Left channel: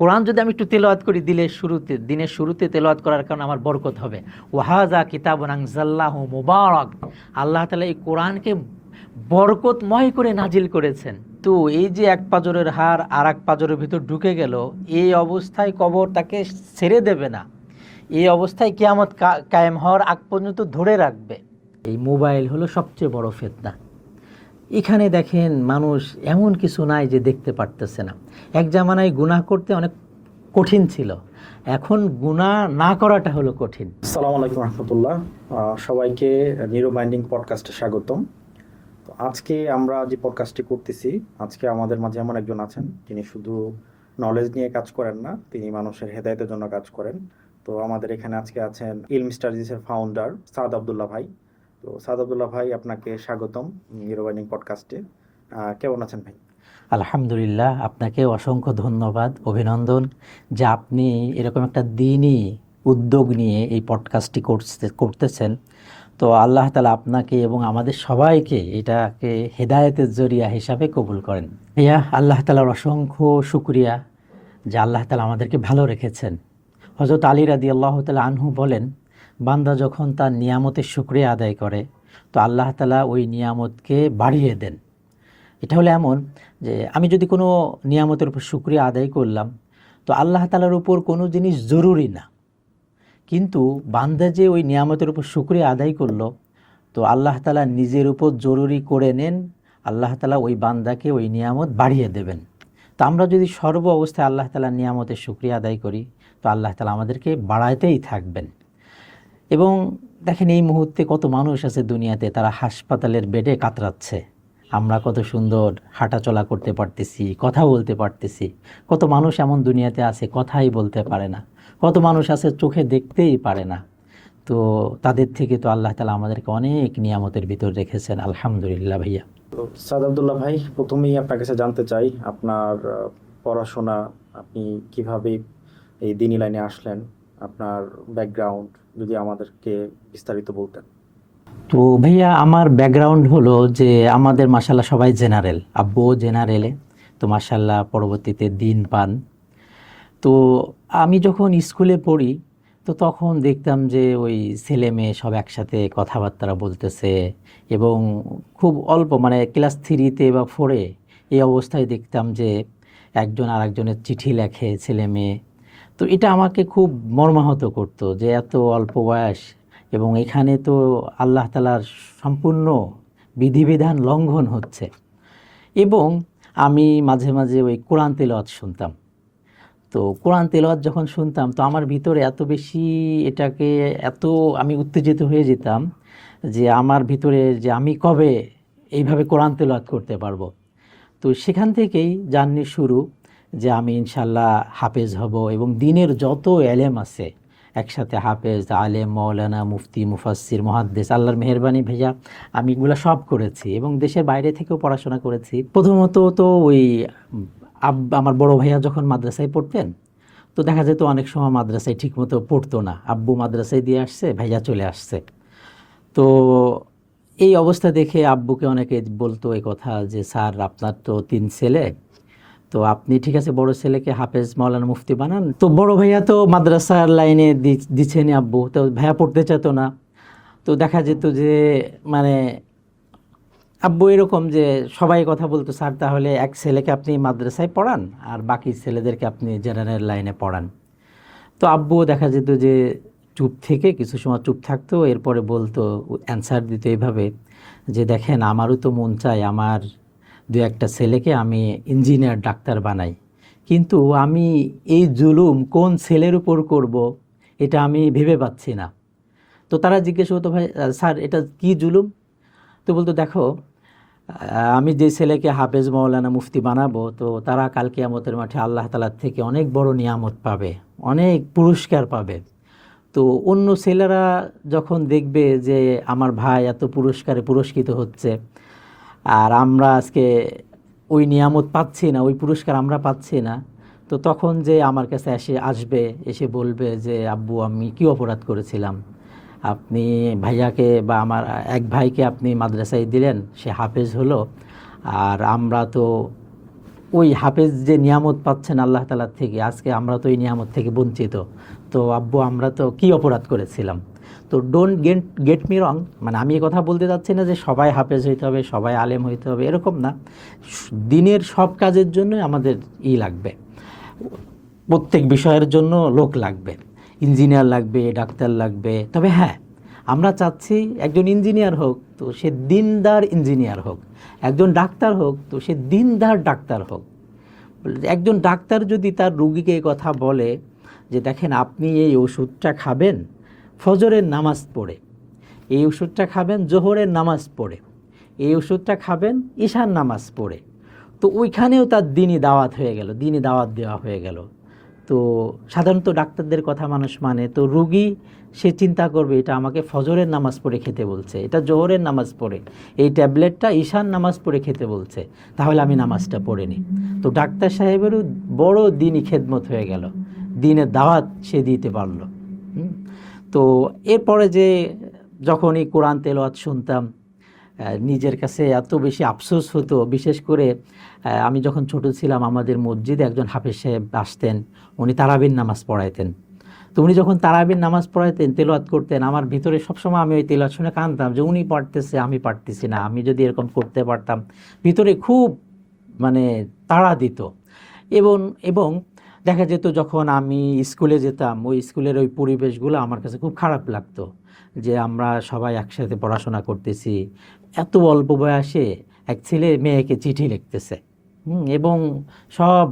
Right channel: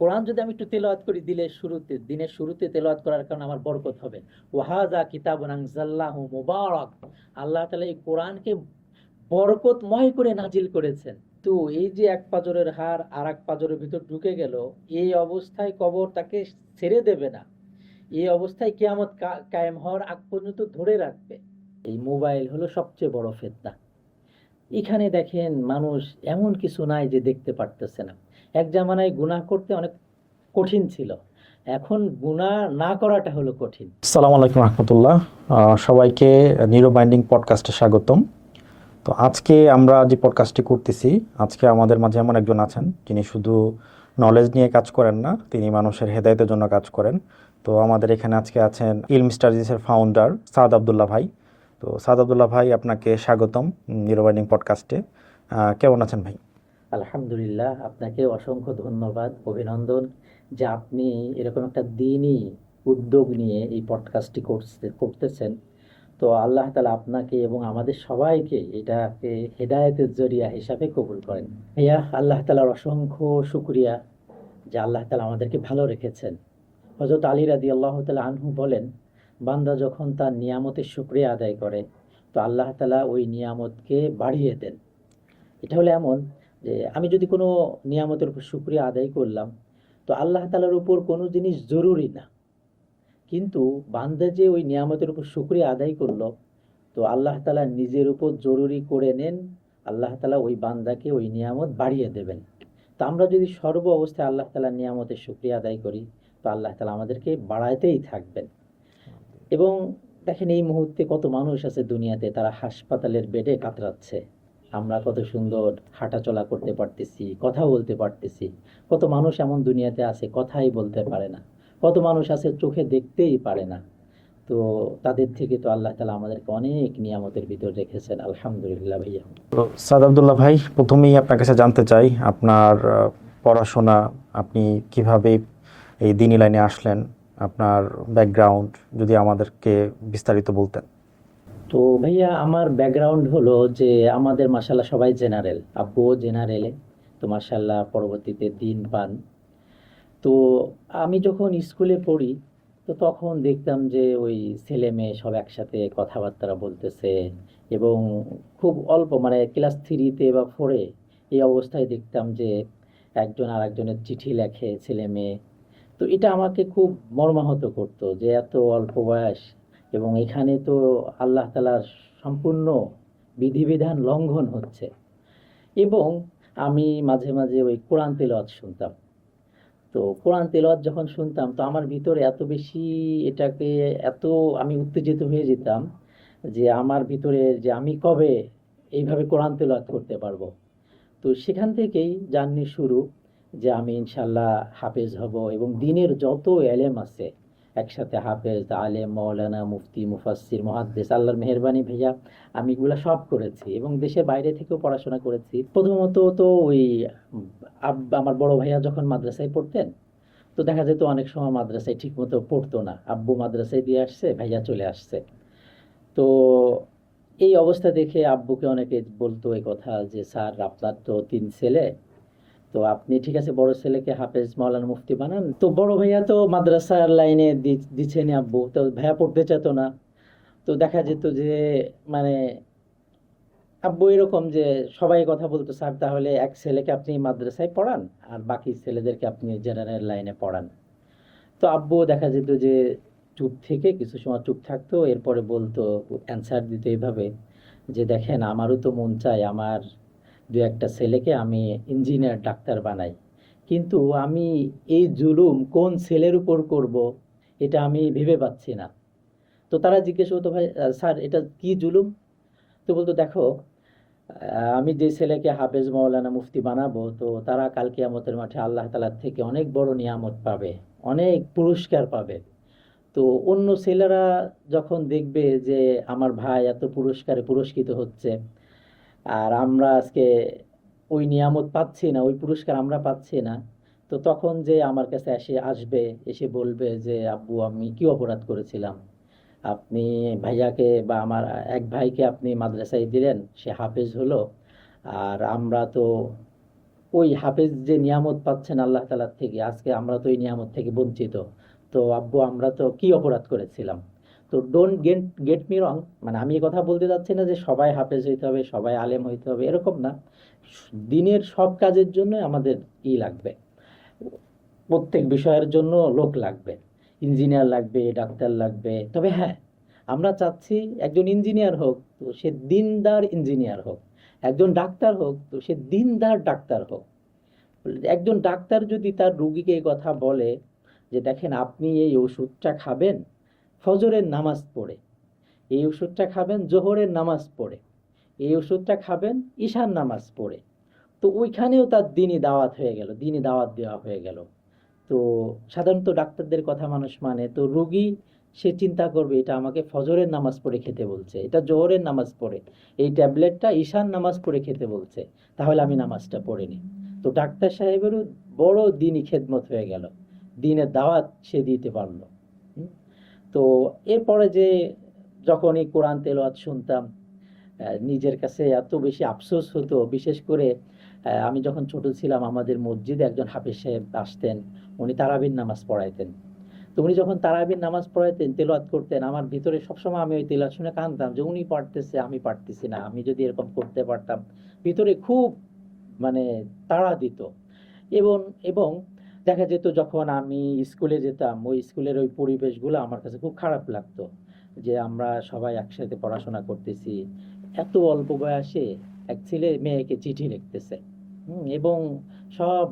কোরআন যদি আমি একটু তেলাওয়াত করি দিনের শুরুতে তেলাওয়াত করার কারণে আমার বরকত হবে। ওয়াহাযা কিতাবুন আনজালনাহু মুবারাক, আল্লাহ তাআলা এই কোরআনকে বরকতময় করে নাজিল করেছেন। তো এই যে এক পাঁজরের হাড় আর এক পাঁজরের ভিতর ঢুকে গেল, এই অবস্থায় কবর তাকে ছেড়ে দেবে না, এই অবস্থায় কিয়ামত কায়েম হওয়ার আগ পর্যন্ত ধরে রাখবে। এই মোবাইল হলো সবচেয়ে বড় ফিতনা। এখানে দেখেন মানুষ এমন কিছু নাই যে দেখতে পারতেছে না। এক জামানায় গুনাহ করতে অনেক কঠিন ছিল, এখন গুনাহ না করাটা হলো কঠিন। আসসালামু আলাইকুম রহমতুল্লাহ। সবাইকে নিউরো বাইন্ডিং পডকাস্টে স্বাগতম। তো আজকে আমরা যে পডকাস্টটি করতেছি, আজকে আমাদের মাঝে এমন একজন আছেন যিনি শুধু নলেজ নিয়ে কাজ করেন না, তিনি মানুষের হেদায়েতের জন্য কাজ করেন। তো আমাদের এখানে আজকে আছেন ইলম স্টাডিজের ফাউন্ডার সাদ আবদুল্লাহ ভাই। তো সাদ আবদুল্লাহ ভাই, আপনাকে স্বাগতম নিউরো বাইন্ডিং পডকাস্টে। কেমন আছেন ভাই? আলহামদুলিল্লাহ, আপনাকে অসংখ্য ধন্যবাদ, অভিনন্দন যে আপনি এরকম একটা দিনই উদ্যোগ নিয়ে এই পডকাস্টটি করতেছেন। তো আল্লাহ তাআলা আপনাকে এবং আমাদের সবাইকে এটাকে হেদায়েতের জরিয়া হিসাবে কবুল করেন। ভাইয়া, আল্লাহ তাআলার অসংখ্য শুকরিয়া যে আল্লাহ তাআলা আমাদেরকে ভালো রেখেছেন। হযরত আলী রাদিয়াল্লাহু তাআলা আনহু বলেন, বান্দা যখন তার নিয়ামতের শুকরিয়া আদায় করে তো আল্লাহ তাআলা ওই নিয়ামতকে বাড়িয়ে দেন। এটা হলো এমন যে আমি যদি কোনো নিয়ামতের উপর শুকরিয়া আদায় করলাম, তো আল্লাহ তাআলার উপর কোনো জিনিস জরুরি না, কিন্তু বান্দা যে ওই নিয়ামতের উপর শুকরিয়া আদায় করলো, তো আল্লাহ তাআলা নিজের উপর জরুরি করে নেন, আল্লাহ তাআলা ওই বান্দাকে ওই নিয়ামত বাড়িয়ে দেবেন। তো আমরা যদি সর্ব অবস্থায় আল্লাহ তাআলার নিয়ামতের শুকরিয়া আদায় করি, তো আল্লাহ তাআলা আমাদেরকে বাড়াইতেই থাকবেন। এবং দেখেন, এই মুহূর্তে কত মানুষ আছে দুনিয়াতে, তারা হাসপাতালের বেডে কাতরাচ্ছে। আমরা কত সুন্দর হাঁটাচলা করতে পারতেছি, কথা বলতে পারতেছি। কত মানুষ এমন দুনিয়াতে আছে কথাই বলতে পারে না, কত মানুষ আছে চোখে দেখতেই পারে না। তো তাদের থেকে তো আল্লাহ তাআলা আমাদেরকে অনেক নিয়ামতের ভিতর রেখেছেন, আলহামদুলিল্লাহ। ভাইয়া, তো সাদ আবদুল্লাহ ভাই, প্রথমেই আপনার কাছে জানতে চাই আপনার পড়াশোনা, আপনি কিভাবে এই দিনী লাইনে আসলেন, আপনার ব্যাকগ্রাউন্ড যদি আমাদেরকে বিস্তারিত বলতেন। তো ভাইয়া, আমার ব্যাকগ্রাউন্ড হলো যে আমাদের মাশাআল্লাহ সবাই জেনারেল, আব্বু জেনারেলে, তো মাশাআল্লাহ পরবর্তীতে দিন পান। তো আমি যখন স্কুলে পড়ি, তো তখন দেখতাম যে ওই ছেলে মেয়ে সব একসাথে কথাবার্তা বলতেছে, এবং খুব অল্প, মানে ক্লাস 3-তে বা 4-এ এই অবস্থায় দেখতাম যে একজন আরেকজনের চিঠি লেখে ছেলে মেয়ে। তো এটা আমাকে খুব মর্মাহত করতো যে এত অল্প বয়স, এবং এখানে তো আল্লাহ তাআলার সম্পূর্ণ বিধিবিধান লঙ্ঘন হচ্ছে। এবং আমি মাঝে মাঝে ওই কোরআন তেলাওয়াত শুনতাম। তো কোরআন তেলাওয়াত যখন শুনতাম, তো আমার ভিতরে এত বেশি এটাকে এত আমি উত্তেজিত হয়ে যেতাম যে আমার ভিতরে যে আমি কবে এইভাবে কোরআন তেলাওয়াত করতে পারবো। তো সেখান থেকেই জার্নি শুরু, যে আমি ইনশাল্লাহ হাফেজ হব, এবং দিনের যত এলেম আছে একসাথে হাফেজ, আলেম, মৌলানা, মুফতি, মুফাসসির, মুহাদ্দিস, আল্লাহর মেহেরবানি ভাইয়া আমি এগুলো সব করেছি, এবং দেশের বাইরে থেকেও পড়াশোনা করেছি। প্রথমত তো ওই আমার বড় ভাইয়া যখন মাদ্রাসায় পড়তেন, তো দেখা যেত অনেক সময় মাদ্রাসায় ঠিকমতো পড়তো না, আব্বু মাদ্রাসায় দিয়ে আসছে, ভাইয়া চলে আসছে। তো এই অবস্থা দেখে আব্বুকে অনেকে বলতো এই কথা যে, স্যার আপনার তো 3 ছেলে, তো আপনি ঠিক আছে বড় ছেলেকে হাফেজ, মাওলানা, মুফতি বানান। তো বড় ভাইয়া তো মাদ্রাসার লাইনে দিচ্ছেন আব্বু, তো ভাইয়া পড়তে চাইতো না। তো দেখা যেত যে মানে আব্বু এরকম যে সবাই কথা বলতো, স্যার তাহলে এক ছেলেকে আপনি মাদ্রাসায় পড়ান আর বাকি ছেলেদেরকে আপনি জেনারেল লাইনে পড়ান। তো আব্বু দেখা যেত যে চুপ থেকে কিছু সময় চুপ থাকতো, এরপরে বলতো, অ্যান্সার দিত এইভাবে যে, দেখেন আমারও তো মন চায় আমার 2-1টা ছেলেকে আমি ইঞ্জিনিয়ার, ডাক্তার বানাই, কিন্তু আমি এই জুলুম কোন ছেলের উপর করব এটা আমি ভেবে পাচ্ছি না। তো তারা জিজ্ঞেস করতো, ভাই স্যার এটা কি জুলুম? তো বলতো, দেখো আমি যে ছেলেকে হাফেজ, মাওলানা, মুফতি বানাবো, তো তারা কাল কিয়ামতের মাঠে আল্লাহ তাআলার থেকে অনেক বড় নিয়ামত পাবে, অনেক পুরস্কার পাবে। তো অন্য ছেলেরা যখন দেখবে যে আমার ভাই এত পুরস্কারে পুরস্কৃত হচ্ছে, আর আমরা আজকে ওই নিয়ামত পাচ্ছি না, ওই পুরস্কার আমরা পাচ্ছি না, তো তখন যে আমার কাছে আসবে, এসে বলবে যে, আব্বু আমি কি অপরাধ করেছিলাম, আপনি ভাইয়াকে বা আমার এক ভাইকে আপনি মাদ্রাসায় দিলেন, সে হাফেজ হলো, আর আমরা তো ওই হাফেজ যে নিয়ামত পাচ্ছেন আল্লাহ তাআলা থেকে, আজকে আমরা তো এই নিয়ামত থেকে বঞ্চিত। তো আব্বু আমরা তো কি অপরাধ করেছিলাম? তো ডোন্ট গেট মি রং, মানে আমি এই কথা বলতে চাচ্ছি না যে সবাই হাফেজ হইতে হবে, সবাই আলেম হইতে হবে, এরকম না। দিনের সব কাজের জন্য আমাদের লাগবে, প্রত্যেক বিষয়ের জন্য লোক লাগবে, ইঞ্জিনিয়ার লাগবে, ডাক্তার লাগবে। তবে হ্যাঁ, আমরা চাচ্ছি একজন ইঞ্জিনিয়ার হোক তো সে দিনদার ইঞ্জিনিয়ার হোক, একজন ডাক্তার হোক তো সে দিনদার ডাক্তার হোক। একজন ডাক্তার যদি তার রুগীকে এই কথা বলে যে দেখেন আপনি এই ওষুধটা খাবেন ফজরের নামাজ পড়ে, এই ওষুধটা খাবেন জোহরের নামাজ পড়ে, এই ওষুধটা খাবেন ঈশার নামাজ পড়ে, তো ওইখানেও তার দিনই দাওয়াত হয়ে গেল, দিনই দাওয়াত দেওয়া হয়ে গেল। তো সাধারণত ডাক্তারদের কথা মানুষ মানে, তো রুগী সে চিন্তা করবে এটা আমাকে ফজরের নামাজ পড়ে খেতে বলছে, এটা জোহরের নামাজ পড়ে, এই ট্যাবলেটটা ঈশান নামাজ পড়ে খেতে বলছে, তাহলে আমি নামাজটা পড়ে নিই। তো ডাক্তার সাহেবেরও বড় দিনই খেদমত হয়ে গেল, দিনের দাওয়াত সে দিতে পারলো। তো এরপরে যে যখন এই কোরআন তেলাওয়াত শুনতাম, নিজের কাছে এত বেশি আফসোস হতো। বিশেষ করে আমি যখন ছোট ছিলাম আমাদের মসজিদে একজন হাফেজ সাহেব আসতেন, উনি তারাবির নামাজ পড়াইতেন। তো উনি যখন তারাবির নামাজ পড়াইতেন, তেলাওয়াত করতেন, আমার ভিতরে সবসময় আমি ওই তেলাওয়াত শুনে কাঁদতাম যে উনি পারতেছে আমি পারতেছি না, আমি যদি এরকম করতে পারতাম। ভিতরে খুব মানে তাড়া দিত। এবং এবং দেখা যেত যখন আমি স্কুলে যেতাম, ওই স্কুলের ওই পরিবেশগুলো আমার কাছে খুব খারাপ লাগতো, যে আমরা সবাই একসাথে পড়াশোনা করতেছি, এত অল্প বয়সে এক ছেলে মেয়েকে চিঠি লিখতেছে, এবং সব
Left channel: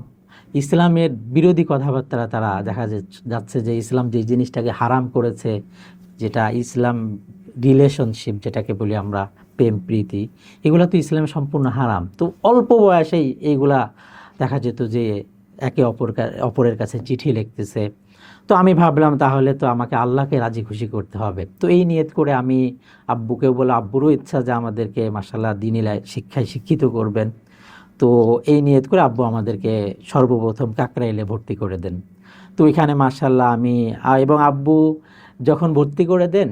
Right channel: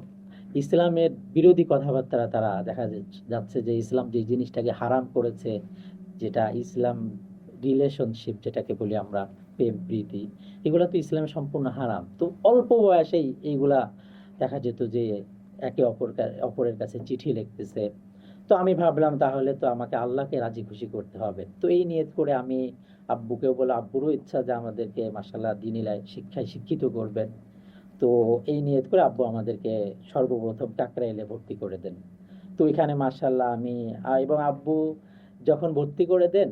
ইসলামের বিরোধী কথাবার্তা তারা দেখা যাচ্ছে যে ইসলাম যে জিনিসটাকে হারাম করেছে, যেটা ইসলাম রিলেশনশিপ যেটাকে বলি আমরা, প্রেম প্রীতি, এগুলা তো ইসলামে সম্পূর্ণ হারাম। তো অল্প বয়সেই এইগুলা দেখা যেত যে একে অপরের কাছে চিঠি লিখতেছে। তো আমি ভাবলাম তাহলে তো আমাকে আল্লাহকে রাজি খুশি করতে হবে। তো এই নিয়ত করে আমি আব্বুকেও বলে, আব্বুরও ইচ্ছা যে আমাদেরকে মাশাআল্লাহ দ্বীনি শিক্ষায় শিক্ষিত করবেন। তো এই নিয়ত করে আব্বু আমাদেরকে সর্বপ্রথম কাকরাইলে ভর্তি করে দেন। তো এখানে মাশাআল্লাহ আমি এবং আব্বু যখন ভর্তি করে দেন,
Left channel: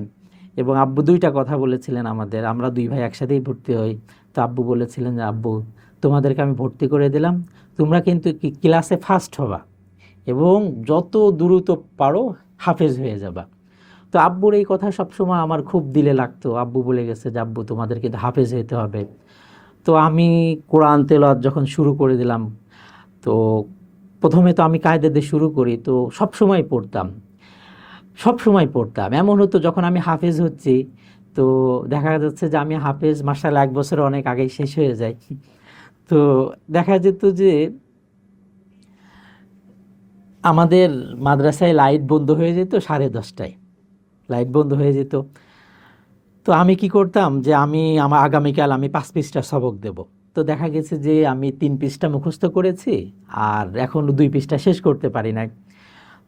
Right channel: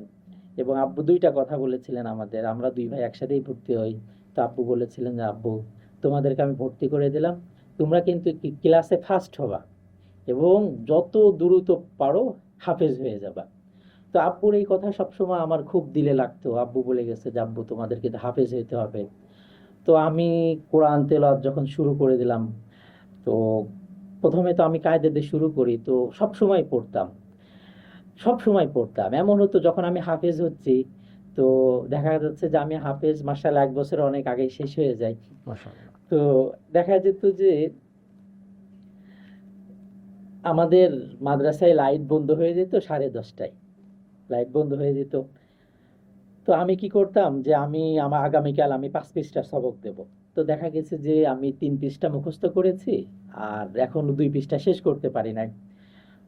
এবং আব্বু দুইটা কথা বলেছিলেন আমাদের, আমরা দুই ভাই একসাথেই ভর্তি হই। তো আব্বু বলেছিলেন যে আব্বু তোমাদেরকে আমি ভর্তি করে দিলাম, তোমরা কিন্তু ক্লাসে ফার্স্ট হবা এবং যত দ্রুত পারো হাফেজ হয়ে যাবা। তো আব্বুর এই কথা সবসময় আমার খুব দিলে লাগতো। আব্বু বলে গেছে যে আব্বু তোমাদেরকে তো হাফেজ হতে হবে। তো আমি কোরআন তেলাওয়াত যখন শুরু করে দিলাম, তো প্রথমে তো আমি কায়দা দিয়ে শুরু করি, তো সবসময় পড়তাম, সবসময় পড়তাম। এমন হতো যখন আমি হাফেজ হচ্ছি, তো দেখা যাচ্ছে যে আমি হাফেজ মাশাআল্লাহ 1 বছর অনেক আগেই শেষ হয়ে যায়। তো দেখা যেত যে আমাদের মাদ্রাসায় লাইট বন্ধ হয়ে যেত 10:30টায়, লাইট বন্ধ হয়ে যেত। তো আমি কি করতাম যে আমার আগামীকাল আমি 5 পৃষ্ঠা সবক দেব। তো দেখা গেছে যে আমি 3 পৃষ্ঠা মুখস্থ করেছি আর এখনো 2 পৃষ্ঠা শেষ করতে পারি নাই।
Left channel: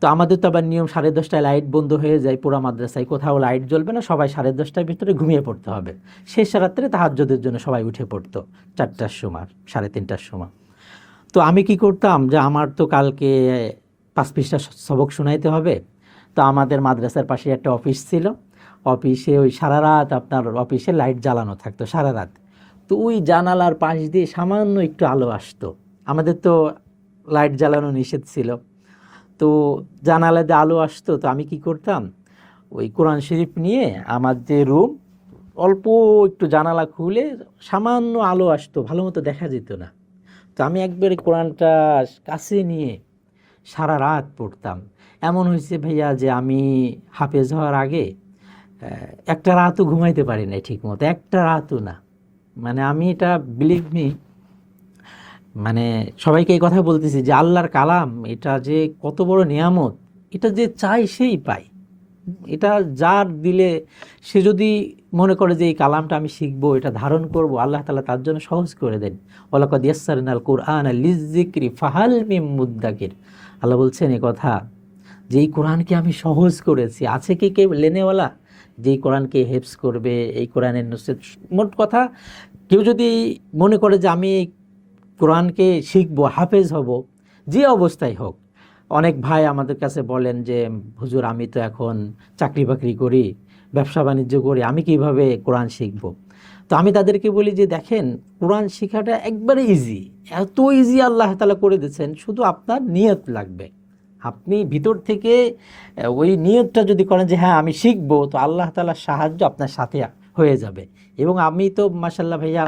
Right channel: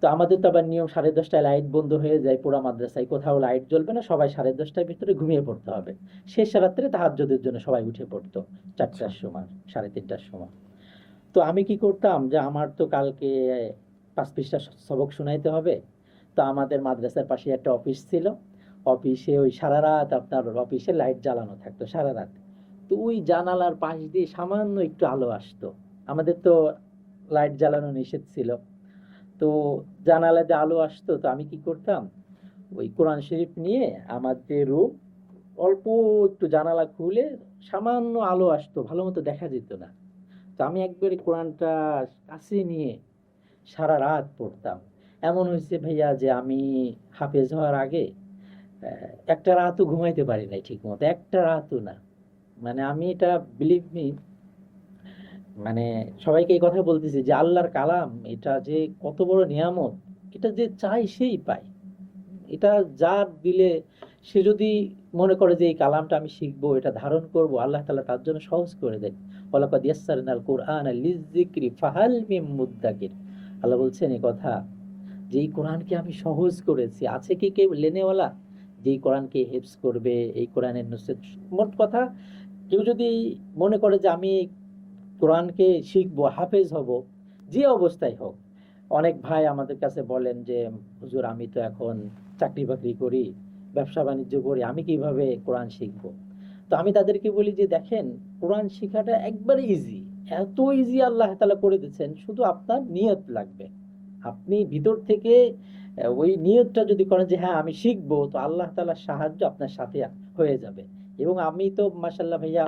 তো আমাদের তো আবার নিয়ম 10:30টায় লাইট বন্ধ হয়ে যায় পুরো মাদ্রাসায়, কোথাও লাইট জ্বলবে না, সবাই 10:30টার ভিতরে ঘুমিয়ে পড়তে হবে। শেষ রাত্রে তাহাজ্জুদের জন্য সবাই উঠে পড়তো 4টার সময়, 3:30টার সময়। তো আমি কি করতাম যে আমার তো কালকে 5 পৃষ্ঠা সবক শোনাইতে হবে। তো আমাদের মাদ্রাসার পাশে একটা অফিস ছিল, অফিসে ওই সারা রাত আপনার অফিসে লাইট জ্বালানো থাকতো সারা রাত। তো ওই জানালার পাশ দিয়ে সামান্য একটু আলো আসতো, আমাদের তো লাইট জ্বালানো নিষেধ ছিল। তো জানালা দিয়ে আলো আসতো, তো আমি কি করতাম, ওই কোরআন শরীফ নিয়ে আমার যে রুম, অল্প একটু জানালা খুলে সামান্য আলো আসতো, ভালো মতো দেখা যেত না। তো আমি একবারে কোরআনটা কাছে নিয়ে সারা রাত পড়তাম। এমন হয়েছে ভাইয়া যে আমি হাফেজ হওয়ার আগে একটা রাতও ঘুমাইতে পারি না ঠিক মতো, একটা রাতও না। মানে আমি এটা বিলিভ মি, মানে সবাইকে এই কথা বলতেছি যে আল্লাহর কালাম এটা যে কত বড় নিয়ামত, এটা যে চাই সেই পায়। এটা যার দিলে, সে যদি মনে করে যে এই কালামটা আমি শিখবো, এটা ধারণ করব, আল্লাহ তাআলা তার জন্য সহজ করে দেন। ওয়ালাকাদ ইয়াসসারনাল কুরআনা লিযযিকরি ফাহাল মিন মুদ্দাকির। আল্লাহ বলছেন এই কথা যে এই কোরআনকে আমি সহজ করেছি, আছে কি কেউ লেনেওয়ালা যে এই কোরআনকে হেফজ করবে, এই কোরআনের নুসরাত। মোট কথা, কেউ যদি মনে করে যে আমি কোরআনকে শিখবো, হাফেজ হব, যে অবস্থায় হোক। অনেক ভাই আমাদের কাছে বলেন যে হুজুর আমি তো এখন চাকরি বাকরি করি, ব্যবসা বাণিজ্য করি, আমি কিভাবে কোরআন শিখবো? তো তো আমি তাদেরকে বলি যে দেখেন, কোরআন শেখাটা একবারে ইজি, এত ইজি আল্লাহ তাআলা করে দিয়েছেন, শুধু আপনার নিয়ত লাগবে। আপনি ভিতর থেকে ওই নিয়তটা যদি করেন যে হ্যাঁ আমি শিখবো, তো আল্লাহ তাআলার সাহায্য আপনার সাথে হয়ে যাবে। এবং আমি তো মাশাআল্লাহ ভাইয়া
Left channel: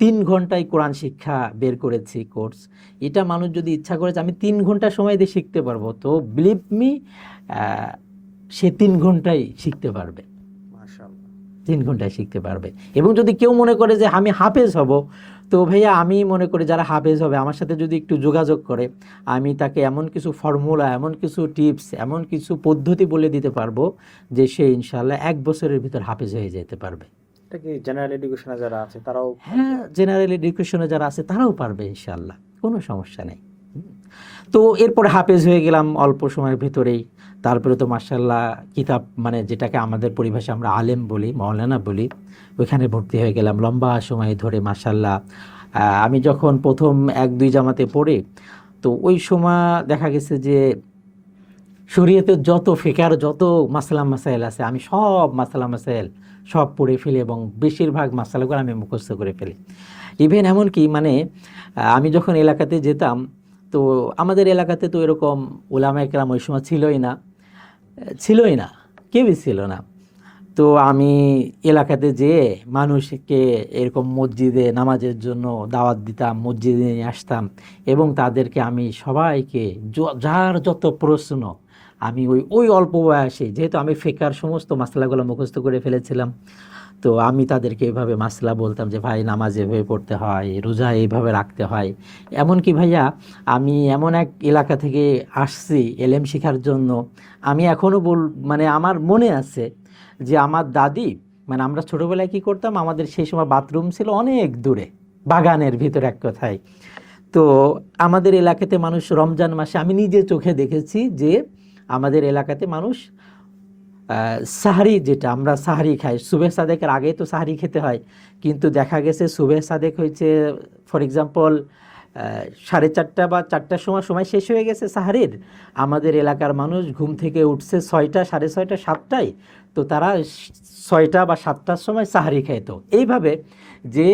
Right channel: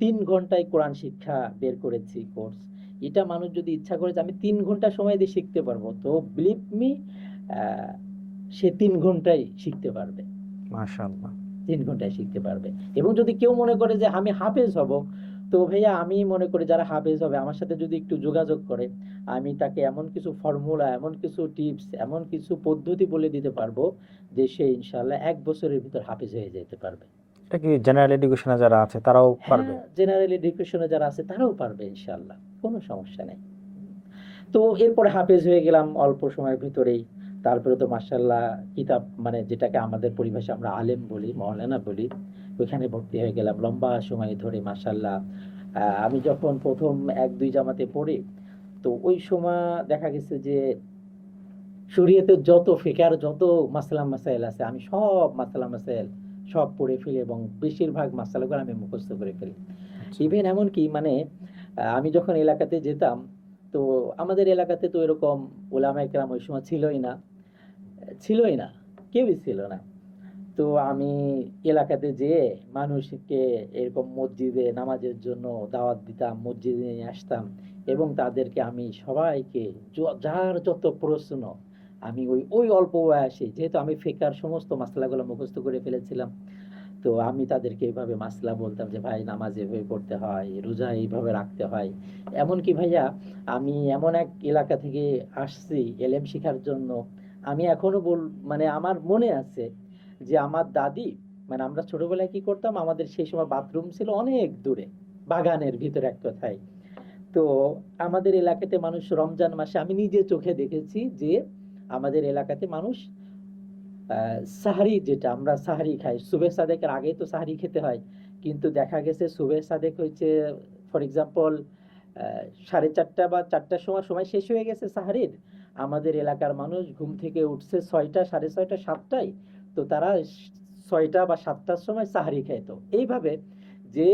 3 ঘন্টায় কোরআন শিক্ষা বের করেছি কোর্স। এটা মানুষ যদি ইচ্ছা করে যে আমি 3 ঘন্টা সময় দিয়ে শিখতে পারবো, তো বিলিভ মি সে 3 ঘন্টায় শিখতে পারবে, মাশাআল্লাহ। 3 ঘন্টায় শিখতে পারবে। এবং যদি কেউ মনে করে যে আমি হাফেজ হব, তো ভাইয়া আমি মনে করি যারা হাফেজ হবে আমার সাথে যদি একটু যোগাযোগ করে, আমি তাকে এমন কিছু ফর্মুলা, এমন কিছু টিপস, এমন কিছু পদ্ধতি বলে দিতে পারবো যে সে ইনশাআল্লাহ 1 বছরের ভিতর হাফেজ হয়ে যেতে পারবে। এটা কি জেনারেল এডুকেশনে যারা আছে তারাও পারবে? হ্যাঁ, জেনারেল এডুকেশনে যারা আছে তারাও পারবে ইনশাআল্লাহ, কোনো সমস্যা নেই। তো এরপরে হাফেজ হয়ে গেলাম অল্প সময়ের ভিতরেই। তারপরে তো মাশাআল্লাহ কিতাব, মানে যেটাকে আমাদের পরিভাষায় আমরা আলেম বলি, মাওলানা বলি, ওইখানে ভর্তি হয়ে গেলাম লম্বা সময় ধরে মাশাআল্লাহ। আমি যখন প্রথম 1-2 জামাতে পড়ি, তো ওই সময় দেখা গেছে যে শরীয়তের যত ফিকার, যত মাসলা মাসাইল আছে, আমি সব মাসলা মাসাইল সব পড়ে ফেলি এবং বেশিরভাগ মাসালাগুলো আমি মুখস্থ করে ফেলি। ইভেন এমনকি মানে আমি যখন এলাকাতে যেতাম, তো আমাদের এলাকাতে তো এরকম উলামায়ে কেরাম ওই সময় ছিলই না, কেউই ছিল না। তো আমি এলাকাতে যেয়ে মানুষকে এরকম মসজিদে নামাজের জন্য দাওয়াত দিতাম, মসজিদে নিয়ে আসতাম এবং তাদেরকে আমি সবাইকে যার যত প্রশ্ন, আমি ওই অল্প বয়সে, যেহেতু আমি ফিকার সমস্ত মাসলাগুলো মুখস্থ করে ফেলেছিলাম, তো আমি তাদেরকে এইভাবে মাসলা বলতাম যে ভাই নামাজ এভাবে পড়তে হয়, রোজা এইভাবে রাখতে হয়। এমনকি ভাইয়া আমি এমন এক এলাকা থেকে আসছি এলেম শেখার জন্য, আমি এখনও মানে আমার মনে আছে যে আমার দাদি, মানে আমরা ছোটোবেলায় কী করতাম, আমাদের সেই সময় বাথরুম ছিল অনেক দূরে, বাগানের ভিতরে এক কথায়। তো আমাদের এলাকাতে মানুষ রমজান মাসে, আমি নিজে চোখে দেখেছি যে আমাদের এলাকাতে মানুষ সাহারি, যেটা আমরা সাহারি খাই, সুবে সাদেকের আগে তো সাহারি খেতে হয়, কিন্তু দেখা গেছে সুবে সাদেক হয়েছে ফর এক্সাম্পল 4:30 বা 4টার সময় শেষ হয়ে গেছে সাহারির। আমাদের এলাকার মানুষ ঘুম থেকে উঠছে 6টা, 6:30, 7টায়, তো তারা 6টা বা 7টার সময় সাহারি খাইত। এইভাবে যে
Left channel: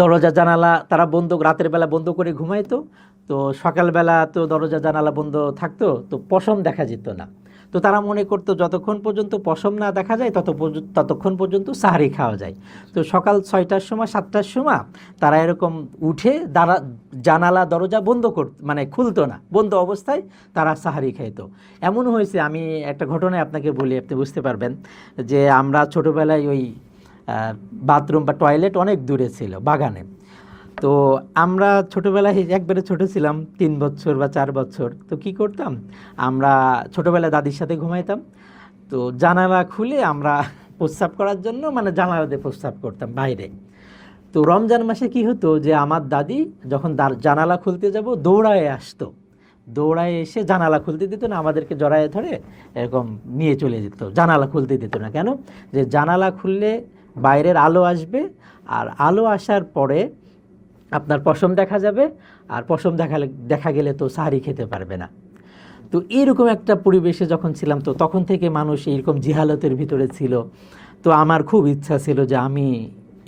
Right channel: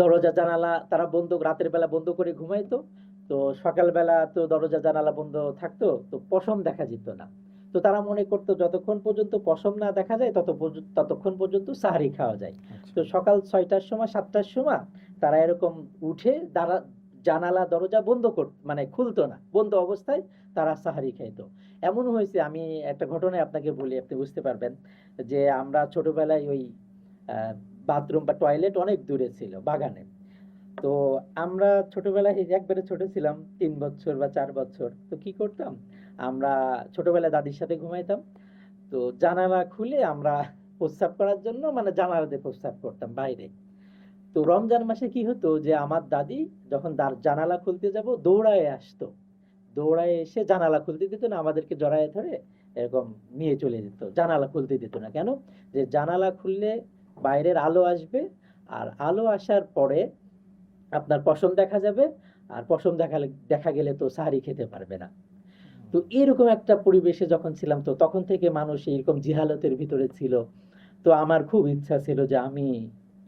দরজা জানালা তারা বন্ধ, রাতের বেলা বন্ধ করে ঘুমাইতো, তো সকালবেলা তো দরজা জানালা বন্ধ থাকতো, তো পশম দেখা যেত না। তো তারা মনে করতো যতক্ষণ পর্যন্ত পশম না দেখা যায় ততক্ষণ পর্যন্ত সাহারি খাওয়া যায়। তো সকাল 6টার সময়, 7টার সময় তারা এরকম উঠে জানালা দরজা বন্ধ মানে খুলতো না, বন্ধ অবস্থায় তারা সাহারি খাইতো। এমন হয়েছে, আমি একটা ঘটনায় আপনাকে বলি, আপনি বুঝতে পারবেন, যে আমরা ছোটোবেলায় ওই বাথরুম বা টয়লেট অনেক দূরে ছিল বাগানে। তো আমরা ছোটোবেলায় একবারে ছোটো ছিলাম, 3 বছর বা 4 বছর, তো কি করতাম, আমরা ছোটোবেলায় দাদির সাথে ঘুমাইতাম, তো জানালা খুলে আমরা প্রস্রাব করার জন্য, মানে জানালা দিয়ে প্রস্রাব করতাম বাইরে। তো রমজান মাসে কি হতো যে আমার দাদি যখন জানালা খুলতে যাব দৌড়ায় আসতো, দৌড়ায় এসে জানালা খুলতে দিত না, আমাদেরকে জড়ায় ধরে এরকম নিয়ে চলে যেত, জানালা খুলতে দিত না। কেন? যে জানালা খুললে বাইরের আলো আসবে, আর আলো আসার পরে আপনার পশম দেখা যাবে, আর পশম দেখা গেলে তো সাহারি খেতে পারবে না। তো এইরকম একটা পরিবেশে যখন ছিলাম, তো তখন থেকে মানুষ এইরকম জিহালতের ভিতরে ছিল। তো আমার খুব ইচ্ছা ছিল যে আমি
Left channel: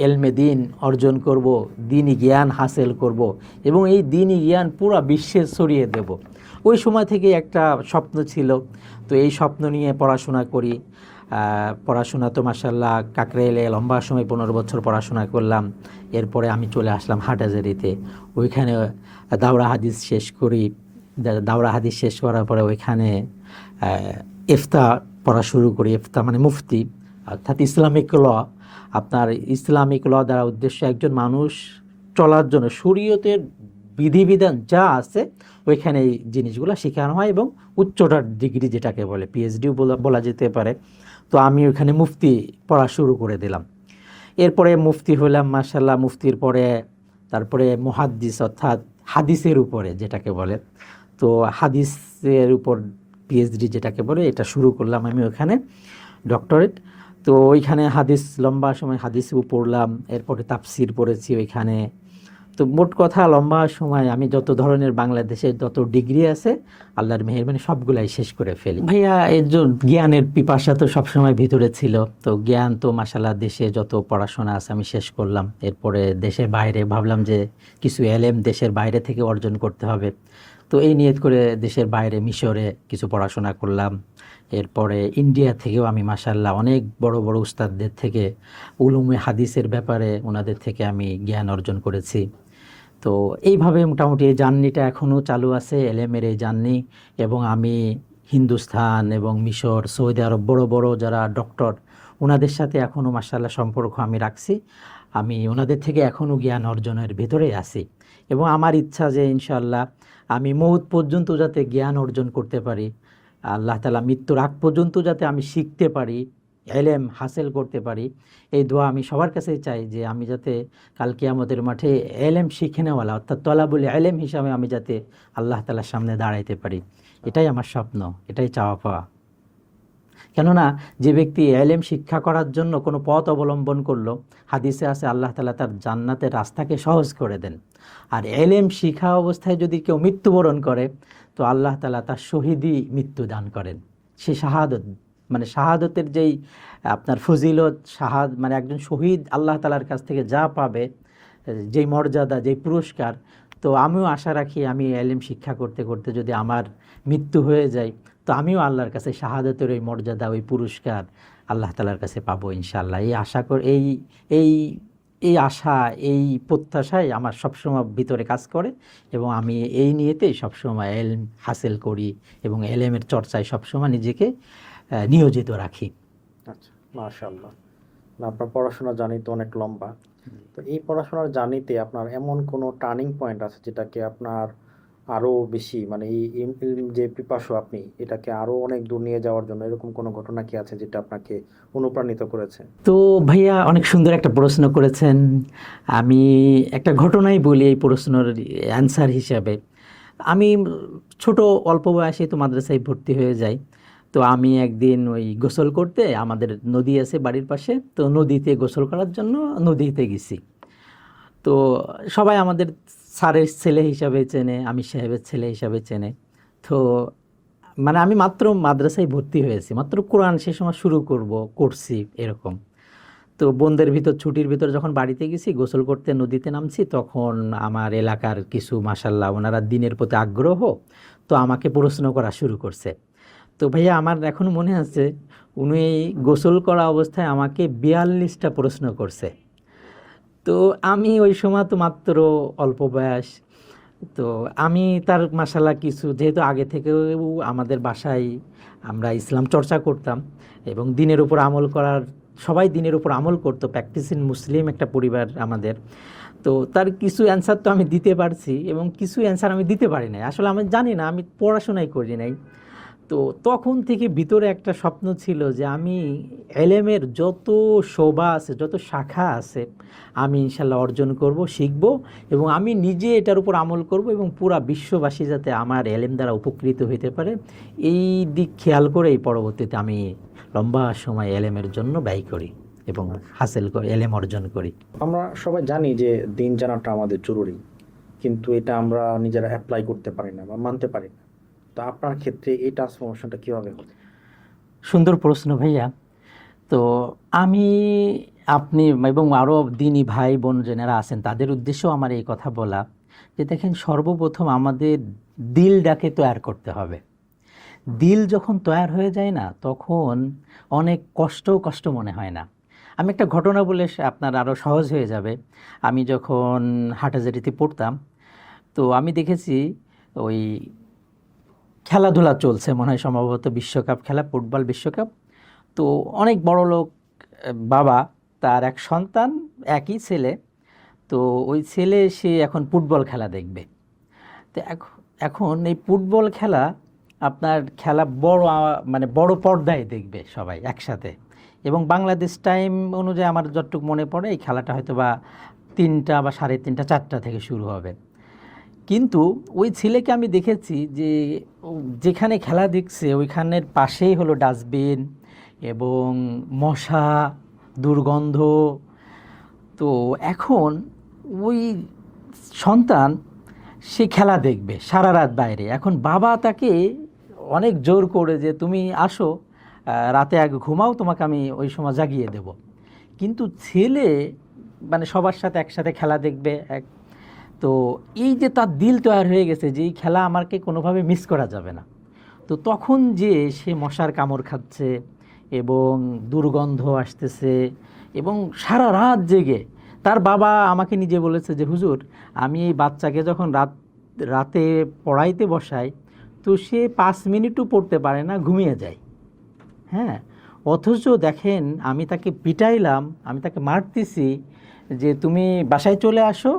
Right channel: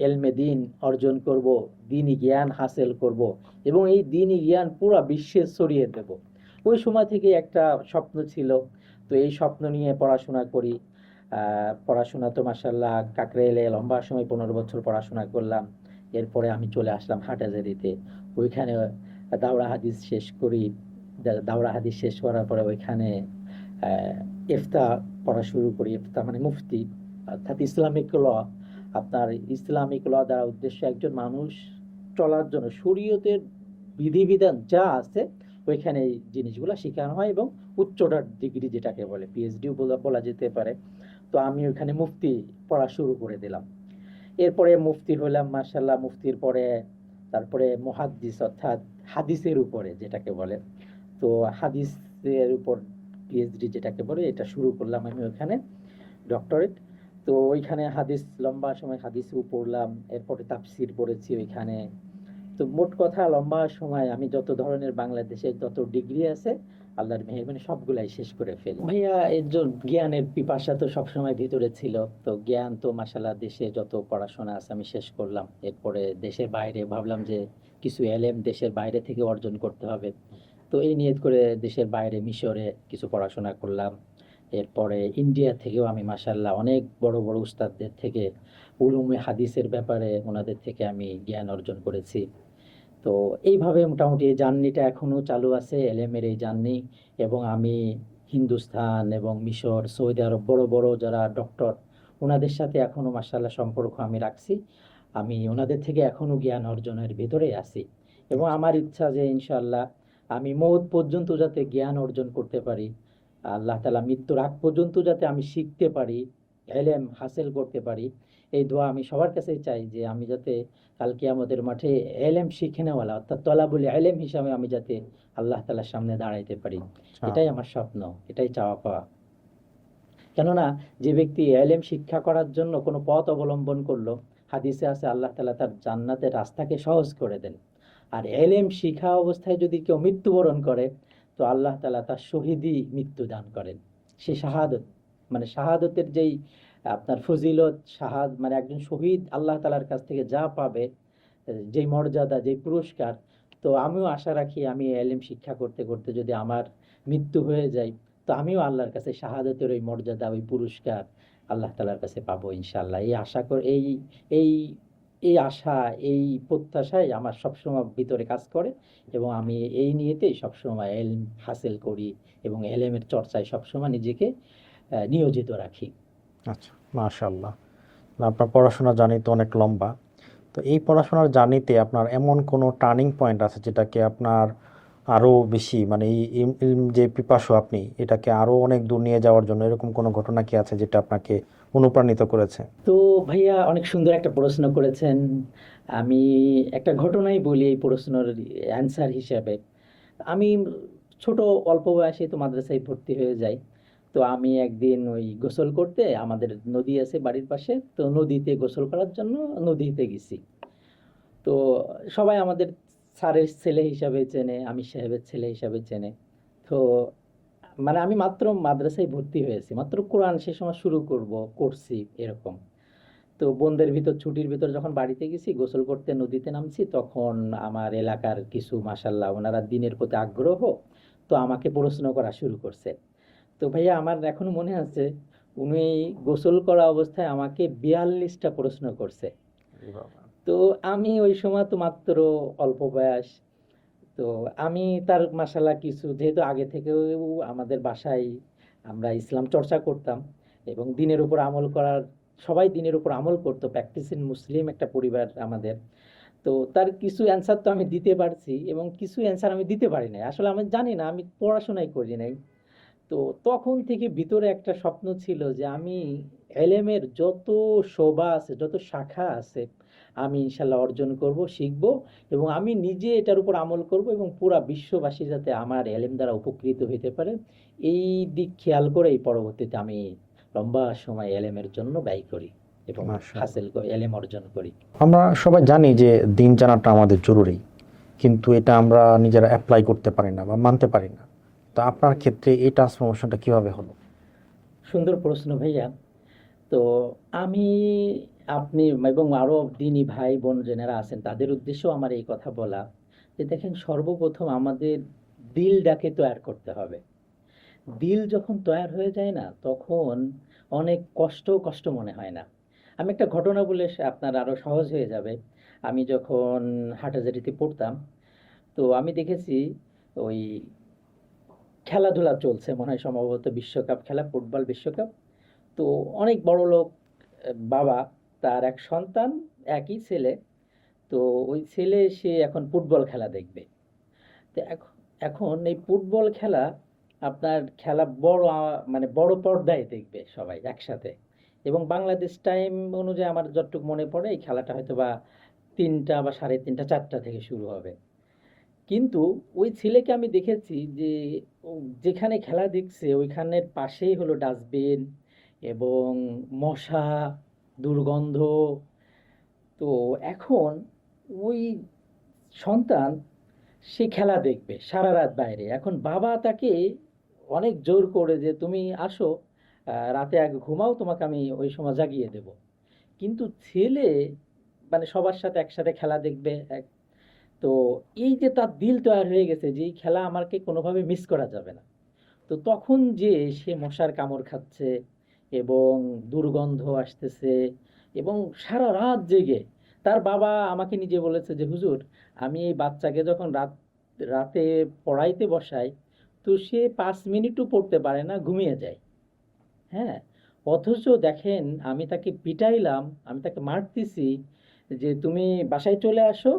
এলমে দিন অর্জন করব, দিনী জ্ঞান হাসিল করব এবং এই দিনী জ্ঞান পুরো বিশ্বে ছড়িয়ে দেব। ওই সময় থেকে একটা স্বপ্ন ছিল। তো এই স্বপ্ন নিয়ে পড়াশোনা করি। পড়াশোনা তো মাশাআল্লাহ কাকরাইলে লম্বা সময় 15 বছর পড়াশোনা করলাম। এরপরে আমি চলে আসলাম হাটহাজারীতে, ওইখানে দাওরা হাদিস শেষ করি। দাওরা হাদিস শেষ করার পরে ওইখানে ইফতা পড়া শুরু করি। ইফতা মানে মুফতি, অর্থাৎ ইসলামিক ল। আপনার ইসলামিক ল দ্বারা উদ্দেশ্য একজন মানুষ চলার জন্য শরীয়তের বিধিবিধান যা আছে ওইখানে এই জিনিসগুলো শেখানো হয়, এবং উচ্চটার ডিগ্রি যেটাকে বলে পিএইচডিও বলা যেতে পারে। তো আমি ওইখানে মুফতি পড়া শুরু করে দিলাম। এরপরে মুফতি হলাম মাশাআল্লাহ। মুফতির পরে তারপরে মুহাদ্দিস, অর্থাৎ হাদিসের উপরে যেটাকে বলে, তো হাদিসের উপর পিএইচডি যেটাকে বলে এটা শুরু করলাম আমি ওখানে, ডক্টরেট। তো ওইখানে হাদিস লম্বা সময় হাদিসও পড়লাম, এরপরে তাফসির পড়েছি ওইখানে। তো মোট কথা লম্বা সময় আমি যত ধরনের বাংলাদেশের যত ডিগ্রি আছে আল্লাহর মেহেরবানি সবগুলাই শেষ করে ফেলি। ভাইয়া এর জন্য জ্ঞানের পিপাসা তো সবসময় ভিতরে ছিল। তো জ্ঞান তো মাশাআল্লাহ দেশে যত পড়াশোনা আছে আমি শেষ করলাম। এরপরে দেশের বাইরে ভাবলাম যে কিছু এলেম দেশের বাইরে থেকে অর্জন করতে হবে। তো এই নিয়ত করে দেশের বাইরে মিশরে কিছু পড়াশোনা করলাম। এরপরে ইন্ডিয়া থেকেও আমি মাশাআল্লাহ অনেক বড় বড় উস্তাদদের থেকে উলুমে হাদিসের ব্যাপারে ওনাদের থেকে আমি জ্ঞান অর্জন করেছি। তো এইভাবে মোটামুটি এই জার্নিটা এখনও চালু আছে, এলেমের এই জার্নি। এবং আমি হিন্দুস্তান এবং মিশর, সৌদি আরব বড় বড় যারা ডক্টর ওনাদের সাথে এখনও মাশাআল্লাহ সম্পর্ক আমি রাখছি। আমি ওনাদের থেকে এখনও জ্ঞান অর্জনের ভিতরে আছি এবং আমার ইচ্ছা যে ইনশাআল্লাহ আমি মৌত পর্যন্ত যাতে জ্ঞান অর্জন করতে পারি, আল্লাহ তাআলা মৃত্যুর আগ পর্যন্ত যাতে আমি শিখতে পারি, এলেম হাসিল করতে পারি। এই দোয়া আমি সবার কাছেই চাই যে আমি যাতে কাল কিয়ামতের মাঠে এলেম শিখে নেওয়ালা অর্থাৎ তলাবুল এলেম হিসাবে আমি যাতে আল্লাহ তাআলার সামনে দাঁড়াইতে পারি। এটাই আমার স্বপ্ন, এটাই চাওয়া পাওয়া। কেননা যে ব্যক্তি এলেম শিক্ষা করার জন্য কোনো পথ অবলম্বন করলো, হাদিসে আছে আল্লাহ তাআলা তার জান্নাতের রাস্তাকে সহজ করে দেন। আর এলেম শিখা অবস্থায় যদি কেউ মৃত্যুবরণ করে তো আল্লাহ তাআলা তার শহীদি মৃত্যু দান করেন। সে শাহাদত, মানে শাহাদতের যেই আপনার ফজিলত, মানে একজন শহীদ আল্লাহ তাআলার কাছ থেকে যা পাবে, যেই মর্যাদা, যেই পুরস্কার। তো আমিও আশা রাখি আমি এলেম শিক্ষা করতে করতে যদি আমার মৃত্যু হয়ে যায় তো আমিও আল্লাহর কাছে শাহাদতের ওই মর্যাদা, ওই পুরস্কার আল্লাহ তাআলার কাছে পাবো ইনশাআল্লাহ। এই আশা করে এই এই আশা, এই প্রত্যাশাই আমার সবসময় ভিতরে কাজ করে এবং আমি এই নিয়েতেই সবসময় এলম হাসিল করি এবং এলেমের চর্চায় সবসময় নিজেকে নিয়োজিত রাখি। আচ্ছা, মাশাআল্লাহ। আপনার পড়াশোনার জার্নি তো অনেক লম্বা। তো এই পড়াশোনার জার্নিতে আপনার এমন কোনো টার্নিং পয়েন্ট আছে যেটাকে আপনার আরও বেশি, মানে এই ইলম যে পিপাসু আপনি, এটাকে আরও অনেক দূর নিয়ে যাওয়ার জন্য এরকম কোনো ঘটনা কি আছে যেটা আপনাকে অনুপ্রাণিত করেছে? তো ভাইয়া অনেক সুন্দর একটা প্রশ্ন করেছেন। আমি একটা ঘটনাই বলি এই প্রশ্নের অ্যান্সার হিসাবে। আমি ছোট অল্প বয়সে তো মাদ্রাসায় ভর্তি হয়ে যাই। তো আমি একদিন ওই গোসল করতে, আমাদের নদী আছে বাড়ির পাশে, তো নদীতে গোসল করার জন্য নদীতে গেছি। তো সবাই আমাদের স্যারের ছেলে হিসাবে চেনে, আমি সাহেবের ছেলে হিসাবে চেনে। তো মানে আমি মাত্র মাদ্রাসায় ভর্তি হয়েছি, মাত্র কোরআন সে সময় শুরু করছি এরকম। তো বোনদের ভিতর ছুটির ভিতর যখন বাড়িতে গেছি গোসল করতে নদীতে নামছি, তখন আমার এলাকার কিছু মাশাল্লাহ ওনারা দিনের প্রতি আগ্রহ, তো আমাকে প্রশ্ন করা শুরু করছে। তো ভাইয়া আমার এখন মনে আছে উনি গোসল করা অবস্থায় আমাকে 42টা প্রশ্ন করছে। তো আমি ওই সময় তো মাত্র অল্প বয়স, তো আমি তার মাশাল্লাহ কিছু, যেহেতু আগে থেকেও আমাদের বাসায় আমরা ইসলাম চর্চা করতাম এবং দিনের উপর আমল করার, সবাই দিনের উপর আমল করতো, প্র্যাকটিসিং মুসলিম একটা পরিবার আমাদের। তো তার কিছু অ্যান্সার তো আমি দিতে পারছি এবং কিছু অ্যান্সার আমি দিতে পারি নাই, আসলে আমি জানি না, আমি পড়াশোনাই করি নাই। তো তখন থেকে ভিতরে একটা স্বপ্ন ছিল যে আমি এলেমের যত শোভা আছে, যত শাখা আছে, আমি ইনশাল্লাহ অর্জন করব, শিখব এবং আমি নিজে এটার উপর আমল করব এবং পুরা বিশ্ববাসী যাতে আমার এলেম দ্বারা উপকৃত হইতে পারে, এই দিক খেয়াল করেই পরবর্তীতে আমি লম্বা সময় এলেমের জন্য ব্যয় করি এবং হাসিল করি, এলেম অর্জন করি। আমরা সবাই জানি যে দিন জানাটা আমাদের জরুরি, কিন্তু এটা আমরা নিজেরা অ্যাপ্লাই করতে পারি না বা মানতে পারি না। তো আপনার ক্ষেত্রে এই ট্রান্সফরমেশনটা কীভাবে হলো? সুন্দর প্রশ্ন ভাইয়া। তো আমি, আপনি এবং আরও দিনী ভাই বোন যারা আছেন তাদের উদ্দেশ্যেও আমার এই কথা বলা যে দেখেন, সর্বপ্রথম আমাদের দিলটাকে তৈয়ার করতে হবে। দিল যখন তৈয়ার হয়ে যায় না তখন অনেক কষ্ট মনে হয় না। আমি একটা ঘটনা বলে আপনার আরও সহজ হয়ে যাবে। আমি যখন হাটাজারিতে পড়তাম তো আমি দেখেছি ওই খেলাধুলা চলছে, মনে হয় সম্ভবত বিশ্বকাপ খেলা, ফুটবল বিশ্বকাপ। তো অনেক বড় লোক বাবা, তার এক সন্তান, একই ছেলে। তো ওই ছেলে সে এখন ফুটবল খেলা দেখবে। তো এখন এই ফুটবল খেলা আপনার খেলা মানে বড় পর্দায় দেখবে সবাই একসাথে, এবং বাংলাদেশ টাইম অনুযায়ী আমার যতটুকু মনে পড়ে এই খেলাটা হয়তো বা 3টা বা 3:30, 4টা থেকে শুরু হবে। কিন্তু ওই ছেলেকে আমি দেখেছি যে যেখানে খেলা দেখছে ওইখানের পাশেই হলো ডাস্টবিন এবং মশা, দুর্গন্ধ। তো এখন ওই সন্তান সে খেলা দেখবে সারা রাত বাইরে, এখন বাবা তাকে অনেক জোর করে যে তুমি আসো, রাতে আগে ঘুমাও, তোমাকে আমি ওই সময় জাগিয়ে দেব। কিন্তু ছেলে মানে সবার সাথে একসাথে খেলা দেখবে তো এই যে তার দিল তৈরি হয়ে গেছে যে এই খেলা আমাকে কোনোভাবে মিস করা যাবে না। তো তখন যে সে মশার কামড় খাচ্ছে এবং দুর্গন্ধ আসতেছে এবং সারা রাত জেগে, তার বাবা আমাকে নিজে বলেছে যে হুজুর, আমি এই বাচ্চাকে যখন রাতে পড়াইতে বসাই তো সে 5 মিনিটও পড়তে পারে না, ঘুমিয়ে যায়। হ্যাঁ, অথচ দেখেন আমি তাকে পিটাইলাম, আমি তাকে মারতেছি যে তুমি বাসায় চলে আসো,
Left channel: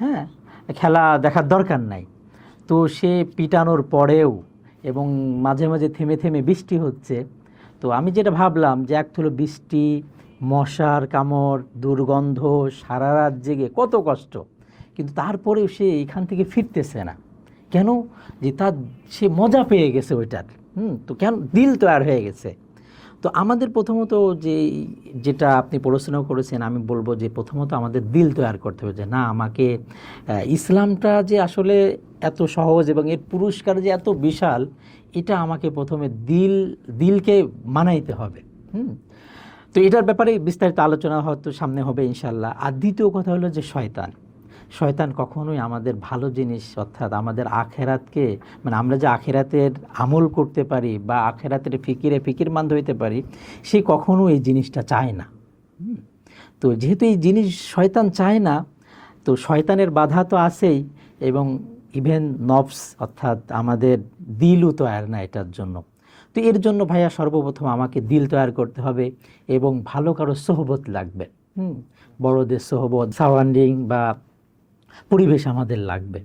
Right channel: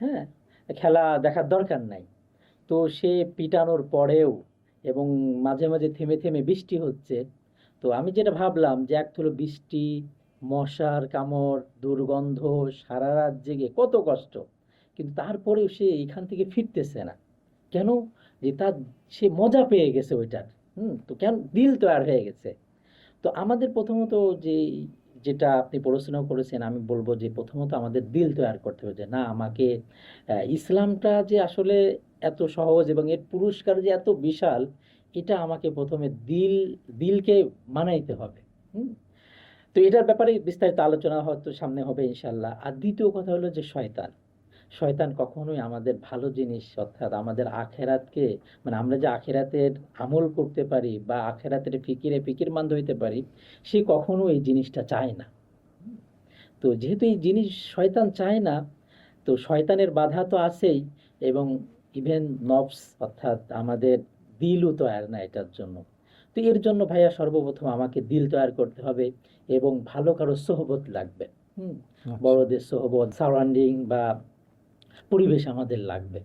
হ্যাঁ, খেলা দেখার দরকার নাই। তো সে পিটানোর পরেও এবং মাঝে মাঝে থেমে থেমে বৃষ্টি হচ্ছে, তো আমি যেটা ভাবলাম যে এক হলো বৃষ্টি, মশার কামড়, দুর্গন্ধ, সারা রাত জেগে কত কষ্ট, কিন্তু তারপরেও সে এখান থেকে ফিরতেছে না কেন? যে তার সে মজা পেয়ে গেছে ওইটার। তো কেন দিল তৈরি হয়ে গেছে। তো আমাদের প্রথমত যেটা আপনি প্রশ্ন করেছেন, আমি বলবো যে প্রথমত আমাদের দিল তৈরি করতে হবে যে না, আমাকে ইসলামটা যে আসলে এত সহজ এবং এর পুরস্কার যে এত বিশাল, এটা আমাকে প্রথমে দিলকে মানাইতে হবে। তো এটার ব্যাপারে বিস্তারিত আলোচনা হয়তো সামনে হবে ইনশাল্লাহ। আর দ্বিতীয় কথা হলো যে শয়তান কখনোই আমাদের ভালো জিনিস অর্থাৎ আমাদের আখেরাতকে, মানে আমরা যে আখেরাতের আমল করতে পারি বা আখেরাতের ফিকিরমান্দ হইতে পারি, সে কখনো এই জিনিসটা চায় না। তো যেহেতু এই জিনিস শয়তান চায় না, তো শয়তানের বাধা তো আছেই, এবং ইভেন নফস অর্থাৎ আমাদের দিলও তৈরি না এটার জন্য। তো এর জন্য ভাইয়া সর্বপ্রথম আমাকে দিল তৈরি করতে হবে এবং ভালো কারো সোহবত লাগবে। বড়দের সোহবত, সারাউন্ডিং বা পরিবেশ আমাদের লাগবে।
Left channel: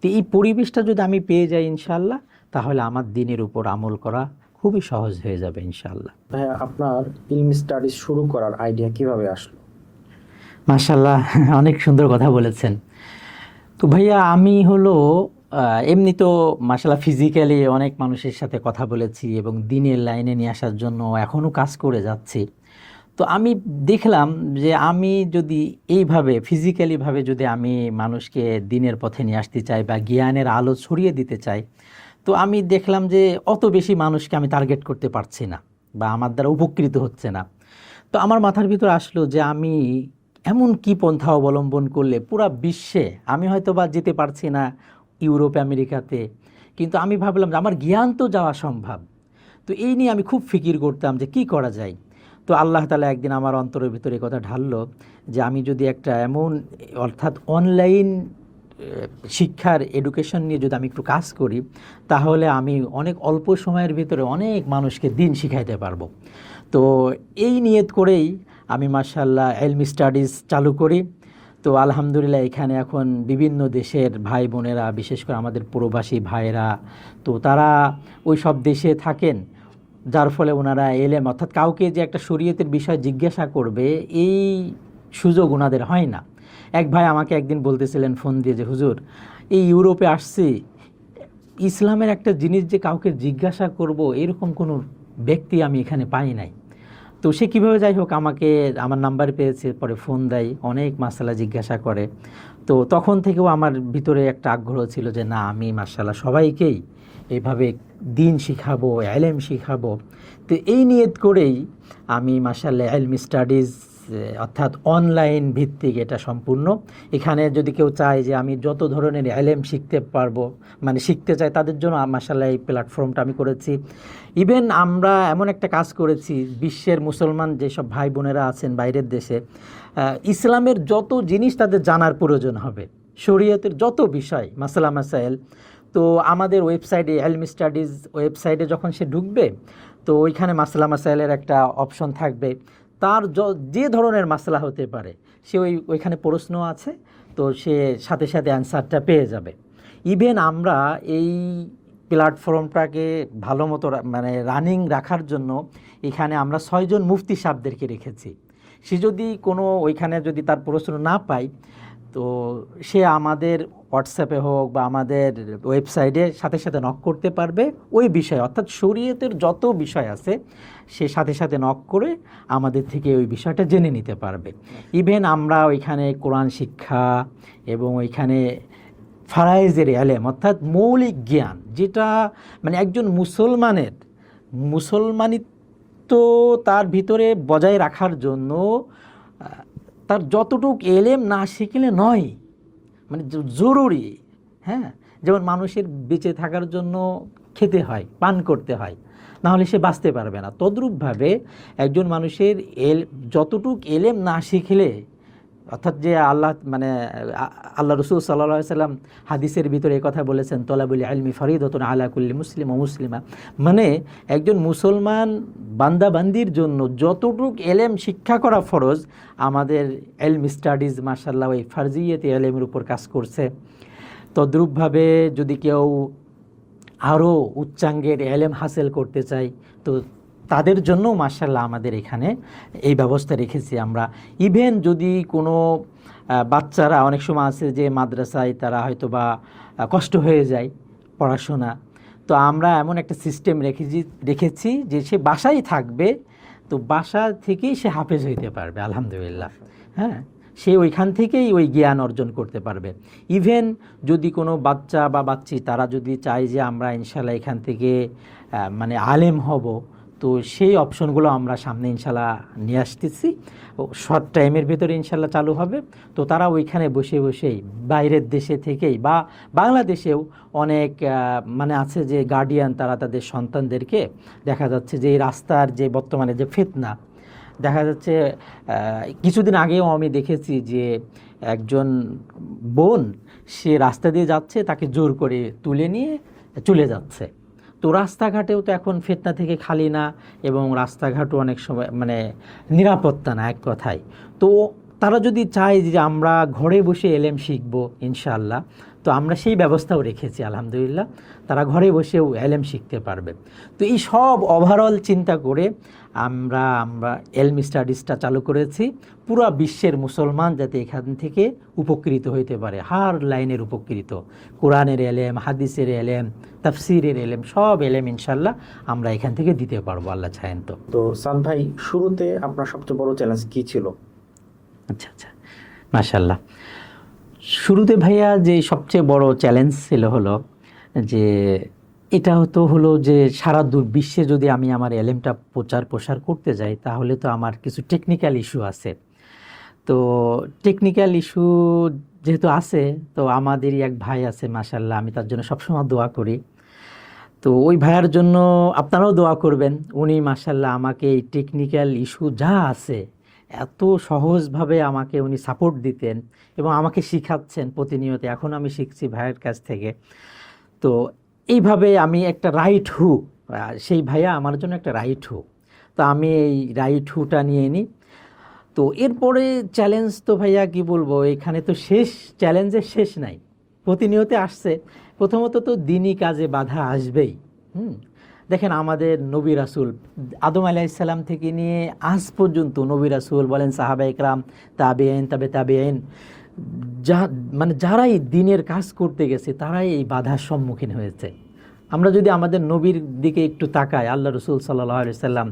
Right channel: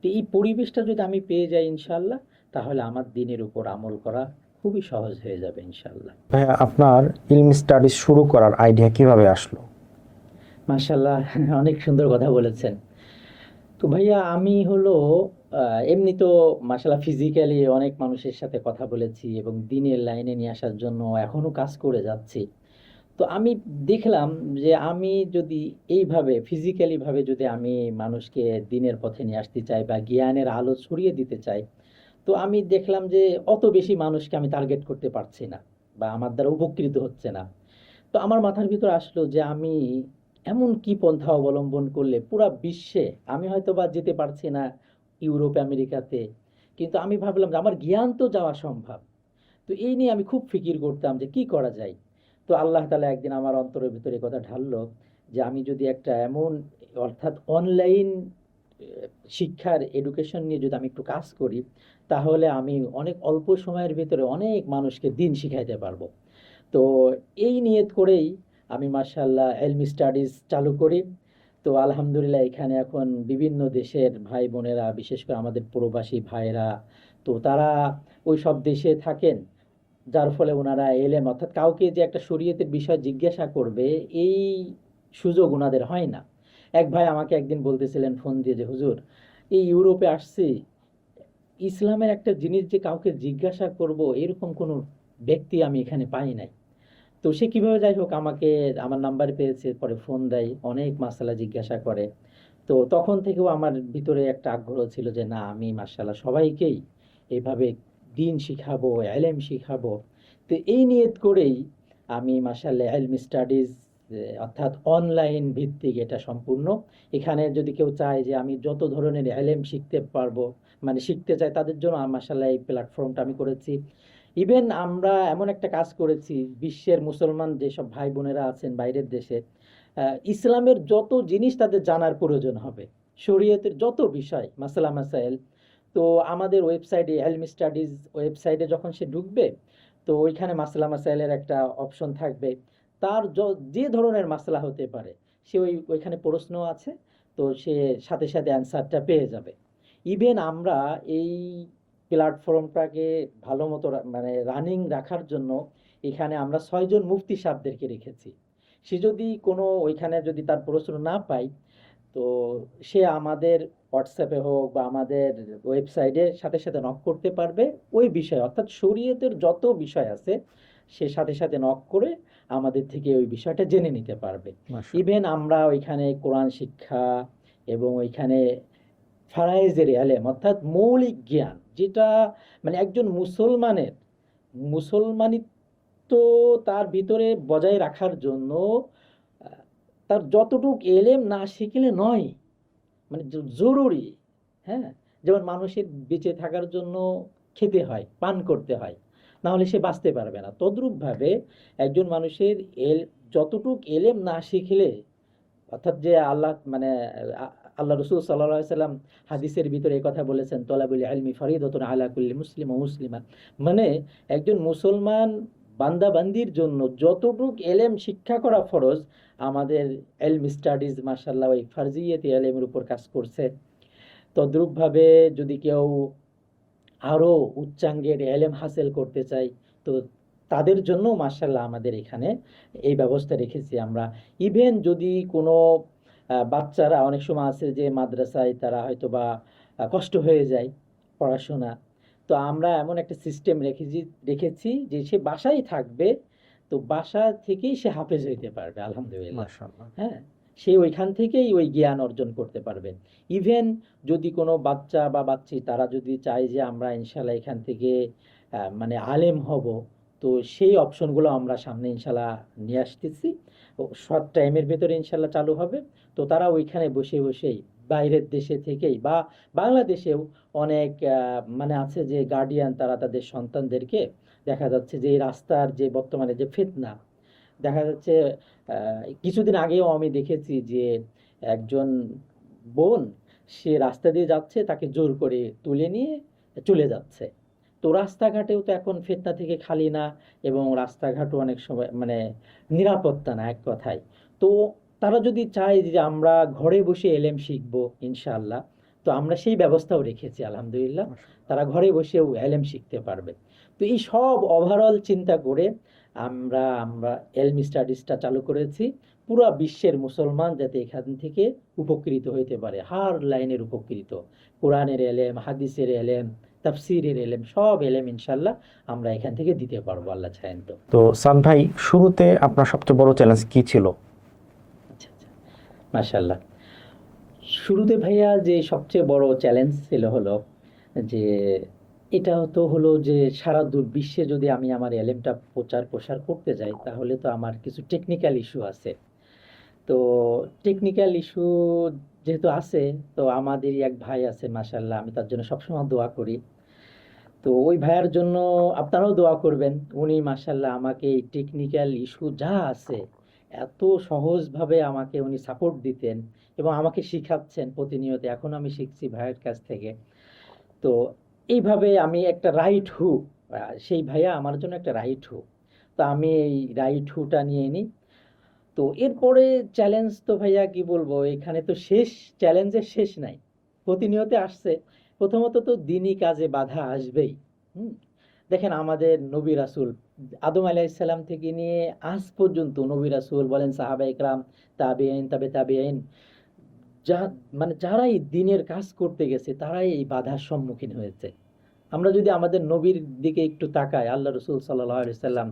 তো এই পরিবেশটা যদি আমি পেয়ে যাই ইনশাল্লাহ, তাহলে আমার দিনের উপর আমল করা খুবই সহজ হয়ে যাবে ইনশাল্লাহ। আপনার ইলমি স্টাডিজ শুরু করার আইডিয়া কিভাবে আসলো? মাশাল্লাহ, অনেক সুন্দর কথা বলেছেন। তো ভাইয়া আমি হলো এমনি তো মাশাল্লাহ ফিজিক্যালি অনেক মানুষের সাথে কথা বলেছি এবং দিনের লাইনে নিয়ে আসার জন্য এখনও কাজ করে যাচ্ছি। তো আমি দেখলাম যে আমি যদি এইভাবে ফিজিক্যালিভাবে যদি আমি মানুষকে দিনের পথে নিয়ে আসতে চাই বা জ্ঞানের আলো ছড়িয়ে দিতে চাই, তো আমি দেখলাম যে অত বেশি মানুষকে আমি টার্গেট করতে পারছি না বা আমার দ্বারা উপকৃত হচ্ছে না। তো আমার মাথার ভিতর আসলো যে আমি এমন কি পন্থা অবলম্বন করলে পুরা বিশ্বে, আমি হয়তো বা যেতে পারছি না ইউরোপ আমেরিকাতে, কিন্তু আমি ভাবলাম যে আমার জ্ঞান তো যাওয়া সম্ভব। তো এই নিয়ে আমি খুব ফিকির করতাম যে কি করা যায়। তো আল্লাহ তাআলা একদিন আমার অন্তরের ভিতরে কথা ঢাললো যে আমি যদি একটা এমন অর্থাৎ অনলাইন শিক্ষার এডুকেশন নিয়ে যদি আমি একটু কাজ করি, তাহলে আমি অনেক অল্প সময়ের ভিতরে অনেক মানুষকে দিন শিখাইতে পারবো। তো এই নিয়ত করেই আমি মাশাআল্লাহ ইলমি স্টাডিজ চালু করি। তো আলহামদুলিল্লাহ এখানে এখন বিভিন্ন দেশের ভাই বোনেরা, বিশেষ করে আমাদের প্রবাসী ভাইরা, তো তারা ওই সব দেশে থাকেন, যার ফলে ওনারা এলেম অর্থাৎ কাউকে যে একটা শরীয়তের বিষয় জিজ্ঞাসা করবে এই সুযোগ ওনাদের হয় না। এক ভাই আমাকে একদিন বলতেছিলেন ফোন দিয়ে যে হুজুর, এই ইউরোপে আসছি, ইসলামের একটা জিনিস যে কাউকে জিজ্ঞাসা করব এরকম কোনো ব্যক্তি আমি এখানে পাই নাই। তো সে কীভাবে যাই হোক আমাকে আমার নাম্বার পেয়েছে, পরে ফোন দেয়, অনেক মাসালা জিজ্ঞাসা করে। তো তখন থেকেও আমার ভিতরে একটা আগ্রহ ছিল যে না, আমি মাশাআল্লাহ সবাইকেই এইভাবে দিন শিখাবো, ইলম শিখাবো। তো এই নিয়ত করেই আমি মাশাআল্লাহ ইলমি স্টাডিজ অর্থাৎ অনলাইন ভিত্তিক এটা সম্পূর্ণ। এখানে যদি কেউ চায় যে আমি যত ধরনের ইলম শিখতে পারবো, মানে শিখতে চায়, তাদের জন্য মাশাআল্লাহ এই প্ল্যাটফর্মটা আমি করেছি। ইভেন আমরা এমন একটা কাজ করেছি, বিশ্বের মুসলমান যেসব ভাই বোনেরা আছেন বাইরের দেশে, ইসলামের যত জিনিস তাদের জানার প্রয়োজন হবে, শরীয়তের যত বিষয় মাসালা মাসাইল, তো আমাদের ওয়েবসাইটে ইলমি স্টাডিজ ওয়েবসাইটে যখন সে ঢুকবে, তো ওইখানে মাসালা মাসাইলের একটা অপশন থাকবে, তার যে ধরনের মাসলা হতে পারে সে ওইখানে প্রশ্ন আছে, তো সে সাথে সাথে অ্যান্সারটা পেয়ে যাবে। ইভেন আমরা এই প্ল্যাটফর্মটাকে ভালো মতো মানে রানিং রাখার জন্য এখানে আমরা 6 জন মুফতি সাহেবদেরকে রেখেছি। সে যদি কোনো ওইখানে যদি তার প্রশ্ন না পায়, তো সে আমাদের হোয়াটসঅ্যাপে হোক বা আমাদের ওয়েবসাইটে সাথে সাথে নক করতে পারবে ওই বিষয়, অর্থাৎ শরীয়তের যত বিষয় আছে সে সাথে সাথে নক করে আমাদের থেকে ওই বিষয়টা জেনে নিতে পারবে। ইভেন আমরা ওইখানে কোরআন শিক্ষা এবং ওইখানে ফারাইজের এলেম অর্থাৎ মৌলিক জ্ঞান, যেটা মানে একজন মুসলমানিত্ব তার ভিতরে বজায় রাখার জন্য তার যতটুক এলেম না শিখলে নয়, মানে জরুরি। হ্যাঁ, যেমন মানুষের বেঁচে থাকার জন্য খেতে হয়, পান করতে হয়, নাহলে সে বাঁচতে পারবে না। তদ্রূপভাবে একজন মানুষের যতটুক এলেম না শিখলে, অর্থাৎ যে আল্লাহ রসুল সাল্লাল্লাহু আলাইহি সাল্লাম হাদিসের ভিতরে এই কথা বলেছেন, তলাবুল ইলমি ফরিদাতুন আলা কুল্লি মুসলিম ও মুসলিমা, মানে একজন মুসলমান বান্দাবান্দির জন্য যতটুক এলেম শিক্ষা করা ফরজ, আমাদের এলম স্টাডিজ মাশাআল্লাহ ওই ফারজিয়াতে এলেমের উপর কাজ করছে। তদ্রূপভাবে যদি কেউ আরও উচ্চাঙ্গের এলেম হাসিল করতে চাই, তো তাদের জন্য মাশাআল্লাহ আমাদের এখানে এই ব্যবস্থা রেখেছি আমরা। ইভেন যদি কোনো বাচ্চারা, অনেক সময় আছে যে মাদ্রাসায় তারা হয়তো বা কষ্ট হয়ে যায় পড়াশোনা, তো আমরা এমন একটা সিস্টেম রেখেছি যে সে বাসায় থাকবে, তো বাসা থেকেই সে হাফেজ হইতে পারবে আলহামদুলিল্লাহ। হ্যাঁ, সে ওইখান থেকেই ওই জ্ঞান অর্জন করতে পারবে। ইভেন যদি কোনো বাচ্চা বা বাচ্চি তারা যদি চায় যে আমরা ইনশাল্লাহ এখান থেকে মানে আলেম হব, তো সেই অপশনগুলো আমরা সামনে ইনশাল্লাহ নিয়ে আসতেছি, শর্ট টাইমের ভেতরে ইনশাল্লাহ চালু হবে। তো তারা ওইখানে বসে বসেই বাইরের দেশে থেকেই বা বাংলাদেশেও অনেক মানে আছে যে গার্ডিয়ান, তারা তাদের সন্তানদেরকে দেখা যাচ্ছে যে এই রাস্তার যে বর্তমানে যে ফিতনা দেখা যাচ্ছে, কিছুদিন আগেও আমি দেখেছি যে একজন বোন সে রাস্তা দিয়ে যাচ্ছে, তাকে জোর করে তুলে নিয়ে চলে যাচ্ছে। তো রাস্তাঘাটেও তো এখন ফিতনা থেকে খালি না, এবং রাস্তাঘাটও অনেক সময় মানে নিরাপত্তা না এক কথায়। তো তারা যদি চায় যে আমরা ঘরে বসে এলেম শিখবো ইনশাআল্লাহ, তো আমরা সেই ব্যবস্থাও রেখেছি আলহামদুলিল্লাহ, তারা ঘরে বসেও এলেম শিখতে পারবে। তো এই সব ওভারঅল চিন্তা করে আমরা এলম স্টাডিজটা চালু করেছি, পুরো বিশ্বের মুসলমান যাতে এখান থেকে উপকৃত হইতে পারে, হার লাইনের উপকৃত, কোরআনের এলেম, হাদিসের এলেম, তাফসিরের এলেম, সব এলেম ইনশাল্লাহ আমরা এখান থেকে দিতে পারবো আল্লাহ চাহেন তো। তো সান ভাই, শুরুতে আপনার সবচেয়ে বড় চ্যালেঞ্জ কি ছিল? আচ্ছা আচ্ছা, মাশাআল্লাহ। শুরুতে ভাইয়া যে সবচেয়ে বড় চ্যালেঞ্জ ছিল হলো যে এটা হলো যে সারা বিশ্বে যদি আমি আমার এলেমটা প্রসার করতে যাই, তাহলে তো আমার কিছু টেকনিক্যাল ইস্যু আছে। তো টেকনিক্যাল ইস্যু যেহেতু আছে, তো আমাদেরই এক ভাই আছে মাশাআল্লাহ, আমি তার জন্য সবসময় দোয়া করি। তো ওই ভাইয়ার জন্য আপনারাও দোয়া করবেন। উনি মাশাআল্লাহ আমাকে এই টেকনিক্যাল ইস্যু যা আছে এত সহজভাবে আমাকে উনি সাপোর্ট দিতেন এবং আমাকে শিখাচ্ছেন প্রতিনিয়ত। এখন আমি শিখছি ভাইয়ের কাছ থেকে। তো এইভাবে আমি একটা রাইট হু, সেই ভাইয়া আমার জন্য একটা রাইট হু, তো আমি এই রাইট হুটা নিয়ে নিই। তো এরপরে চ্যালেঞ্জ তো ভাইয়া কি বলবো, এখানে তো চ্যালেঞ্জের শেষ নাই, প্রতিনিয়ত আসছে। প্রথমত তো দিনই কাজে বাধা আসবেই। দেখেন আমাদের নবী রাসূল আদম আলাইহিস সালাম থেকে নিয়ে আজ পর্যন্ত নবী রাসূল বলেন, সাহাবা ইকরাম, তাবেঈন, তাবেঈন, যারাই দিনের কাজ করতে গেছে তারাই এই বাধার সম্মুখীন হয়েছে। আমরা যদি আমাদের নবীর দিকে একটু তাকাই, আল্লাহ রসুল সাল্লাল্লাহু আলাইহি সাল্লাম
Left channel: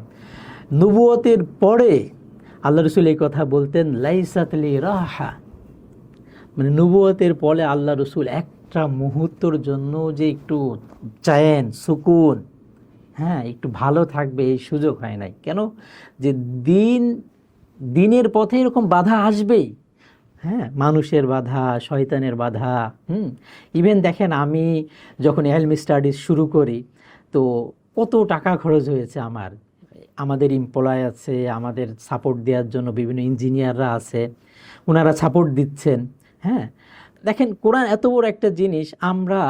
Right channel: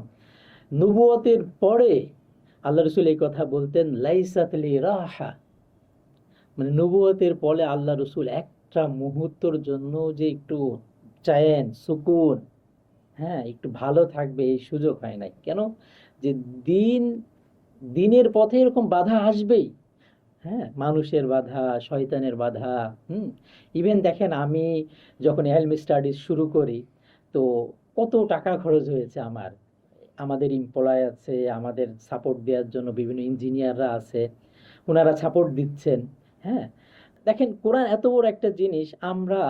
নবুয়তের পরে আল্লাহ রসুল এই কথা বলতেন, লাইসাত লি রাহা, মানে নবুয়তের পরে আল্লাহ রসুল একটা মুহূর্তের জন্য যে একটু চায়েন সুকুন, হ্যাঁ একটু ভালো থাকবে, এই সুযোগ হয় নাই। কেন? যে দিনের পথে এরকম বাধা আসবেই। হ্যাঁ, মানুষের বাধা, শয়তানের বাধা। ইভেন দেখেন আমি যখন এলম স্টাডিজ শুরু করি, তো কত টাকা খরচ হয়েছে আমাদের এমপ্লয় আছে, আমাদের সাপোর্ট দেওয়ার জন্য বিভিন্ন ইঞ্জিনিয়াররা আছে, ওনারা সাপোর্ট দিচ্ছেন। হ্যাঁ, দেখেন কোরআন এত বড় একটা জিনিস, আমরা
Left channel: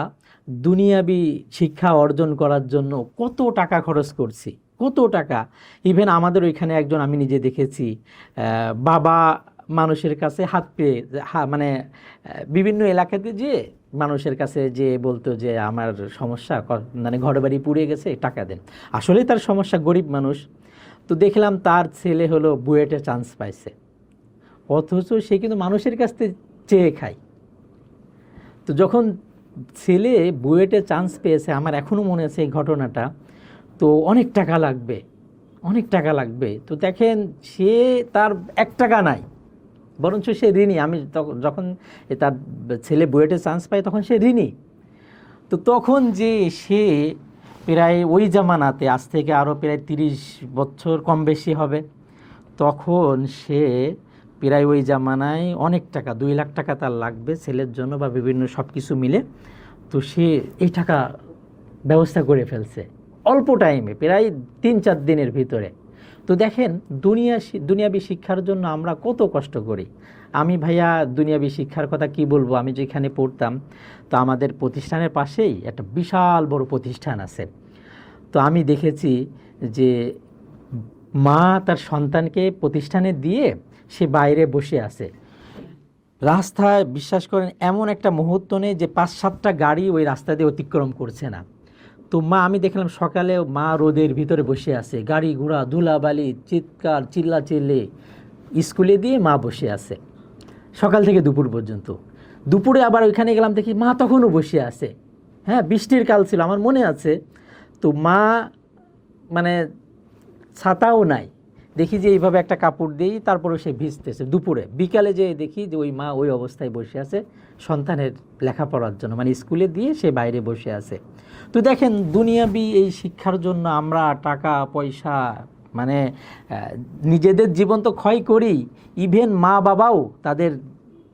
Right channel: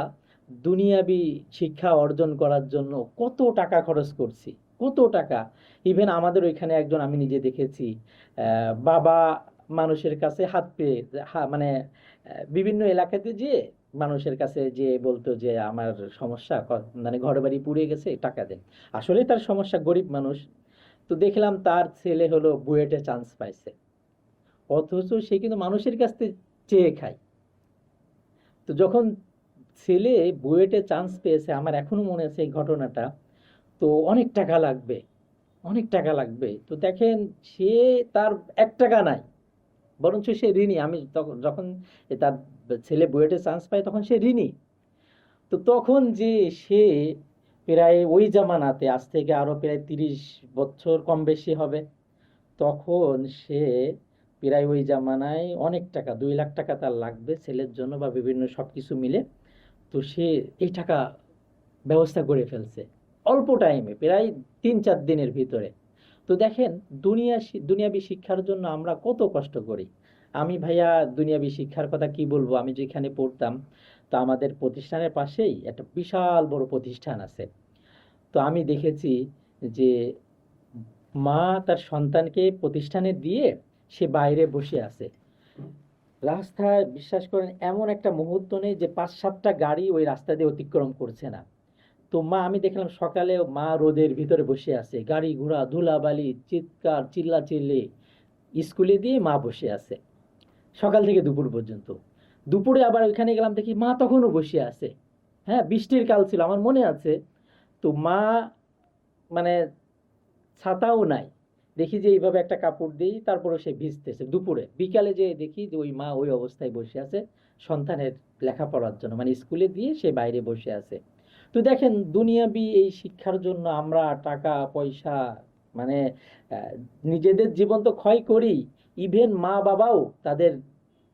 দুনিয়াবি শিক্ষা অর্জন করার জন্য কত টাকা খরচ করছি, কত টাকা। ইভেন আমাদের ওইখানে একজন, আমি নিজে দেখেছি, বাবা মানুষের কাছে হাত পেয়ে মানে বিভিন্ন এলাকাতে যে মানুষের কাছে যে বলতো যে আমার সমস্যা, মানে ঘর বাড়ি পুড়ে গেছে, টাকা দেন। আসলে তার সমস্যা, গরিব মানুষ। তো দেখলাম তার ছেলে হলো বুয়েটে চান্স পাইছে, অথচ সে কিন্তু মানুষের কাছ থেকে চেয়ে খাই। তো যখন ছেলে বুয়েটে চান্স পেয়েছে, আমার এখনও মনে আছে এই ঘটনাটা, তো অনেক টাকা লাগবে, অনেক টাকা লাগবে। তো দেখেন সে তার 1 টাকা নাই, বরঞ্চ সে ঋণী। আমি যখন তার ছেলে বুয়েটে চান্স পায় তখন সে ঋণী। তো তখন যে সে প্রায় ওই জামানাতে, আজ থেকে আরও প্রায় 30 বছর কম বেশি হবে, তখন সে প্রায় ওই জামানায় অনেক টাকা, 2 লাখ টাকা তার লাগবে ছেলের জন্য বা বিভিন্ন সব কিছু মিলে। তো সে এই টাকা ব্যবস্থা করে ফেলছে অল্প টাইমে, প্রায় 3-4 দিনের ভিতরে। তো দেখেন দুনিয়াবি শিক্ষার জন্য আমরা কত কষ্ট করি। আমি ভাইয়া দুনিয়াবি শিক্ষার কথা কি বলবো, আমি যেখানে পড়তাম, তো আমাদের প্রতিষ্ঠানের পাশেই একটা বিশাল বড় প্রতিষ্ঠান আছে। তো আমি দেখেছি যে মা তার সন্তানকে প্রতিষ্ঠানে দিয়ে সে বাইরে বসে আছে, রাস্তায় বিশ্বাস করেন এমন একটা মুহূর্ত নেই যে 5-7টা গাড়ি ওই রাস্তা দিয়ে অতিক্রম করছে না। তো মা, আমি দেখলাম সকালে মা রোদের ভিতরে বসে আছে, গাড়ি ঘোড়া ধুলাবালি চিৎকার চিল্লাচিল্লি, স্কুলে দিয়ে মা বসে আছে সকাল থেকে দুপুর পর্যন্ত। দুপুরে আবার ওইখানে গেলাম, দেখি মা তখনও বসে আছে। হ্যাঁ, বৃষ্টির কাল ছিল আমার মনে আছে। তো মা মানে ছাতাও নাই, দেখি যে এইভাবে একটা কাপড় দিই, তারপরে সে ভিজতেছে। দুপুরে বিকালে যে দেখি যে ওই মা ওই অবস্থায় বসে আছে সন্তানের লেখাপড়ার জন্য, মানে স্কুলে দিয়ে সে বাইরে বসে আছে। তো দেখেন দুনিয়াবি এই শিক্ষার জন্য আমরা টাকা পয়সা মানে নিজেদের জীবন তো ক্ষয় করি, ইভেন মা বাবাও তাদের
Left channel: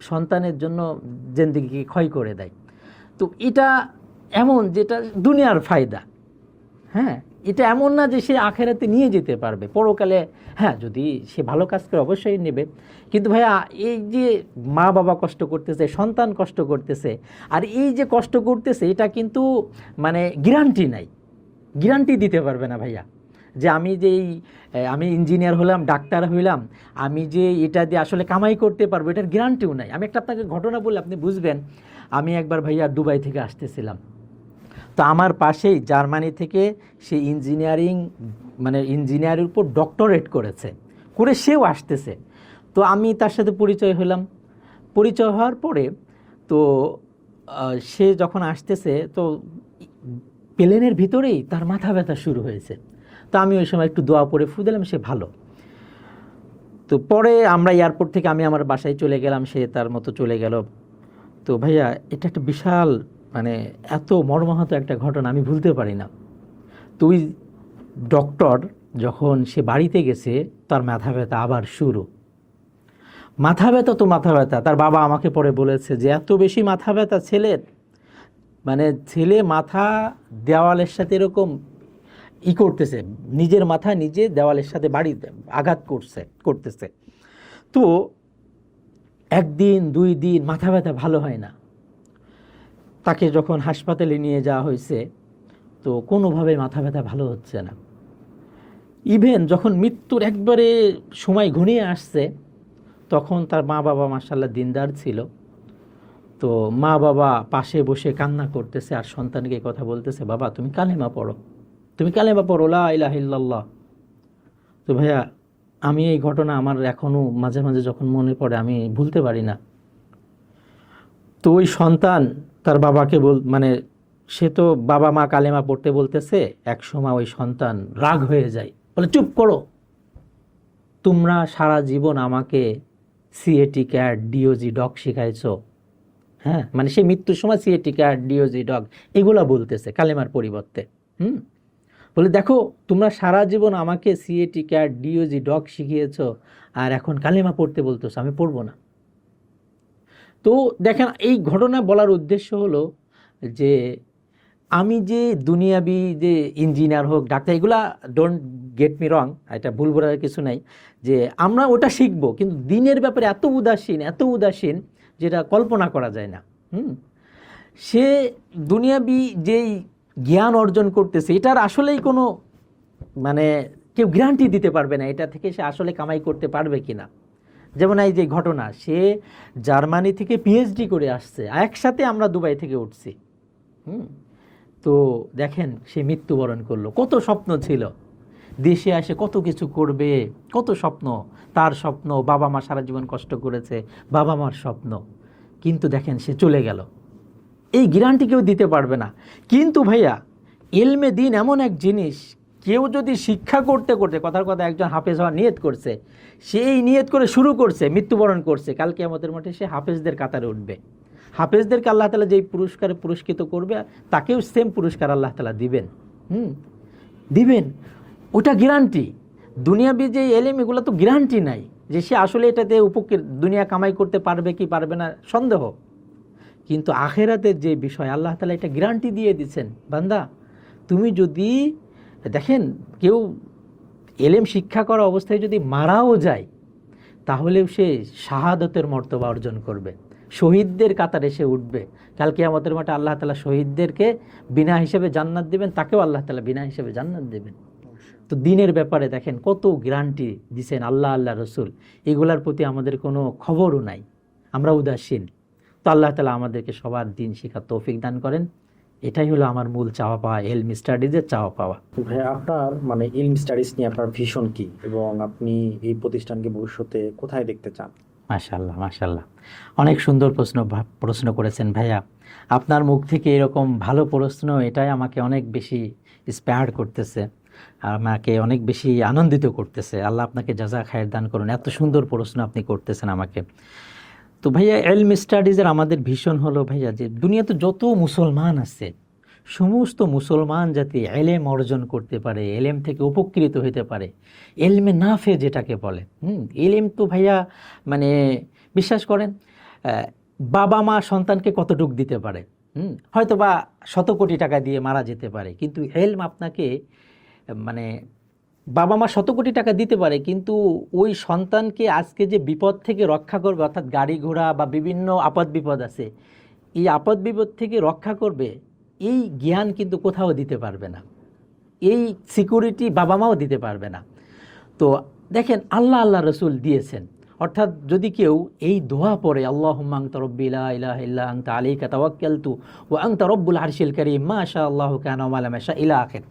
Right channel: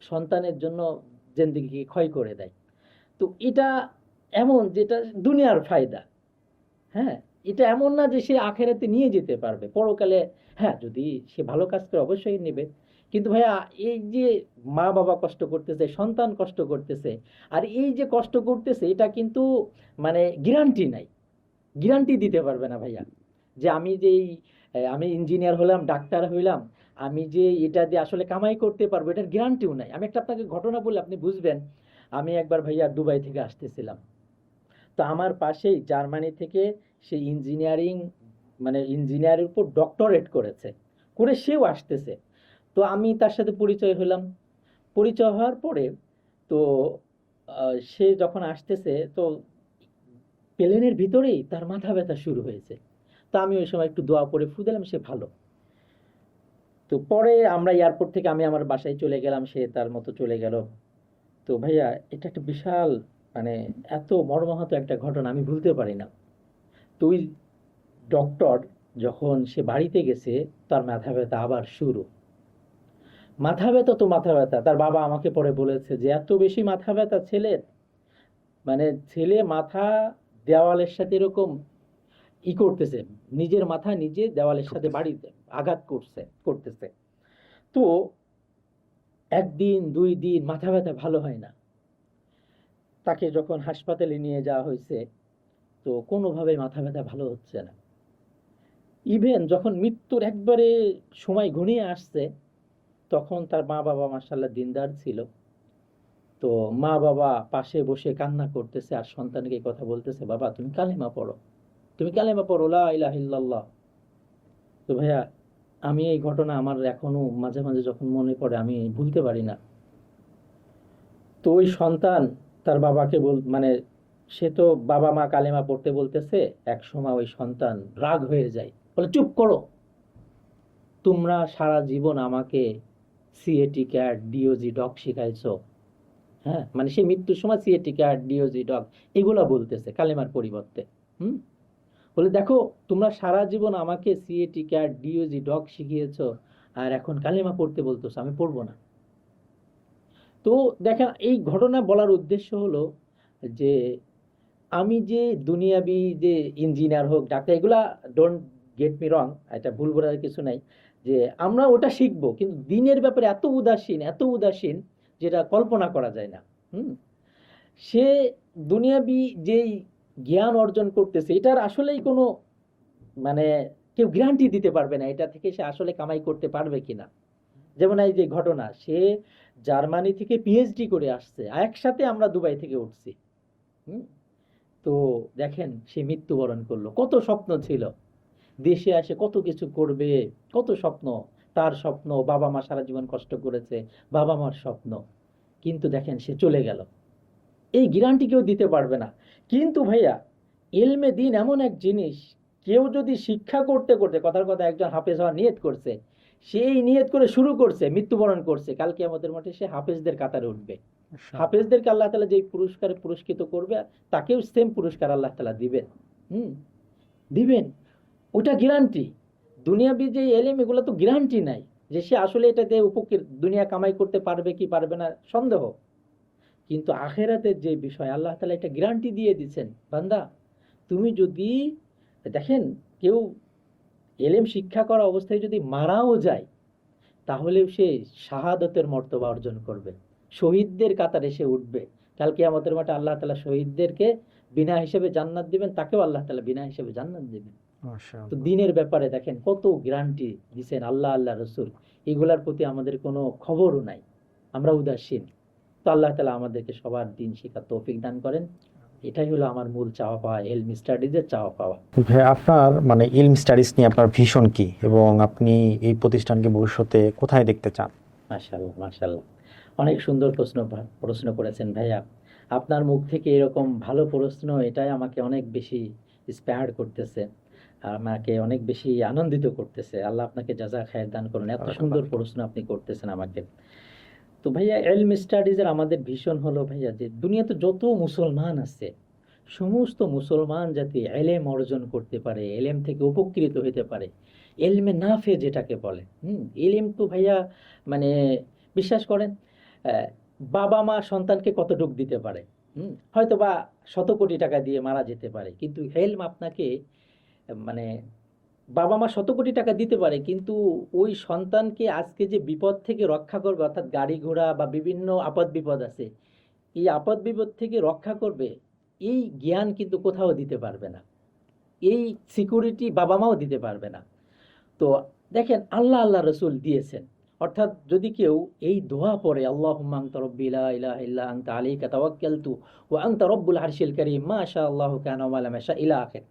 সন্তানের জন্য জিন্দেগিকে ক্ষয় করে দেয়। তো এটা এমন যেটা দুনিয়ার ফায়দা। হ্যাঁ, এটা এমন না যে সে আখেরাতে নিয়ে যেতে পারবে পরকালে। হ্যাঁ, যদি সে ভালো কাজ করে অবশ্যই নেবে। কিন্তু ভাইয়া এই যে মা বাবা কষ্ট করতেছে, সন্তান কষ্ট করতেছে, আর এই যে কষ্ট করতেছে এটা কিন্তু মানে গ্যারান্টি নাই, গ্যারান্টি দিতে পারবে না ভাইয়া যে আমি ইঞ্জিনিয়ার হলাম, ডাক্তার হইলাম, আমি যে এটা দিয়ে আসলে কামাই করতে পারবো, এটার গ্যারান্টিও নাই। আমি একটা আপনাকে ঘটনা বলে আপনি বুঝবেন। আমি একবার ভাইয়া দুবাই থেকে আসতেছিলাম, তো আমার পাশেই জার্মানি থেকে সে ইঞ্জিনিয়ারের উপর ডক্টরেট করে সেও আসতেছে। তো আমি তার সাথে পরিচয় হলাম। পরিচয় হওয়ার পরে তো সে যখন আসতেছে, তো প্লেনের ভিতরেই তার মাথা ব্যথা শুরু হয়েছে। তো আমি ওই সময় একটু দোয়া পড়ে ফু দিলাম, সে ভালো। তো পরে আমরা এয়ারপোর্ট থেকে আমি আমার বাসায় চলে গেলাম, সে তার মতো চলে গেল। তো ভাইয়া এটা একটা বিশাল মানে এত মর্মাহত একটা ঘটনা, আমি ভুলতে পারি না। তো ওই ডক্টর যখন সে বাড়িতে গেছে, তার মাথা ব্যথা আবার শুরু। মাথা ব্যথা তো মাথা ব্যথা, তার বাবা আমাকে পরে বলেছে যে এত বেশি মাথা ব্যথা ছেলের, মানে ছেলে মাথা দেওয়ালের সাথে এরকম করতেছে, নিজের মাথা নিজে দেওয়ালের সাথে বাড়িতে আঘাত করতেছে। তো 1 দিন 2 দিন মাথা ব্যথা ভালো হয় না। তাকে যখন হাসপাতালে নিয়ে যাওয়া হয়েছে, তো কোনোভাবে মাথা ব্যথা ভালো হচ্ছে না। ইভেন যখন মৃত্যুর একবারে সময় ঘনিয়ে আসছে, তখন তার মা বাবা মাশাআল্লাহ দিনদার ছিল। তো মা বাবা পাশে বসে কান্না করতেছে আর সন্তানকে কথা বলতেছে, বাবা তুমি কালেমা পড়ো, তুমি কালেমা পড়ো, লা ইলাহা ইল্লাল্লাহ। তো ভাইয়া আমি এই ঘটনা আমার এখনো মাঝে মাঝে যখন মনে পড়ে আমি ভুলতে পারি না। তো ওই সন্তান তার বাবাকে মানে সে তো বাবা মা কালেমা পড়তে বলতেছে, এক সময় ওই সন্তান রাগ হয়ে যায়, বলে চুপ করো, তোমরা সারা জীবন আমাকে সিএটি ক্যাট ডিওজি ডগ শিখাইছো। হ্যাঁ, মানে সে মৃত্যুর সময় সিএটি ক্যাট ডিওজি ডগ এগুলা বলতেছে কালেমার পরিবর্তে। বলে দেখো, তোমরা সারা জীবন আমাকে সিএটি ক্যাট ডিওজি ডগ শিখিয়েছো, আর এখন কালেমা পড়তে বলতেছো, আমি পড়বো না। তো দেখেন এই ঘটনা বলার উদ্দেশ্য হলো যে আমি যে দুনিয়াবি যে ইঞ্জিনিয়ার হোক ডাক্তার, এগুলা ডোন্ট গেট মি রং, এটা ভুল বলার কিছু নাই, যে আমরা ওটা শিখবো, কিন্তু দিনের ব্যাপারে এত উদাসীন যেটা কল্পনা করা যায় না। সে দুনিয়াবি যেই জ্ঞান অর্জন করতেছে, এটার আসলেই কোনো মানে কেউ গ্যারান্টি দিতে পারবে না এটা থেকে সে আসলে কামাই করতে পারবে কিনা। যেমন এই যে ঘটনা, সে জার্মানি থেকে পিএইচডি করে আসছে, একসাথে আমরা দুবাই থেকে উঠছি। তো দেখেন সে মৃত্যুবরণ করলো। কত স্বপ্ন ছিল, দেশে আসে কত কিছু করবে, কত স্বপ্ন, তার স্বপ্ন, বাবা মা সারা জীবন কষ্ট করেছে, বাবা মার স্বপ্ন, কিন্তু দেখেন সে চলে গেল, এই গ্যারান্টি কেউ দিতে পারবে না। কিন্তু ভাইয়া ইলমে দিন এমন এক জিনিস, কেউ যদি শিক্ষা করতে করতে, কথার কথা একজন হাফেজ হওয়ার নিয়ত করছে, সেই নিয়ত করে শুরু করছে, মৃত্যুবরণ করছে, কালকে আমাদের মাঠে সে হাফেজদের কাতারে উঠবে। হাফেজদেরকে আল্লাহ তাআলা যেই পুরস্কারে পুরস্কৃত করবে, তাকেও সেম পুরস্কার আল্লাহ তাআলা দিবেন। দিবেন, ওটা গ্যারান্টি। দুনিয়াবি যে এলিম, এগুলো তো গ্যারান্টি নাই যে সে আসলে এটাতে উপকৃত, দুনিয়া কামাই করতে পারবে কি পারবে না সন্দেহ। কিন্তু আখেরাতের যে বিষয় আল্লাহ তাআলা এটা গ্যারান্টি দিয়ে দিচ্ছেন, বান্দা তুমি যদি দেখেন কেউ এলেম শিক্ষা করা অবস্থায় যদি মারাও যায়, তাহলেও সে শাহাদতের মর্তবা অর্জন করবে, শহীদদের কাতারে সে উঠবে। কাল কিয়ামতের মাঠে আল্লাহ তাআলা শহীদদেরকে বিনা হিসেবে জান্নাত দিবেন, তাকেও আল্লাহ তাআলা বিনা হিসেবে জান্নাত দেবেন। তো দিনের ব্যাপারে দেখেন কত গ্যারান্টি দিছেন আল্লাহ, আল্লাহ রসুল, এগুলার প্রতি আমাদের কোনো খবরও নাই, আমরা উদাসীন। তো আল্লাহ তাআলা আমাদেরকে সবার দিন শেখার তৌফিক দান করেন। এটাই হলো আমার মূল চাওয়া পাওয়া, ইলম স্টাডিজের চাওয়া পাওয়া। ভাই, আপনার মানে ইলম স্টাডিজ নিয়ে আপনার ভিশন কি, এবং আপনি এই প্রতিষ্ঠানকে ভবিষ্যতে কোথায় দেখতে চান? মাশাআল্লাহ, মাশাআল্লাহ, অনেক সুন্দর প্রশ্ন করেছেন ভাইয়া। আপনার মুখ থেকে এরকম ভালো প্রশ্ন, এটাই আমাকে অনেক বেশি ইন্সপায়ার্ড করতেছে, আমাকে অনেক বেশি আনন্দিত করতেছে। আল্লাহ আপনাকে জাযা খায়ের দান করুন, এত সুন্দর প্রশ্ন আপনি করতেছেন আমাকে। তো ভাইয়া ইলম স্টাডিজের আমাদের ভীষণ হলো ভাইয়া যে দুনিয়াতে যত মুসলমান আছে, সমস্ত মুসলমান যাতে এলেম অর্জন করতে পারে, এলেম থেকে উপকৃত হতে পারে, এলমে নাফে যেটাকে বলে। এলেম তো ভাইয়া মানে বিশ্বাস করেন, বাবা মা সন্তানকে কতটুক দিতে পারে, হয়তো বা 100 কোটি টাকা দিয়ে মারা যেতে পারে, কিন্তু এলম আপনাকে মানে বাবা মা 100 কোটি টাকা দিতে পারে, কিন্তু ওই সন্তানকে আজকে যে বিপদ থেকে রক্ষা করবে, অর্থাৎ গাড়ি ঘোড়া বা বিভিন্ন আপদ বিপদ আছে, এই আপদ বিপদ থেকে রক্ষা করবে, এই জ্ঞান কিন্তু কোথাও দিতে পারবে না, এই সিকিউরিটি বাবা মাও দিতে পারবে না। তো দেখেন আল্লাহ, আল্লাহ রসুল দিয়েছেন। অর্থাৎ যদি কেউ এই দোয়া পড়ে, আল্লাহুম্মা আনতা রাব্বি লা ইলাহা ইল্লা আনতা আলাইকা তাওয়াক্কালতু ওয়া আনতা রাব্বুল আরশিল কারীম মা শা আল্লাহু কানা ওয়া মা লাম ইয়াশা ইলা আখির,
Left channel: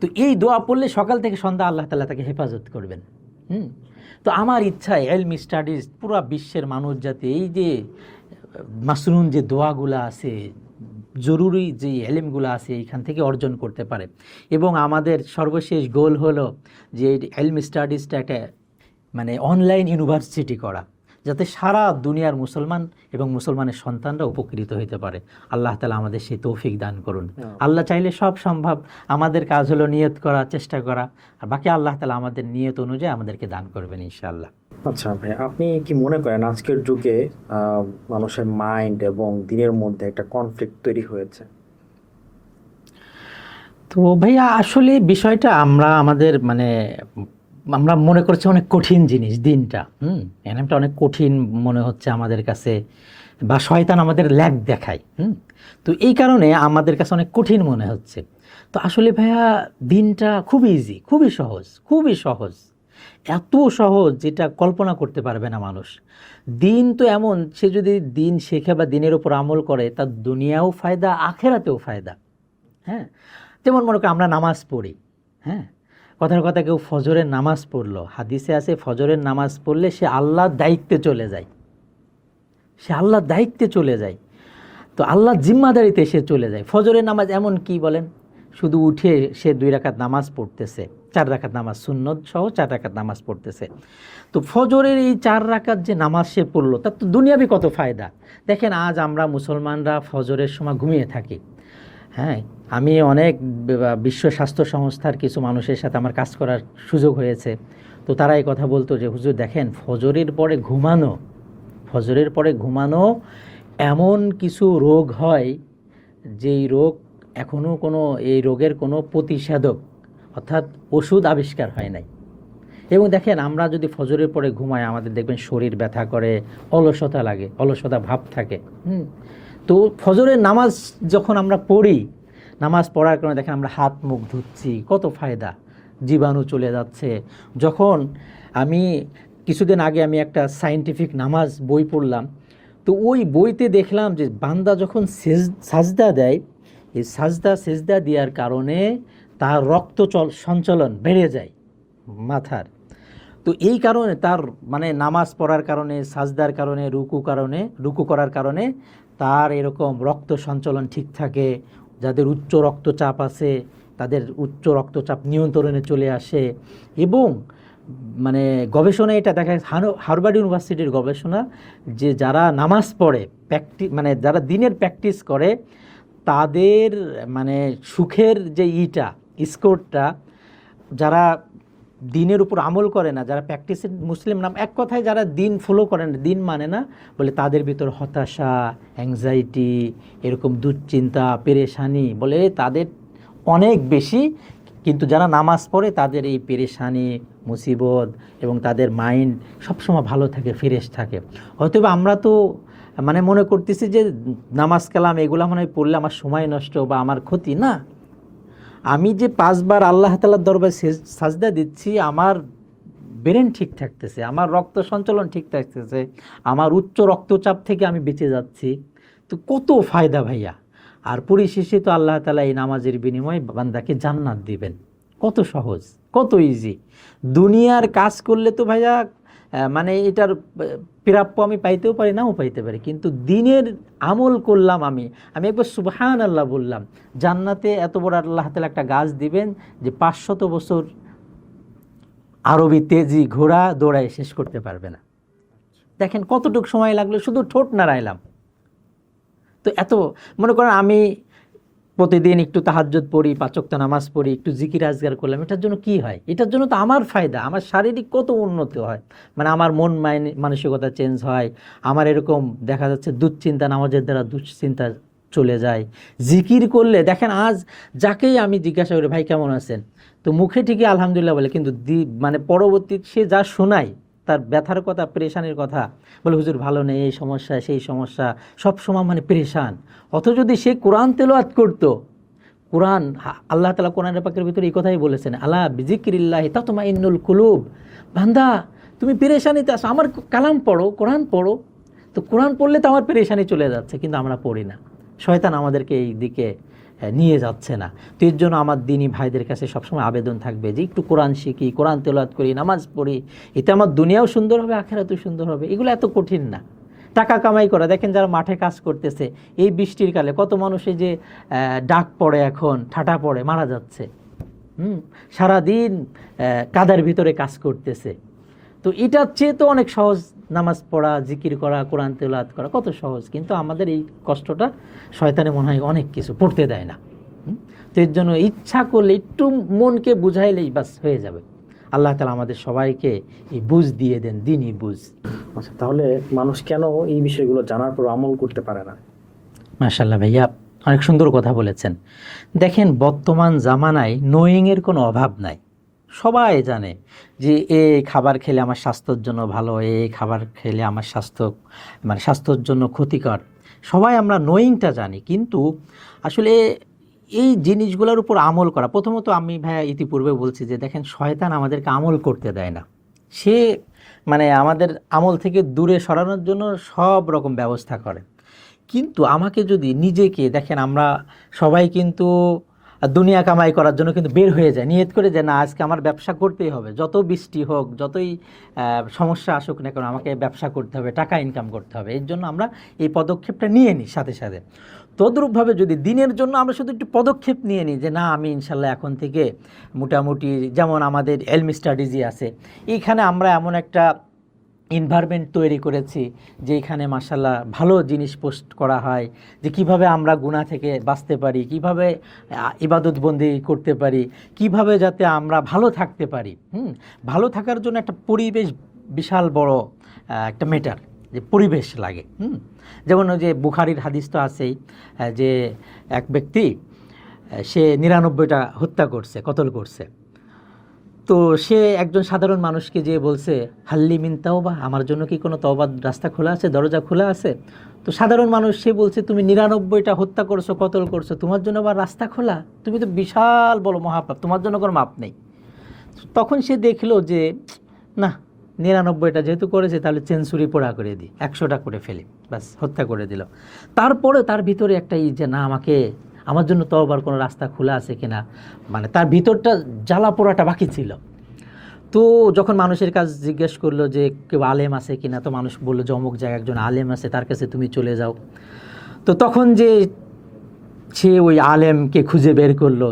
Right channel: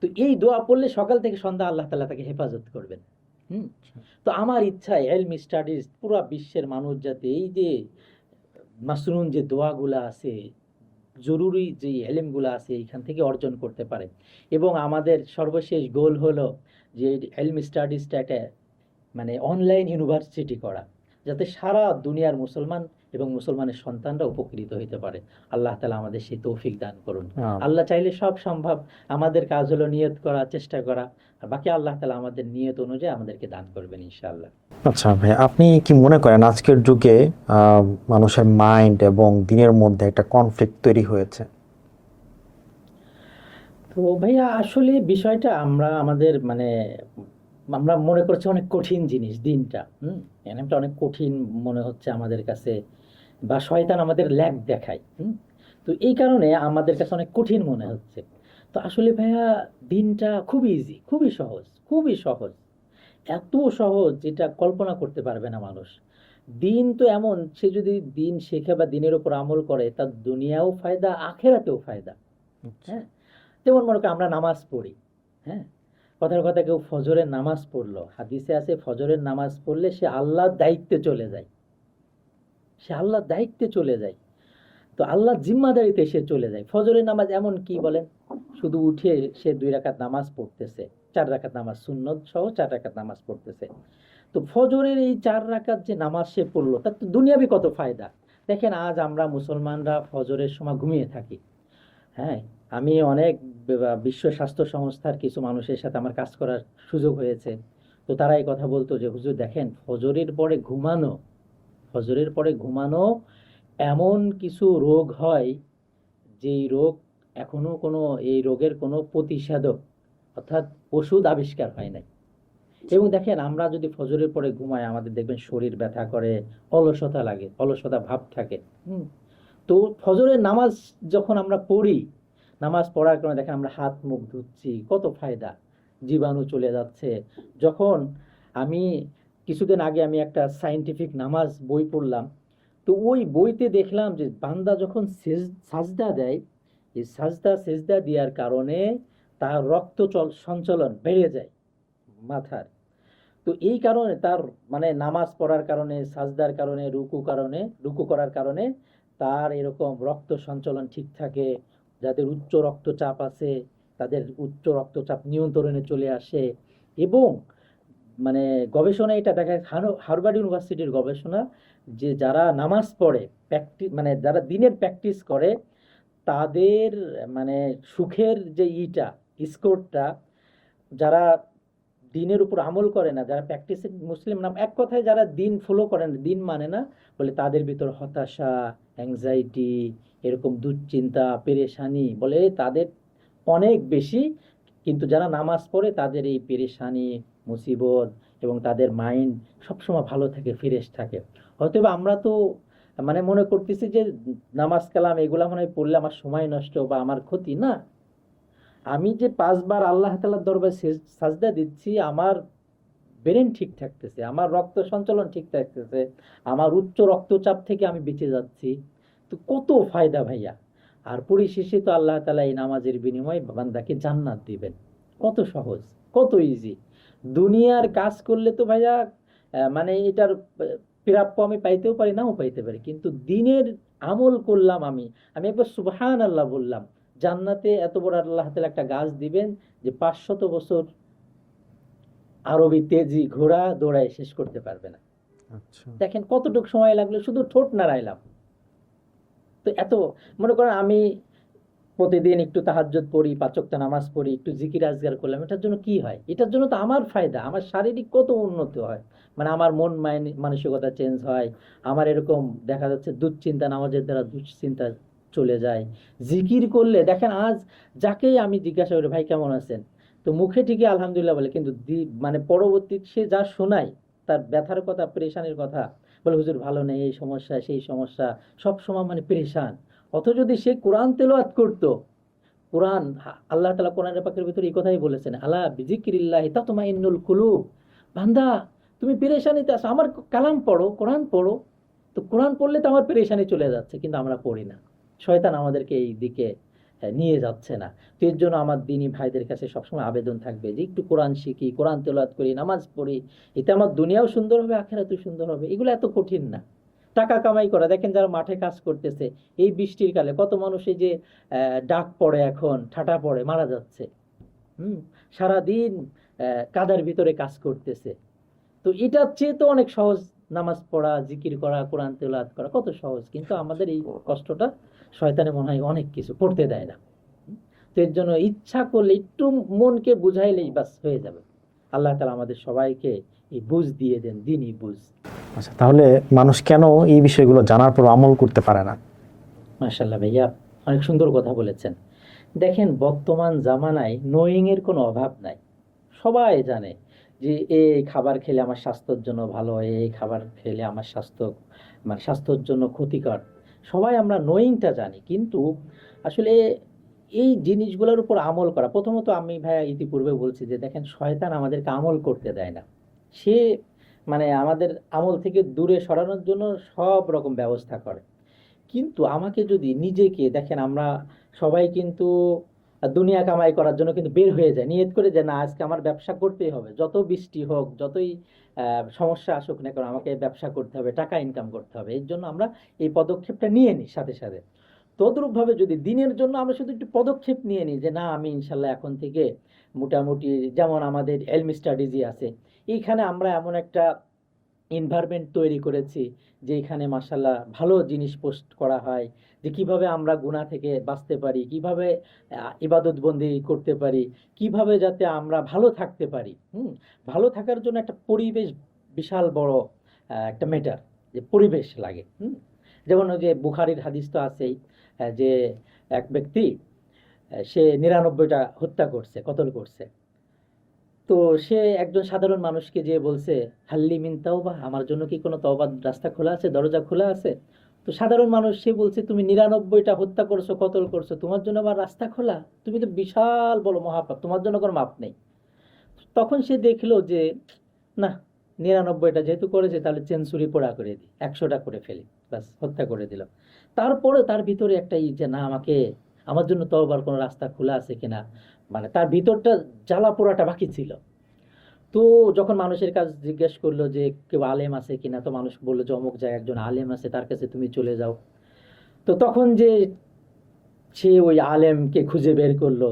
তো এই দোয়া পড়লে সকাল থেকে সন্ধ্যা আল্লাহ তাআলা তাকে হেফাজত করবেন। তো আমার ইচ্ছা ইলমি স্টাডিজ পুরো বিশ্বের মানুষ যাতে এই যে মাসনুন যে দোয়াগুলো আছে, জরুরি যে এলেমগুলো আছে, এখান থেকে অর্জন করতে পারে। এবং আমাদের সর্বশেষ গোল হলো যে ইলমি স্টাডিজটা একটা মানে অনলাইন ইউনিভার্সিটি করা, যাতে সারা দুনিয়ার মুসলমান এবং মুসলমানের সন্তানরা উপকৃত হতে পারে। আল্লাহ তাআলা আমাদের সেই তৌফিক দান করুন। আল্লাহ চাইলে সব সম্ভব, আমাদের কাজ হলো নিয়ত করা, চেষ্টা করা, আর বাকি আল্লাহ তাআলা আমাদের নিয়ত অনুযায়ী আমাদেরকে দান করবেন ইনশাআল্লাহ। আচ্ছা ভাই, আপনি কি মনে করেন আজকের যুগে মানুষের মাইন্ড এবং দিনের মধ্যে একটা কনফ্লিক্ট তৈরি হয়েছে? তো ভাইয়া আসলে বিষয়টা আমাদের মানে আমরা মনে করছি অনেক কঠিন জিনিস দিনটা, এনামটা অনেক কঠিন মনে হচ্ছে আমাদের কাছে, বা শয়তান আমাদের ল্যাগ দেখায়। তো এই কারণে আমাদের কাছে অনেক কঠিন মনে হচ্ছে। তো আসলে ভাইয়া দিনটা খুবই ইজি, খুবই সহজ, খুবই সহজ, এত সহজ যেটা কল্পনা করতে পারবে না মানুষ। দিন তো এমন, সে যদি দিন শেখে বা দিনের উপর আমল করে, তার দুনিয়াও ফায়দা, আখেরাতেও ফায়দা। হ্যাঁ, যেমন মনে করি আমরা নামাজ পড়ি, হ্যাঁ, কথার কথা কেউ ফজরের নামাজ পড়লো, হাদিসে আছে ফজরের নামাজ পড়লে সে আল্লাহর দায়িত্বে চলে যায়, সে আল্লাহর দায়িত্বে চলে যায়, তো আল্লাহর জিম্মাদারিতে সে চলে যায়। ফজরের নামাজ এমন কি বলেন, শুধু উঠে সে 2 রাকাত নামাজ পড়তেছে, 4 রাকাত নামাজ সুন্নত সহ 4 রাকাত নামাজ পড়তেছে। তো ফজরের এই 4 রাকাত যে নামাজ সে পড়লো, তার তো দুনিয়াবি কত ফায়দা। দেখেন আজ আমরা মুসলমানরা ফজরের সময় ঘুমিয়ে থাকি। হ্যাঁ, আমি অনেক বিশ্ব স্বাস্থ্য সংস্থার কিছু মানুষের সাথে আমার কাজ করার সুযোগ হয়েছে। তো তারা এই কথা বলতো যে হুজুর দেখেন ফজরের পরে ঘুমানো এমন কিছু রোগ হয় যেই রোগ এখনও এই রোগের কোনো প্রতিষেধক অর্থাৎ ওষুধ আবিষ্কার হয় নাই। এবং দেখেন আমরা যদি ফজরের পরে ঘুমাই, আমাদের দেখবেন শরীর ব্যথা করে, অলসতা লাগে, অলসতা ভাব থাকে। তো ফজরের নামাজ যখন আমরা পড়ি, নামাজ পড়ার কারণে দেখেন আমরা হাত মুখ ধুচ্ছি, কত ফায়দা, জীবাণু চলে যাচ্ছে। যখন আমি কিছুদিন আগে আমি একটা সায়েন্টিফিক নামাজ বই পড়লাম, তো ওই বইতে দেখলাম যে বান্দা যখন সাজদা দেয়, এই সেজদা দেওয়ার কারণে তার রক্ত সঞ্চালন বেড়ে যায় মাথার। তো এই কারণে তার মানে নামাজ পড়ার কারণে, সাজদার কারণে, রুকু করার কারণে তার এরকম রক্ত সঞ্চালন ঠিক থাকে। যাদের উচ্চ রক্তচাপ আছে তাদের উচ্চ রক্তচাপ নিয়ন্ত্রণে চলে আসে। এবং মানে গবেষণায় এটা দেখা গেছে, হার্ভার্ড ইউনিভার্সিটির গবেষণা, যে যারা নামাজ পড়ে মানে যারা দিনের প্র্যাকটিস করে তাদের মানে সুখের যে স্কোরটা, যারা দিনের উপর আমল করে না, যারা প্র্যাকটিসের মুসলিম নাম, এক কথায় যারা দিন ফলো করে না, দিন মানে না, বলে তাদের ভিতর হতাশা, অ্যাংজাইটি, এরকম দুশ্চিন্তা, পেরেশানি বলে তাদের অনেক বেশি। কিন্তু যারা নামাজ পড়ে তাদের এই পেরেশানি, মুসিবত এবং তাদের মাইন্ড সবসময় ভালো থাকে, ফ্রেশ থাকে। হয়তো আমরা তো মানে মনে করতেছি যে নামাজ কালাম এগুলা মনে হয় পড়লে আমার সময় নষ্ট বা আমার ক্ষতি না। আমি যে 5 বার আল্লাহ তাআলার দরবারে সাজদা দিচ্ছি, আমার ব্রেন ঠিক থাকতেছে, আমার রক্ত সঞ্চালন ঠিক থাকতেছে, আমার উচ্চ রক্তচাপ থেকে আমি বেঁচে যাচ্ছি। তো কত ফায়দা ভাইয়া। আর পরিশেষে তো আল্লাহ তাআলা এই নামাজের বিনিময়ে বান্দাকে জান্নাত দিবেন। কত সহজ, কত ইজি। দুনিয়ার কাজ করলে তো ভাইয়া মানে এটার প্রাপ্য আমি পাইতেও পারি, নাও পাইতে পারি, কিন্তু দিনের আমল করলাম আমি একবার সুবহানাল্লাহ বললাম, জান্নাতে এত বড় আল্লাহ তাআলা একটা গাছ দিবেন যে 500 বছর আরবি তেজি ঘোড়া দৌড়ায় শেষ করতে পারবে না। দেখেন কতটুকু সময় লাগলো, শুধু ঠোঁট নাড়াইলাম। তো এত মনে করেন আমি প্রতিদিন একটু তাহাজ্জুদ পড়ি, 5 ওয়াক্ত নামাজ পড়ি, একটু জিকির আজগার করলাম, এটার জন্য কি হয়? এটার জন্য তো আমার ফায়দা, আমার শারীরিক কত উন্নতি হয়, মানে আমার মন মানসিকতা চেঞ্জ হয়, আমার এরকম দেখা যাচ্ছে দুশ্চিন্তা, নামাজের দ্বারা দুশ্চিন্তা চলে যায়। জিকির করলে দেখেন, আজ যাকেই আমি জিজ্ঞাসা করি ভাই কেমন আছেন, তো মুখে ঠিকই আলহামদুলিল্লাহ বলে, কিন্তু মানে পরবর্তী সে যা শোনায় তার ব্যথার কথা, পেরেশানির কথা, বলে হুজুর ভালো নেই, এই সমস্যা সেই সমস্যা, সব সময় মানে পেরেশান। অথচ যদি সে কোরআন তেলাওয়াত করতো, কোরআন আল্লাহ তাআলা কোরআনের পাকের ভিতরে এই কথাই বলেছেন, আলা বিযিকরিল্লাহি তাতমাইন্নুল কুলুব, বান্দা তুমি পেরেশানিতে আছো, আমার কালাম পড়ো, কোরআন পড়ো। তো কোরআন পড়লে তো আমার পেরেশানি চলে যাচ্ছে, কিন্তু আমরা পড়ি না। শয়তান আমাদেরকে এই দিকে নিয়ে যাচ্ছে না। তো এর জন্য আমার দিনী ভাইদের কাছে সবসময় আবেদন থাকবে যে একটু কোরআন শিখি, কোরআন তেলাওয়াত করি, নামাজ পড়ি, এতে আমার দুনিয়াও সুন্দর হবে, আখিরাতও সুন্দর হবে। এগুলো এত কঠিন না। টাকা কামাই করা, দেখেন যারা মাঠে কাজ করতেছে এই বৃষ্টির কালে, কত মানুষ এই যে ডাক পড়ে, এখন ঠাটা পড়ে মারা যাচ্ছে, সারাদিন কাদার ভিতরে কাজ করতেছে। তো এটার চেয়ে তো অনেক সহজ নামাজ পড়া, জিকির করা, কোরআন তেলাওয়াত করা কত সহজ। কিন্তু আমাদের এই কষ্টটা শয়তানে মনে হয় অনেক কিছু পড়তে দেয় না। তো এর জন্য ইচ্ছা করলে একটু মনকে বুঝাইলেই বাস হয়ে যাবে। আল্লাহ তাআলা আমাদের সবাইকে এই বুঝ দিয়ে দেন, দিনই বুঝ। আচ্ছা, তাহলে মানুষ কেন এই বিষয়গুলো জানার পর আমল করতে পারে না? মাশাআল্লাহ ভাইয়া, অনেক সুন্দর কথা বলেছেন। দেখেন বর্তমান জামানায় নোয়িংয়ের কোনো অভাব নাই। সবাই জানে যে এই খাবার খেলে আমার স্বাস্থ্যের জন্য ভালো, এই খাবার খেলে আমার স্বাস্থ্যের জন্য ক্ষতিকর। সবাই আমরা নোয়িংটা জানি, কিন্তু আসলে এই জিনিসগুলোর উপর আমল করা, প্রথমত আমি ভাইয়া ইতিপূর্বে বলছি যে দেখেন শয়তান আমাদেরকে আমল করতে দেয় না। সে মানে আমাদের আমল থেকে দূরে সরানোর জন্য সব রকম ব্যবস্থা করে। কিন্তু আমাকে যদি নিজেকে দেখেন, আমরা সবাই কিন্তু দুনিয়া কামাই করার জন্য কিন্তু বের হয়ে যায়, নিয়ত করে যে না আজকে আমার ব্যবসা করতেই হবে, যত বৃষ্টি হোক, যতই সমস্যা আসুক না কেন, আমাকে ব্যবসা করতে হবে, টাকা ইনকাম করতে হবে। এর জন্য আমরা এই পদক্ষেপটা নিয়ে নিই সাথে সাথে। তদ্রূপভাবে যদি দিনের জন্য আমরা শুধু একটু পদক্ষেপ নিয়ে নিই যে না আমি ইনশাল্লাহ এখন থেকে মোটামুটি, যেমন আমাদের এলমি স্টাডিজই আছে, এইখানে আমরা এমন একটা এনভায়রনমেন্ট তৈরি করেছি যে এখানে মাশাআল্লাহ ভালো জিনিস পোস্ট করা হয়, যে কিভাবে আমরা গুনাহ থেকে বাঁচতে পারি, কিভাবে ইবাদত বন্দি করতে পারি, কিভাবে যাতে আমরা ভালো থাকতে পারি। ভালো থাকার জন্য একটা পরিবেশ বিশাল বড় একটা ম্যাটার, যে পরিবেশ লাগে। যেমন ওই যে বুখারীর হাদিস তো আছেই, যে এক ব্যক্তি সে 99টা হত্যা করছে, কতল করছে। তো সে একজন সাধারণ মানুষকে যে বলছে হাল্লি মিন তাওবা, আমার জন্য কি কোনো তওবার রাস্তা খোলা আছে, দরজা খোলা আছে? তো সাধারণ মানুষ সে বলছে তুমি 99টা হত্যা করছো, কতল করছো, তোমার জন্য আবার রাস্তা খোলা? তুমি তো বিশাল বড় মহাপাপ, তোমার জন্য কোনো মাপ নেই। তখন সে দেখলো যে না, 99টা যেহেতু করেছে তাহলে সেঞ্চুরি পোড়া করে দিই, 100টা করে ফেলি, ব্যাস হত্যা করে দিল। তারপরে তার ভিতরে একটা যে না, আমার জন্য তওবার কোনো রাস্তা খোলা আছে কিনা, মানে তার ভিতরটা জ্বালা পোড়াটা বাকি ছিল। তো যখন মানুষের কাছে জিজ্ঞেস করলো যে কেউ আলেম আছে কিনা, তো মানুষ বললো যে অমুক জায়গায় একজন আলেম আছে, তার কাছে তুমি চলে যাও। তো তখন যে সে ওই আলেমকে খুঁজে বের করলো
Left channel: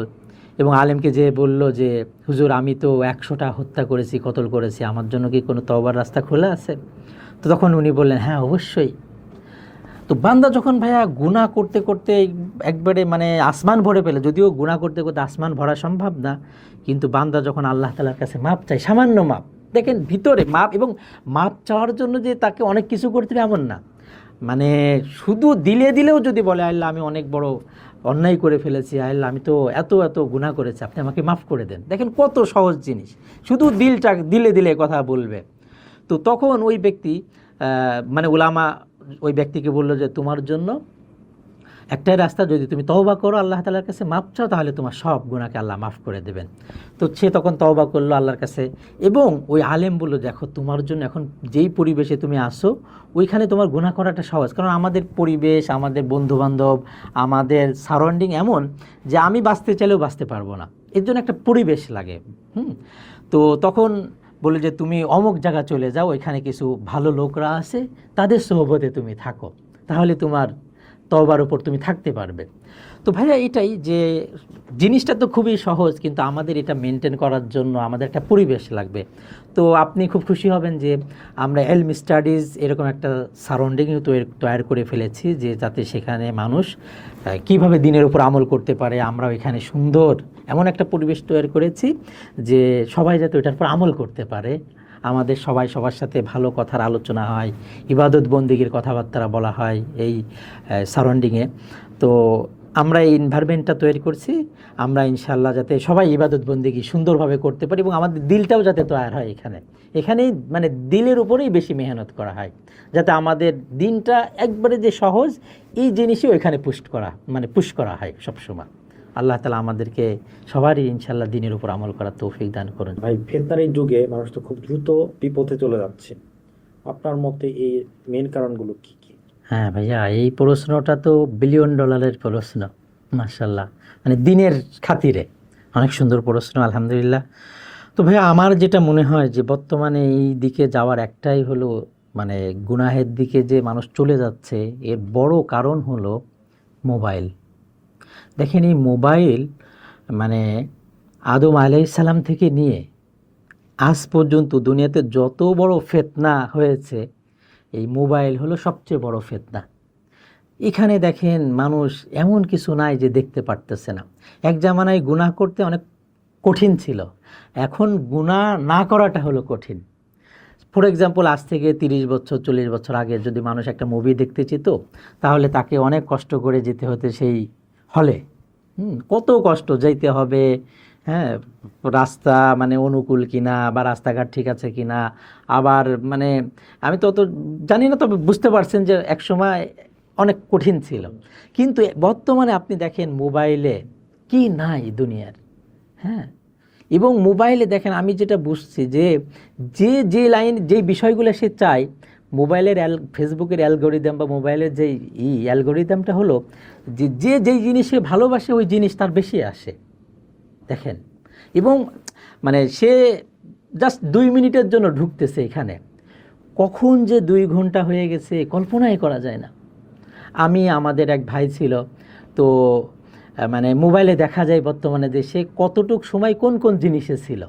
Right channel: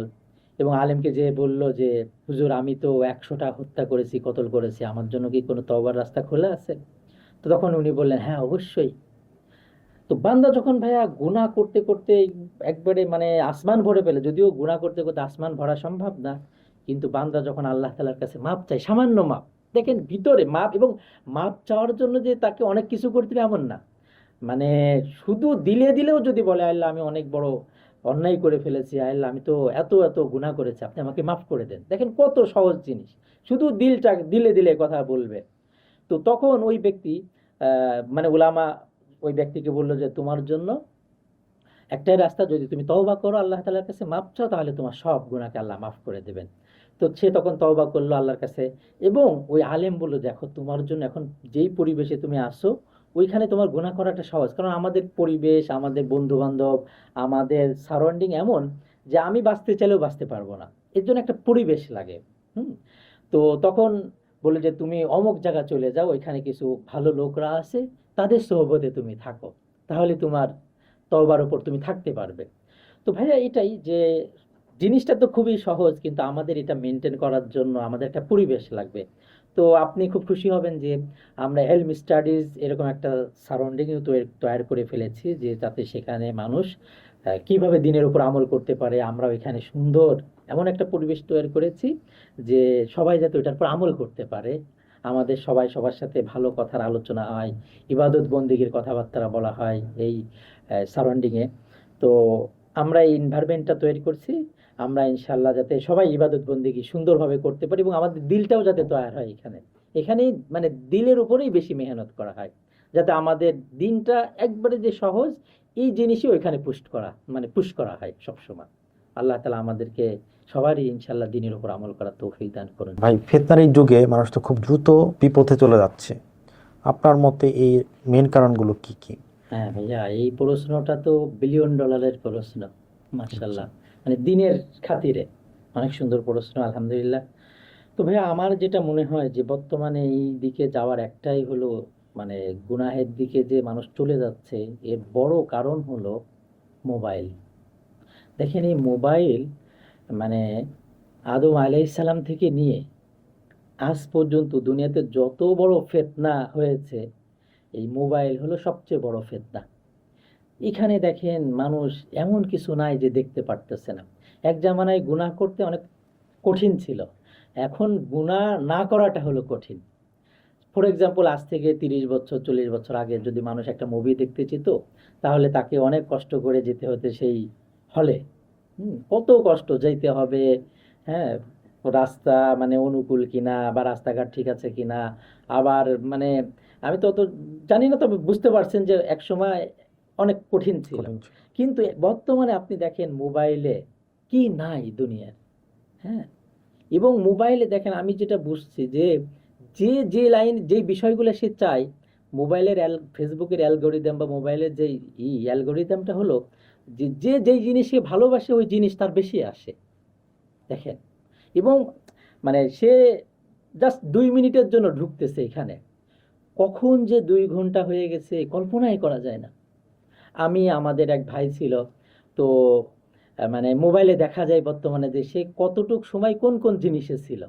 এবং আলেমকে যে বলল যে হুজুর আমি তো 100টা হত্যা করেছি, কতল করেছি, আমার জন্য কি কোনো তওবার রাস্তা খোলা আছে? তো তখন উনি বললেন হ্যাঁ অবশ্যই। তো বান্দা যখন ভাইয়া গুনাহ করতে করতে একবারে মানে আসমান ভরে পেলে, যদিও গুনাহ করতে করতে আসমান ভরা সম্ভব না, কিন্তু বান্দা যখন আল্লাহ তাআলার কাছে মাপ চায়, সামান্য মাপ, দেখেন ভিতরে মাপ, এবং মাপ চাওয়ার জন্য যে তাকে অনেক কিছু করতে হবে এমন না, মানে শুধু দিলে দিলেও যদি বলে আল্লাহ আমি অনেক বড় অন্যায় করে ফেলেছি, আল্লাহ আমি তো এত এত গুনাহ করেছি, আপনি আমাকে মাফ করে দেন, দেখেন কত সহজ জিনিস, শুধু দিলটা দিলে দিলে কথা বলবে। তো তখন ওই ব্যক্তি মানে উলামা ওই ব্যক্তিকে বললো যে তোমার জন্য একটাই রাস্তা, যদি তুমি তওবা করো আল্লাহ তাআলার কাছে মাপ চাও, তাহলে তোমার সব গুনাহকে আল্লাহ মাফ করে দেবেন। তো সে তখন তওবা করলো আল্লাহর কাছে, এবং ওই আলেম বললো দেখো তোমার জন্য এখন যেই পরিবেশে তুমি আসো ওইখানে তোমার গুনাহ করাটা সহজ, কারণ আমাদের পরিবেশ, আমাদের বন্ধুবান্ধব, আমাদের সারাউন্ডিং এমন যে আমি বাঁচতে চাইলেও বাঁচতে পারবো না, এর জন্য একটা পরিবেশ লাগে। তো তখন বলে যে তুমি অমুক জায়গা চলে যাও, ওইখানে কিছু ভালো লোকরা আছে, তাদের সোহবতে তুমি থাকো, তাহলে তোমার তওবার উপর তুমি থাকতে পারবে। তো ভাইয়া এটাই যে জিনিসটা তো খুবই সহজ, কিন্তু আমাদের এটা মেনটেন করার জন্য আমাদের একটা পরিবেশ লাগবে। তো আপনি খুব খুশি হবেন যে আমরা এলম স্টাডিজ এরকম একটা সারাউন্ডিং তৈরি করে ফেলেছি, যে যাতে সেখানে মানুষ কিভাবে দিনের উপর আমল করতে পারে, আমরা এখানে সুন্দর এমন একটা পরিবেশ তৈরি করেছি যে সবাই যাতে ওইটার উপর আমল করতে পারে। আমাদের সবাই সবার সাথে ভালো কথার আলোচনা হয়, ইবাদত বন্দিগির কথাবার্তা বলা হয় এই সারাউন্ডিংয়ে। তো আমরা এই এনভায়রনমেন্টটা তৈরি করছি, আমরা ইনশাআল্লাহ যাতে সবাই ইবাদত বন্দিগি সুন্দরভাবে করতে পারি, এবং আমাদের দিলটাও যাতে তৈরি হয় এখানে মানে দিলের উপরেই বেশি মেহনত করা হয়, যাতে আমাদের দিনটা একবারে যে সহজ এই জিনিসও এখানে পুশ করা হয় সবসময়। আল্লাহ তাআলা আমাদেরকে সবারই ইনশাআল্লাহ দিনের উপর আমল করার তৌফিক দান করুন। ভাই, ফিতনার এই যুগে মানুষ তো খুব দ্রুত বিপথে চলে যাচ্ছে, আপনার মতে এই মেন কারণগুলো কি কি? হ্যাঁ ভাইয়া, এই প্রশ্নটা তো বিলিয়ন ডলারের প্রশ্ন, মাশাল্লাহ, মানে দিনের খাতিরে অনেক সুন্দর প্রশ্ন, আলহামদুলিল্লাহ। তো ভাইয়া আমার যেটা মনে হয় যে বর্তমানে এই দিকে যাওয়ার একটাই হলো, মানে গুনাহের দিকে যে মানুষ চলে যাচ্ছে, এর বড় কারণ হলো মোবাইল। দেখেন এই মোবাইল মানে আদম আলাইহিস সালাম থেকে নিয়ে আজ পর্যন্ত দুনিয়াতে যত বড় ফিতনা হয়েছে, এই মোবাইল হলো সবচেয়ে বড় ফিতনা। এখানে দেখেন মানুষ এমন কিছু নাই যে দেখতে পারতেছে না। এক জামানায় গুনাহ করতে অনেক কঠিন ছিল, এখন গুনাহ না করাটা হলো কঠিন। ফর এক্সাম্পল, আজ থেকে 30 বছর 40 বছর আগে যদি মানুষ একটা মুভি দেখতে যেত, তাহলে তাকে অনেক কষ্ট করে যেতে হতো সেই হলে। কত কষ্ট যেতে হবে, হ্যাঁ, রাস্তা মানে অনুকূল কিনা বা রাস্তাঘাট ঠিক আছে কিনা, আবার মানে আমি তো জানি না, তবে বুঝতে পারছেন যে এক সময় অনেক কঠিন ছিল। কিন্তু বর্তমানে আপনি দেখেন মোবাইলে কি নাই দুনিয়ার, হ্যাঁ। এবং মোবাইলে দেখেন আমি যেটা বুঝছি যে যে যে লাইন যে বিষয়গুলো সে চায়, মোবাইলের ফেসবুকের অ্যালগোরিদম বা মোবাইলের যে অ্যালগোরিদমটা হলো যে যে যেই জিনিসে ভালোবাসে ওই জিনিস তার বেশি আসে, দেখেন। এবং মানে সে জাস্ট 2 মিনিটের জন্য ঢুকতেছে এখানে, কখন যে 2 ঘন্টা হয়ে গেছে কল্পনাই করা যায় না। আমাদের এক ভাই ছিল, তো মানে মোবাইলে দেখা যায় বর্তমানে যে সে কতটুক সময় কোন কোন জিনিসে ছিল।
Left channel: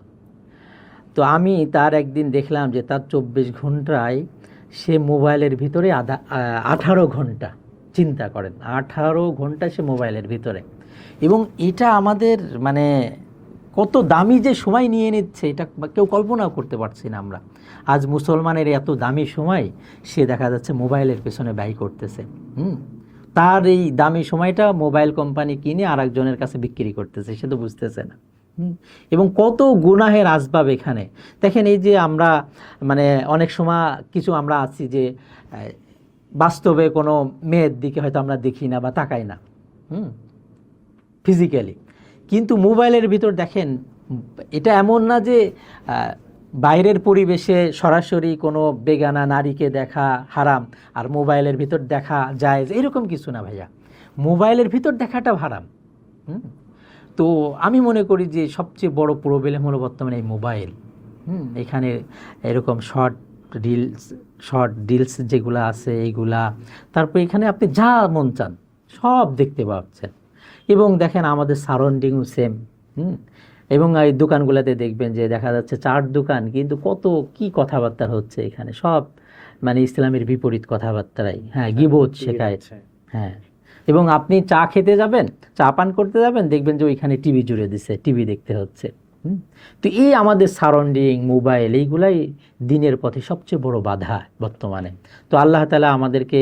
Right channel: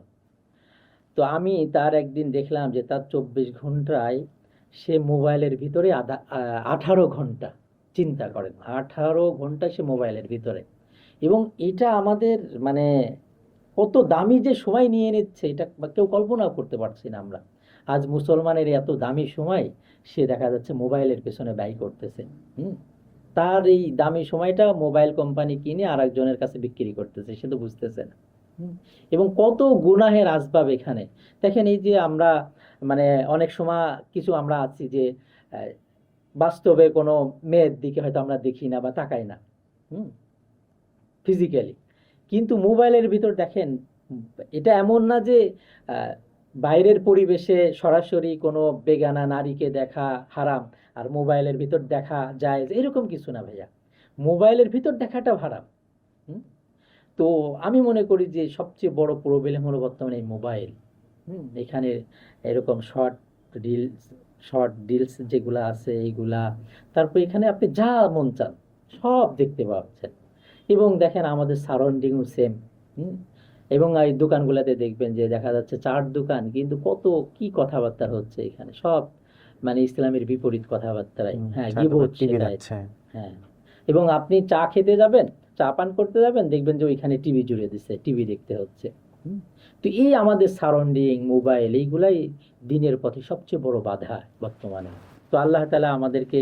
তো আমি তার একদিন দেখলাম যে তার 24 ঘন্টায় সে মোবাইলের ভিতরে 18 ঘন্টা, চিন্তা করেন 18 ঘন্টা সে মোবাইলের ভিতরে। এবং এটা আমাদের মানে কত দামি যে সময় নিয়ে নিচ্ছে, এটা কেউ কল্পনাও করতে পারছি না আমরা। আজ মুসলমানের এত দামি সময় সে দেখা যাচ্ছে মোবাইলের পেছনে ব্যয় করতেছে। তার এই দামি সময়টা মোবাইল কোম্পানি কিনে আর একজনের কাছে বিক্রি করতেছে, সে তো বুঝতেছে না। এবং কত গুনাহের আসবাব এখানে দেখেন। এই যে আমরা মানে অনেক সময় কিছু আমরা আছি যে বাস্তবে কোনো মেয়ের দিকে হয়তো আমরা দেখি না বা তাকাই না ফিজিক্যালি, কিন্তু মোবাইলের ভিতর দেখেন, এটা এমন না যে বাইরের পরিবেশে সরাসরি কোনো বেগানা নারীকে দেখা হারাম আর মোবাইলের ভিতর দেখা যায়, এরকম কিছু না ভাইয়া, মোবাইলের ভিতর দেখাটা হারাম। তো আমি মনে করি যে সবচেয়ে বড় প্রবলেম হলো বর্তমানে এই মোবাইল। এখানে এরকম শর্ট রিলস যেগুলো আছে এইগুলা, তারপর এখানে আপনি যা মন চান সব দেখতে পাচ্ছেন। এবং দেখেন আমাদের সারাউন্ডিংও সেম। হুম এবং এই দোকানগুলোতে দেখবেন যে দেখা যাচ্ছে চার দোকান, কিন্তু কত কি কথাবার্তা হচ্ছে এখানে, সব মানে ইসলামের বিপরীত কথাবার্তাই, হ্যাঁ, গীবত শেখায়। হ্যাঁ, এবং আপনি চা খেতে যাবেন, চা পান করতে যাবেন, দেখবেন যে ওইখানে টিভি জুড়ে দিছে, টিভি দেখতে হচ্ছে। হুম তো এই আমাদের সারাউন্ডিং, মোবাইল, এইগুলাই দিনের পথে সবচেয়ে বড় বাধা বর্তমানে। তো আল্লাহ তাআলা আমাদেরকে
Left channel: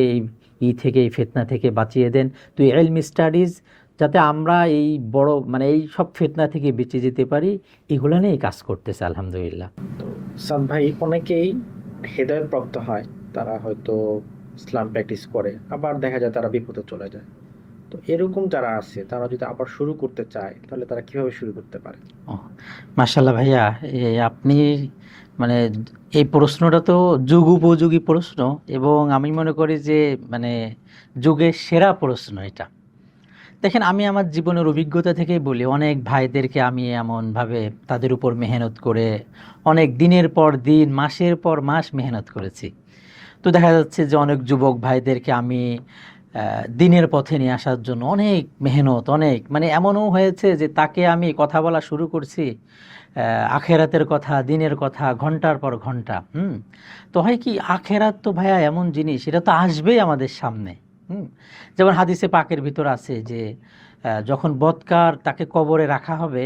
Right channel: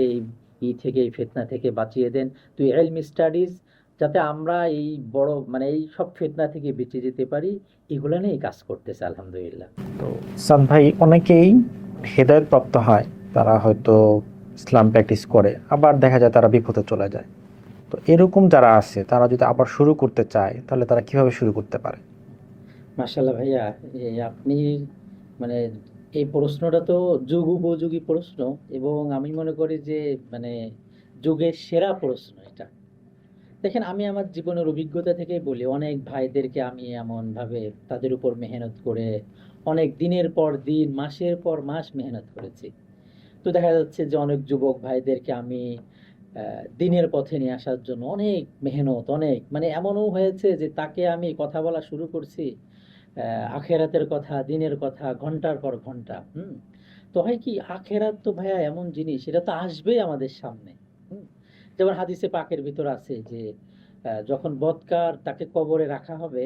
এই থেকে, এই ফিতনা থেকে বাঁচিয়ে দেন। তো ইলমি স্টাডিজ, যাতে আমরা এই বড় মানে এই সব ফিতনা থেকে বেঁচে যেতে পারি, এগুলো নিয়ে কাজ করতেছে আলহামদুলিল্লাহ। তো সাদ ভাই, অনেকেই হেদায়েত প্রাপ্ত হয়, তারা হয়তো ইসলাম প্র্যাকটিস করে, আবার দেখা যায় তারা বিপথে চলে যায়। তো এরকম যারা আছে, তারা যদি আবার শুরু করতে চায়, তাহলে তারা কিভাবে শুরু করতে পারে? ও, মাশাআল্লাহ ভাইয়া, আপনি মানে এই প্রশ্নটা তো যুগ উপযোগী প্রশ্ন, এবং আমি মনে করি যে মানে যুগের সেরা প্রশ্ন এটা। দেখেন, আমি আমার জীবনের অভিজ্ঞতা থেকেই বলি, অনেক ভাইদেরকে আমি এমনভাবে তাদের উপর মেহনত করে অনেক দিনের পর দিন, মাসের পর মাস মেহনত করেছি। তো দেখা যাচ্ছে যে অনেক যুবক ভাইদেরকে আমি দিনের পথে নিয়ে আসার জন্য অনেক মেহনত, অনেক মানে এমনও হয়েছে যে তাকে আমি কথা বলা শুরু করছি আখেরাতের কথা, দিনের কথা, ঘন্টার পর ঘন্টা। তো হয় কি, আখেরাত তো ভাইয়া এমন জিনিস, এটা তো আসবেই আমাদের সামনে। হুম যেমন হাদিসে পাকের ভিতর আছে যে যখন বৎকার তাকে কবরে রাখা হবে,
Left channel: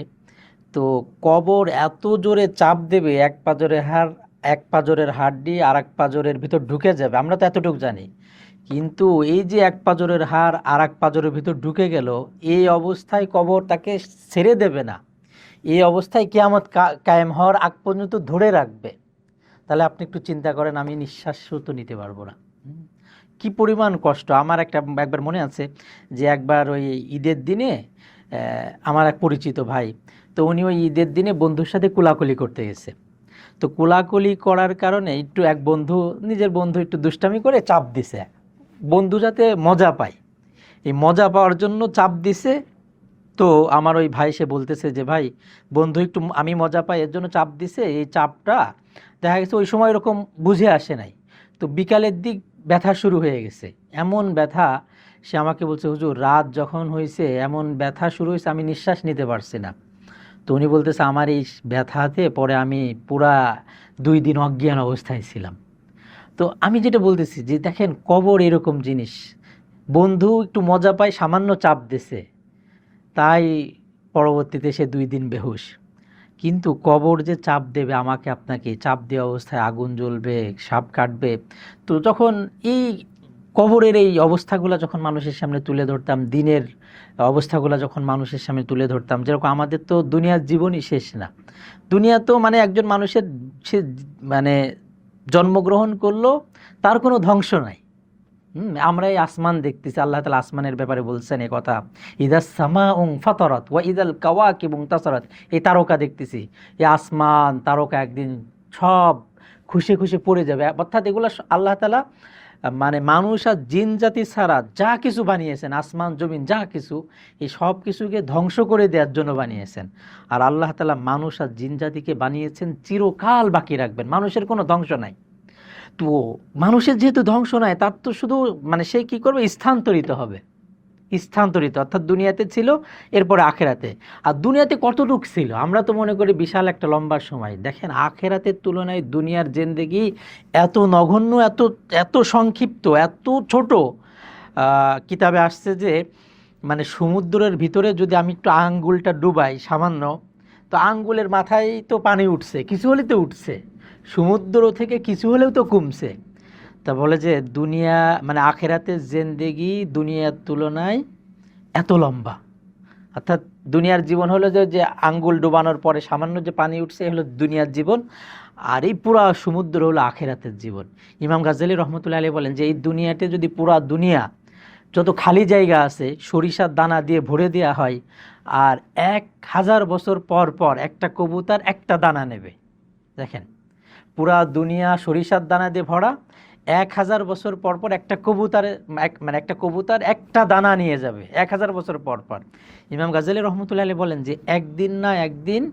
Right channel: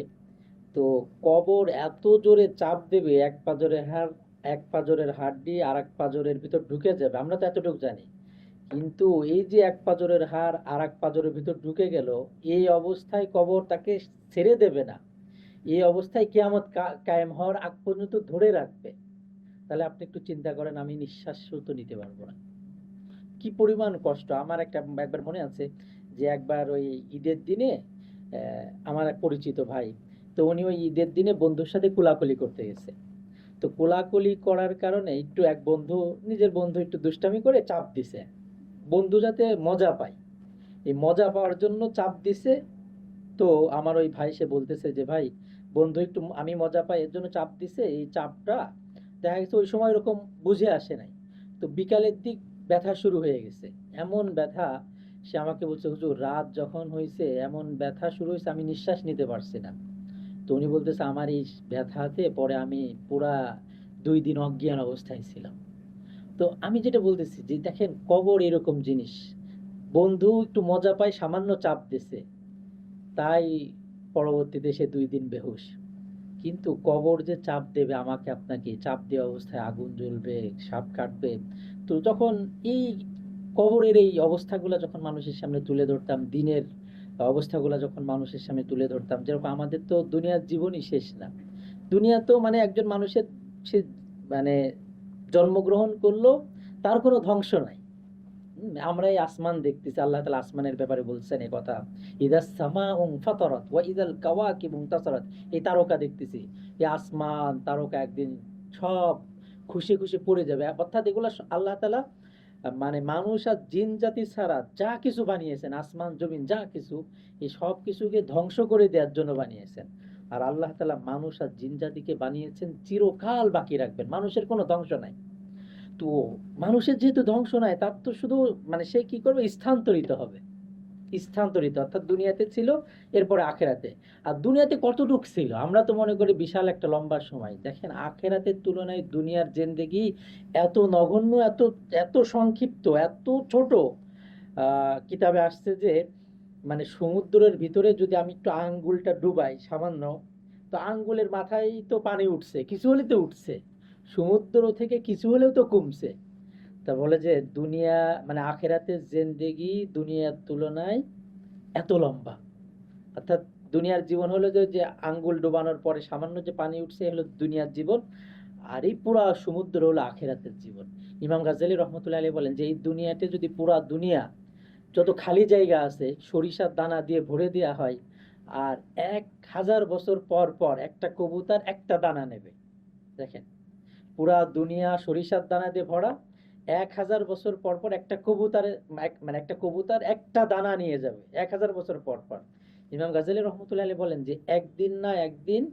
তো কবর এত জোরে চাপ দেবে, এক পাঁজরের হাড়টি আর এক পাঁজরের ভিতর ঢুকে যাবে, আমরা তো এতটুকু জানি। কিন্তু এই যে এক পাঁজরের হাড় আর এক পাঁজরের ভিতর ঢুকে গেল, এই অবস্থায় কবর তাকে ছেড়ে দেবে না, এই অবস্থায় কিয়ামত কায়েম হওয়ার আগ পর্যন্ত ধরে রাখবে। তাহলে আপনি একটু চিন্তা করেন, আমি নিঃশ্বাসও তো নিতে পারবো না। কি পরিমাণ কষ্ট! আমার একবার মনে আছে যে একবার ওই ঈদের দিনে আমার এক পরিচিত ভাই, তো উনি ওই ঈদের দিনে বন্ধুর সাথে কোলাকুলি করতে গেছে। তো কোলাকুলি করার কারণে একটু নিজের বন্ধু একটু দুষ্টামি করে চাপ দিছে, বন্ধু যাতে মজা পায়, এই মজা পাওয়ার জন্য চাপ দিছে। তো আমার ওই ভাই সে বলতেছে যে ভাই, বন্ধু একটু আমি মজা পাই এর জন্য চাপ দিছে, এই চাপটা দেখা গেছে ওই সময় এরকম বুঝে আসে নাই, তো বিকালের দিক ব্যথা শুরু হয়ে গেছে, এমন ব্যথা। সে আমাকে বলছে, হুজুর রাত যখন হয়েছে এমন ব্যথা শুরু হয়েছে, আমি নিঃশ্বাস নিতে পারছি না। তো উনি বলতেছে, আমার এই ব্যথাতে পরে আমি পুরা 2 দিন অজ্ঞান অবস্থায় ছিলাম। তো আমি যেটা বলতেছি যে দেখেন, কবর এরকম জিনিস, বন্ধু একটু মজা পায়, সামান্য চাপ দিছে, তাই পরবর্তীতে সে 2 দিন বেহুশ। কিন্তু কবর যে চাপ দেবে আমাকে আপনাকে, চাপ দেওয়া অবস্থায় আগুন জ্বলবে, সাপ কাটবে। তো যখন এই কবরের এই অবস্থাগুলো যখন মানুষের সামনে তুলে ধরতাম, দিনের অবস্থাগুলো যখন মানুষের সামনে তুলে ধরতাম, যেরকম আমাদের তো দুনিয়ার জীবনই শেষ না, দুনিয়া তো মানে একজন মানুষের, সে মানে জন্মগ্রহণ করলো, তার কোনো ধ্বংস নাই। আমরা এই আসমান দেখতেছি, আল্লাহ তাআলা আসমানের ব্যাপারে বলছেন এই কথা, ইদাস সামাউন ফাতারাত ওয়া ইদাল কাওয়াকিবু তাসারাত। এই তারকা দেখতেছি, এই আসমান তারকা একদিন সব খুশি খুশি পড়ে যাবে। অর্থাৎ এগুলো আল্লাহ তাআলা মানে মানুষ আর জিন জাতি ছাড়া যা কিছু বানিয়েছেন, আসমান জমিন যা কিছু, এই সব কিছুকে ধ্বংস করে দেওয়ার জন্য বানিয়েছেন। আর আল্লাহ তাআলা মানুষ আর জিন জাতিকে বানিয়েছেন চিরকাল বাকি রাখবেন, মানুষের কোনো ধ্বংস নাই। তো মানুষের যেহেতু ধ্বংস নাই, তার তো শুধু মানে সে কি করবে, স্থানান্তরিত হবে, স্থানান্তরিত অর্থাৎ দুনিয়াতে ছিল, এরপরে আখেরাতে। আর দুনিয়াতে কতটুকু ছিল, আমরা তো মনে করি বিশাল একটা লম্বা সময়। দেখেন, আখেরাতের তুলনায় দুনিয়ার জিন্দেগি এত নগণ্য, এত এত সংক্ষিপ্ত, এত ছোট। কিতাবে আসছে যে মানে সমুদ্রের ভিতরে যদি আমি একটু আঙ্গুলটা ডুবাই সামান্য, তো আঙ্গুলের মাথায় তো পানি উঠছে, কিছু হলেও তো উঠছে, সমুদ্র থেকে কিছু হলেও তো কমছে। তা বলে যে দুনিয়া মানে আখেরাতের জিন্দেগি দুনিয়ার তুলনায় এত লম্বা। অর্থাৎ দুনিয়ার জীবন হলো যে যে আঙ্গুল ডুবানোর পরে সামান্য যে পানি উঠছে, হলো দুনিয়ার জীবন। আর এই পুরা সমুদ্র হলো আখেরাতের জীবন। ইমাম গাজ্জালী রহমতুল্লাহ আলাইহি বলেন যে এই দুনিয়াতে যদি পুরা দুনিয়া যত খালি জায়গা আছে সরিষার দানা দিয়ে ভরে দেওয়া হয়, আর 1000 বছর পর পর একটা কবুতর একটা দানা নেবে। দেখেন, পুরা দুনিয়া সরিষার দানা দিয়ে ভরা, 1000 বছর পর পর একটা কবুতরের মানে একটা কবুতর একটা দানা নিয়ে যাবে 1000 বছর পর পর। ইমাম গাজ্জালী রহমতুল্লাহ আলাইহি বলেন যে একদিন না একদিন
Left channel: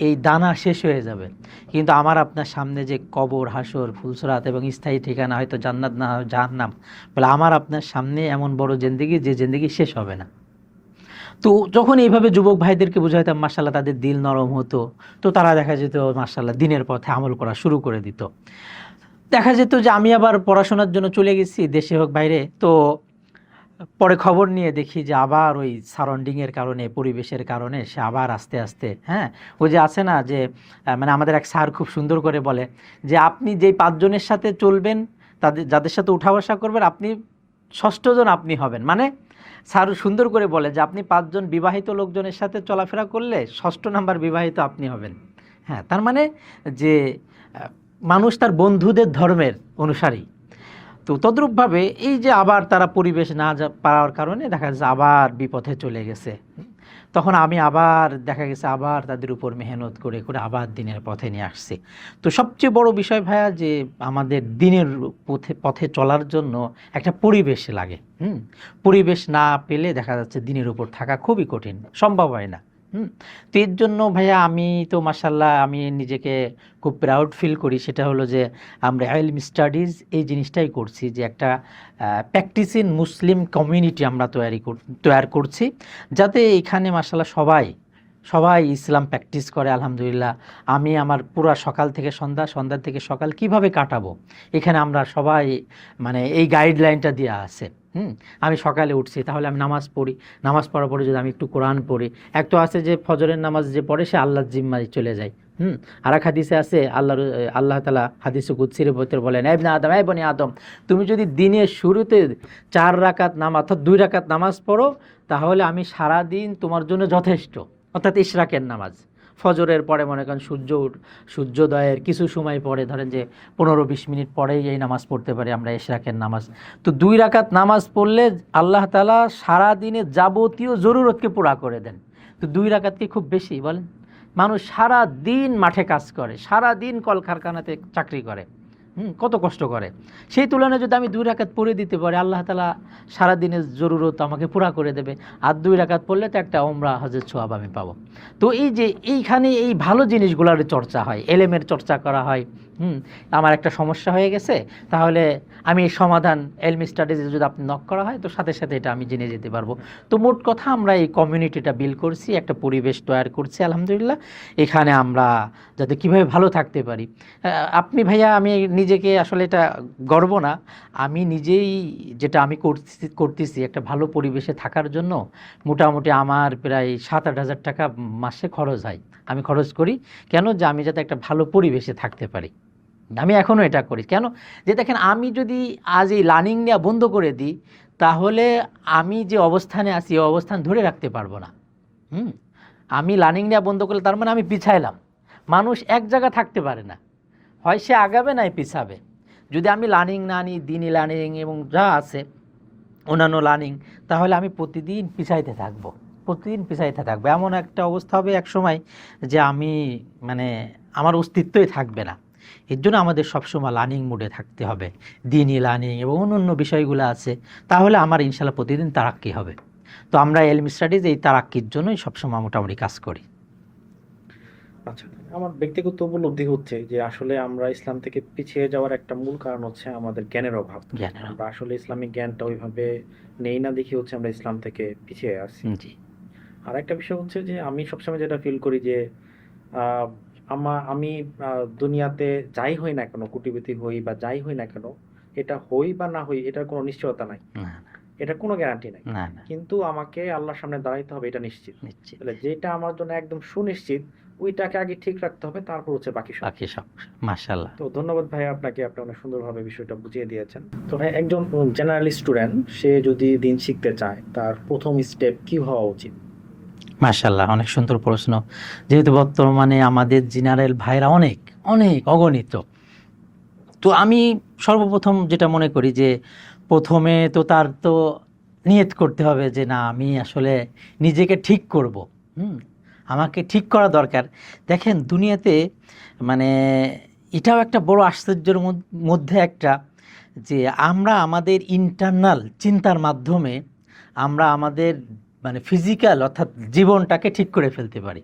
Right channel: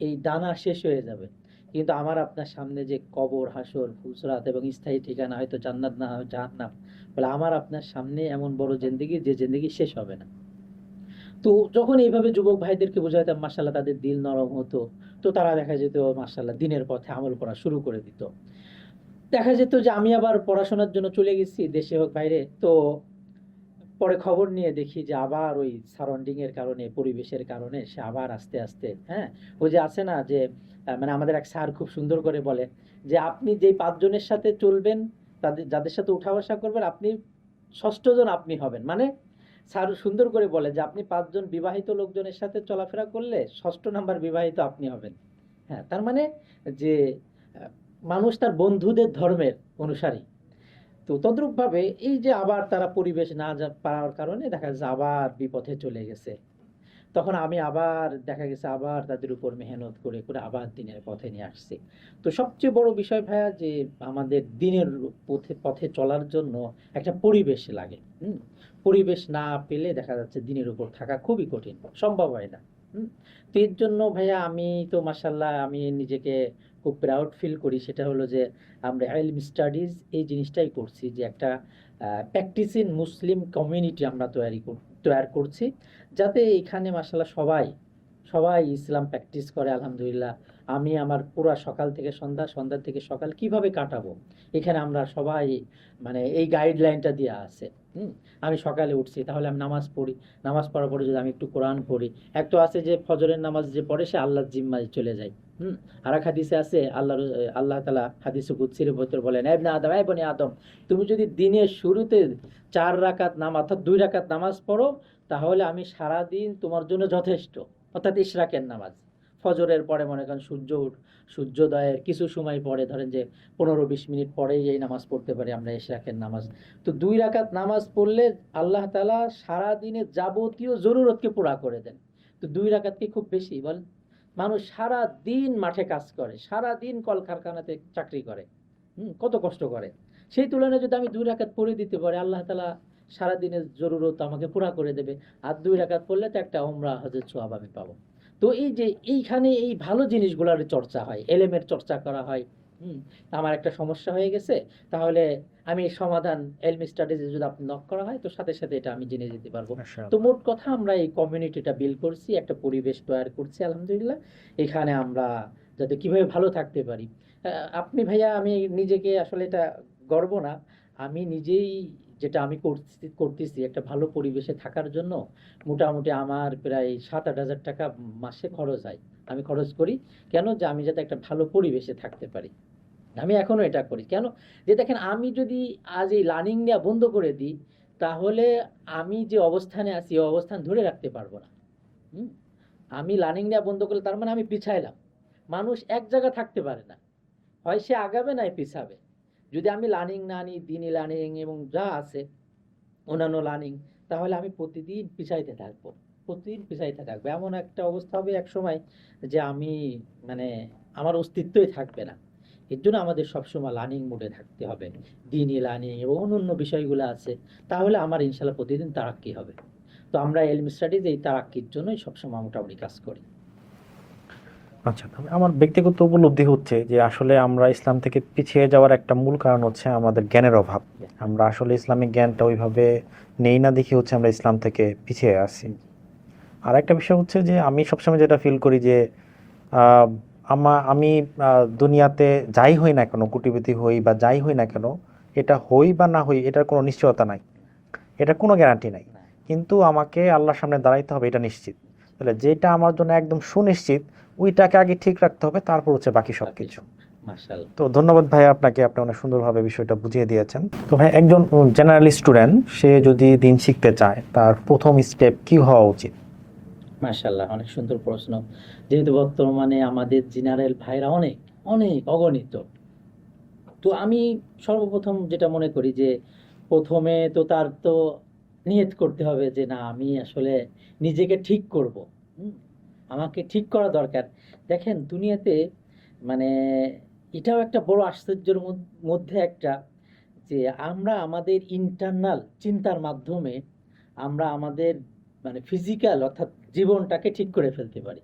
এই দানা শেষ হয়ে যাবে, কিন্তু আমার আপনার সামনে যে কবর, হাসর, ফুলসরাত এবং স্থায়ী ঠিকানা হয়তো জান্নাত না হয় জাহান্নাম, বলে আমার আপনার সামনে এমন বড় জিন্দেগি যে জিন্দেগি শেষ হবে না। তো যখন এইভাবে যুবক ভাইদেরকে বুঝাইতাম, মাশাআল্লাহ তাদের দিল নরম হতো, তো তারা দেখা যেত মাশাআল্লাহ দিনের পথে আমল করা শুরু করে দিত। দেখা যেত যে আমি আবার পড়াশোনার জন্য চলে গেছি, দেশে হোক বাইরে, তো পরে খবর নিয়ে দেখি যে আবার ওই সারাউন্ডিংয়ের কারণে, পরিবেশের কারণে সে আবার আস্তে আস্তে, হ্যাঁ, ওই যে আছে না যে মানে আমাদের এক স্যার খুব সুন্দর করে বলে যে আপনি যেই 5 জনের সাথে চলবেন, যাদের সাথে উঠা বসা করবেন, আপনি 6ষ্ঠ জন আপনি হবেন। মানে স্যার সুন্দর করে বলে যে আপনি 5 জন বিবাহিত লোকজনের সাথে চলাফেরা করলে 6ষ্ঠ নাম্বার বিবাহিত আপনি হবেন। হ্যাঁ, তার মানে যে মানুষ তার বন্ধুদের ধর্মের অনুসারী। তো তদ্রূপভাবে এই যে আবার তারা পরিবেশ না পাওয়ার কারণে দেখা যাচ্ছে আবার বিপথে চলে গেছে, তখন আমি আবার দেখা গেছে আবার তাদের উপর মেহনত করে করে আবার দিনের পথে নিয়ে আসছি। তো সবচেয়ে বড় বিষয় ভাইয়া যে আমাদের দিনের পথে চলার জন্য একটা পরিবেশ লাগে। পরিবেশ না পেলে দেখা যাচ্ছে দিনের উপর থাকা খুবই কঠিন, সম্ভব হয় না। তো এর জন্য ভাইয়া আমি তো মাশাআল্লাহ আমি নিজেকে খুব প্রাউড ফিল করি, সেটা হলো যে আমরা ইলম স্টাডিজ এই জিনিসটাই করছি, যে একটা প্র্যাকটিসিং মুসলিম কমিউনিটি আমরা তৈরি করছি, যাতে এখানে মাশাআল্লাহ সবাই ইসলাম প্র্যাকটিস করে। আলহামদুলিল্লাহ আমি আমার পুরো সকাল থেকে সন্ধ্যা, সন্ধ্যা থেকে সকাল কিভাবে কাটাবো, এখানে আমরা সবাই মানে এই গাইডলাইনটা দেওয়া আছে। আমি সকালে উঠছি, তাহলে আমি নামাজ পড়ি, নামাজ পড়ার পরে যদি আমি একটু কোরআন পড়ি, এক তো আছে যে ফজরের নামাজ যে পড়ে সে আল্লাহর জিম্মায় চলে যায়। আর এক হাদিসে আছে আল্লাহ তাআলা হাদিসে কুদসির ভিতরে বলেন, এ ইবনে আদম, এ বনি আদম, তুমি যদি দিনের শুরুতে 4 রাকাত নামাজ অর্থাৎ 2 রাকাত নামাজ পড়ো, তাহলে আমি সারা দিন তোমার জন্য যথেষ্ট। অর্থাৎ ইশরাকের নামাজ, ফজরের পরে মনে করেন সূর্যোদয়ের কিছু সময় পরে, ধরেন যে 15-20 মিনিট পরেই এই নামাজ পড়তে পারি আমরা, ইশরাকের নামাজ। তো 2 রাকাত নামাজ পড়লে আল্লাহ তাআলা সারা দিনের যাবতীয় জরুরতকে পুরা করে দেন। তো 2 রাকাত কি খুব বেশি বলেন? মানুষ সারা দিন মাঠে কাজ করে, সারা দিন কলকারখানাতে চাকরি করে, কত কষ্ট করে, সেই তুলনায় যদি আমি 2 রাকাত পড়ে দিতে পারি, আল্লাহ তাআলা সারা দিনের জরুরত আমাকে পুরা করে দেবে। আর 2 রাকাত পড়লে তো একটা ওমরা হজের সওয়াব আমি পাবো। তো এই যে এইখানে এই ভালো জিনিসগুলোর চর্চা হয়, এলেমের চর্চা করা হয়। আমার একটা সমস্যা হয়ে গেছে, তাহলে আমি এই সমাধান ইলম স্টাডিজে যদি আপনি নক করা হয়, তো সাথে সাথে এটা আমি জেনে যেতে পারবো। তো মোট কথা আমরা এই কমিউনিটিটা বিল্ড করছি, একটা পরিবেশ তৈরি করছি আলহামদুলিল্লাহ, এখানে আমরা যাতে কীভাবে ভালো থাকতে পারি। আপনি ভাইয়া, আমি নিজেকে আসলে এটা গর্ব না, আমি নিজেই যেটা আমি করতেছি একটা ভালো পরিবেশে থাকার জন্য মোটামুটি আমার প্রায় 7-8 হাজার টাকা মাসে খরচ হয়, আমি খরচ করি। কেন? যে আমি যাতে একটা ভালো পরিবেশে থাকতে পারি, আমি এখনও এটা করি। কেন? যে দেখেন, আমি যদি আজ এই লার্নিং নেওয়া বন্ধ করে দিই, তাহলে আমি যে অবস্থানে আছি এই অবস্থান ধরে রাখতে পারবো না। আমি লার্নিং নেওয়া বন্ধ করলে তার মানে আমি পিছাইলাম। মানুষ এক জায়গা থাকতে পারে না, হয় সে আগাবে নাই পিছাবে। যদি আমি লার্নিং না নিই, দিনই লার্নিং এবং যা আছে অন্যান্য লার্নিং, তাহলে আমি প্রতিদিন পিছাইতে থাকবো, এমন একটা অবস্থা হবে এক সময় যে আমি মানে আমার অস্তিত্বই থাকবে না। এর জন্য আমাদের সবসময় লার্নিং মোডে থাকতে হবে, দিনই লার্নিং এবং অন্য বিষয়গুলো আছে, তাহলে আমার ইনশাল্লাহ প্রতিদিন তারাক্কি হবে। তো আমরা ইলম স্টাডিজ এই তারাক্কির জন্যই সবসময় মোটামুটি কাজ করি। আচ্ছা, আমার ব্যক্তিগত উপলব্ধি হচ্ছে যে আসলে আমরা ইসলাম থেকে পিছিয়ে যাওয়ার একটা মূল কারণ হচ্ছে আমাদের জ্ঞানের অভাব। আমরা আসলে ইসলামিক জ্ঞানটা ওইভাবে নেই না, দেখি হচ্ছে আমরা ইসলাম থেকে পিছিয়ে আসছি। আর একটা বিষয় হচ্ছে যে আমি সবসময় যেটা ফিল করি যে আমি দুনিয়াতে যাই হই না কেন, কোটিপতি হই বা যাই হই না কেন, এটা হই বা না হই এটার কোনো নিশ্চয়তা নাই, এটার কোনো গ্যারান্টি নাই, কিন্তু আমাকে আল্লাহর সামনে দাঁড়াইতে হবে এটা নিশ্চিত। তাহলে যেটা আমার জন্য একদম সুনিশ্চিত ওইটাকে আগে ঠিক রাখতে হবে, তারপর হচ্ছে বাকি সব। মাশাআল্লাহ। তো ধন্যবাদ ভাই আপনাকে, আপনি অনেক সুন্দরভাবে বিষয়টা বুঝিয়ে দিয়েছেন। তো ভাই, একজন জেনারেল স্টুডেন্ট সে যদি দিন শিখতে চায়, তার প্রথম স্টেপ কি হওয়া উচিত? মাশাআল্লাহ, অনেক সুন্দর প্রশ্ন। যেহেতু বর্তমানে আমাদের জেনারেল ভাইরা অনেক অগণিত, তো আমি সর্বপ্রথম যেটা মনে করি যে প্রথমে তো তার তো নিয়ত করতে হবে যে না, আমি আসলে নিজেকে ঠিক করব। আমাকে ঠিক করা দরকার। দেখেন, দুনিয়াতে মানে এটাও একটা বড় আশ্চর্যের মধ্যে একটা, যে আমরা আমাদের ইন্টারনাল চিন্তার মাধ্যমে আমরা আমাদের মানে ফিজিক্যাল অর্থাৎ জীবনটাকে ঠিক করে ফেলতে পারি।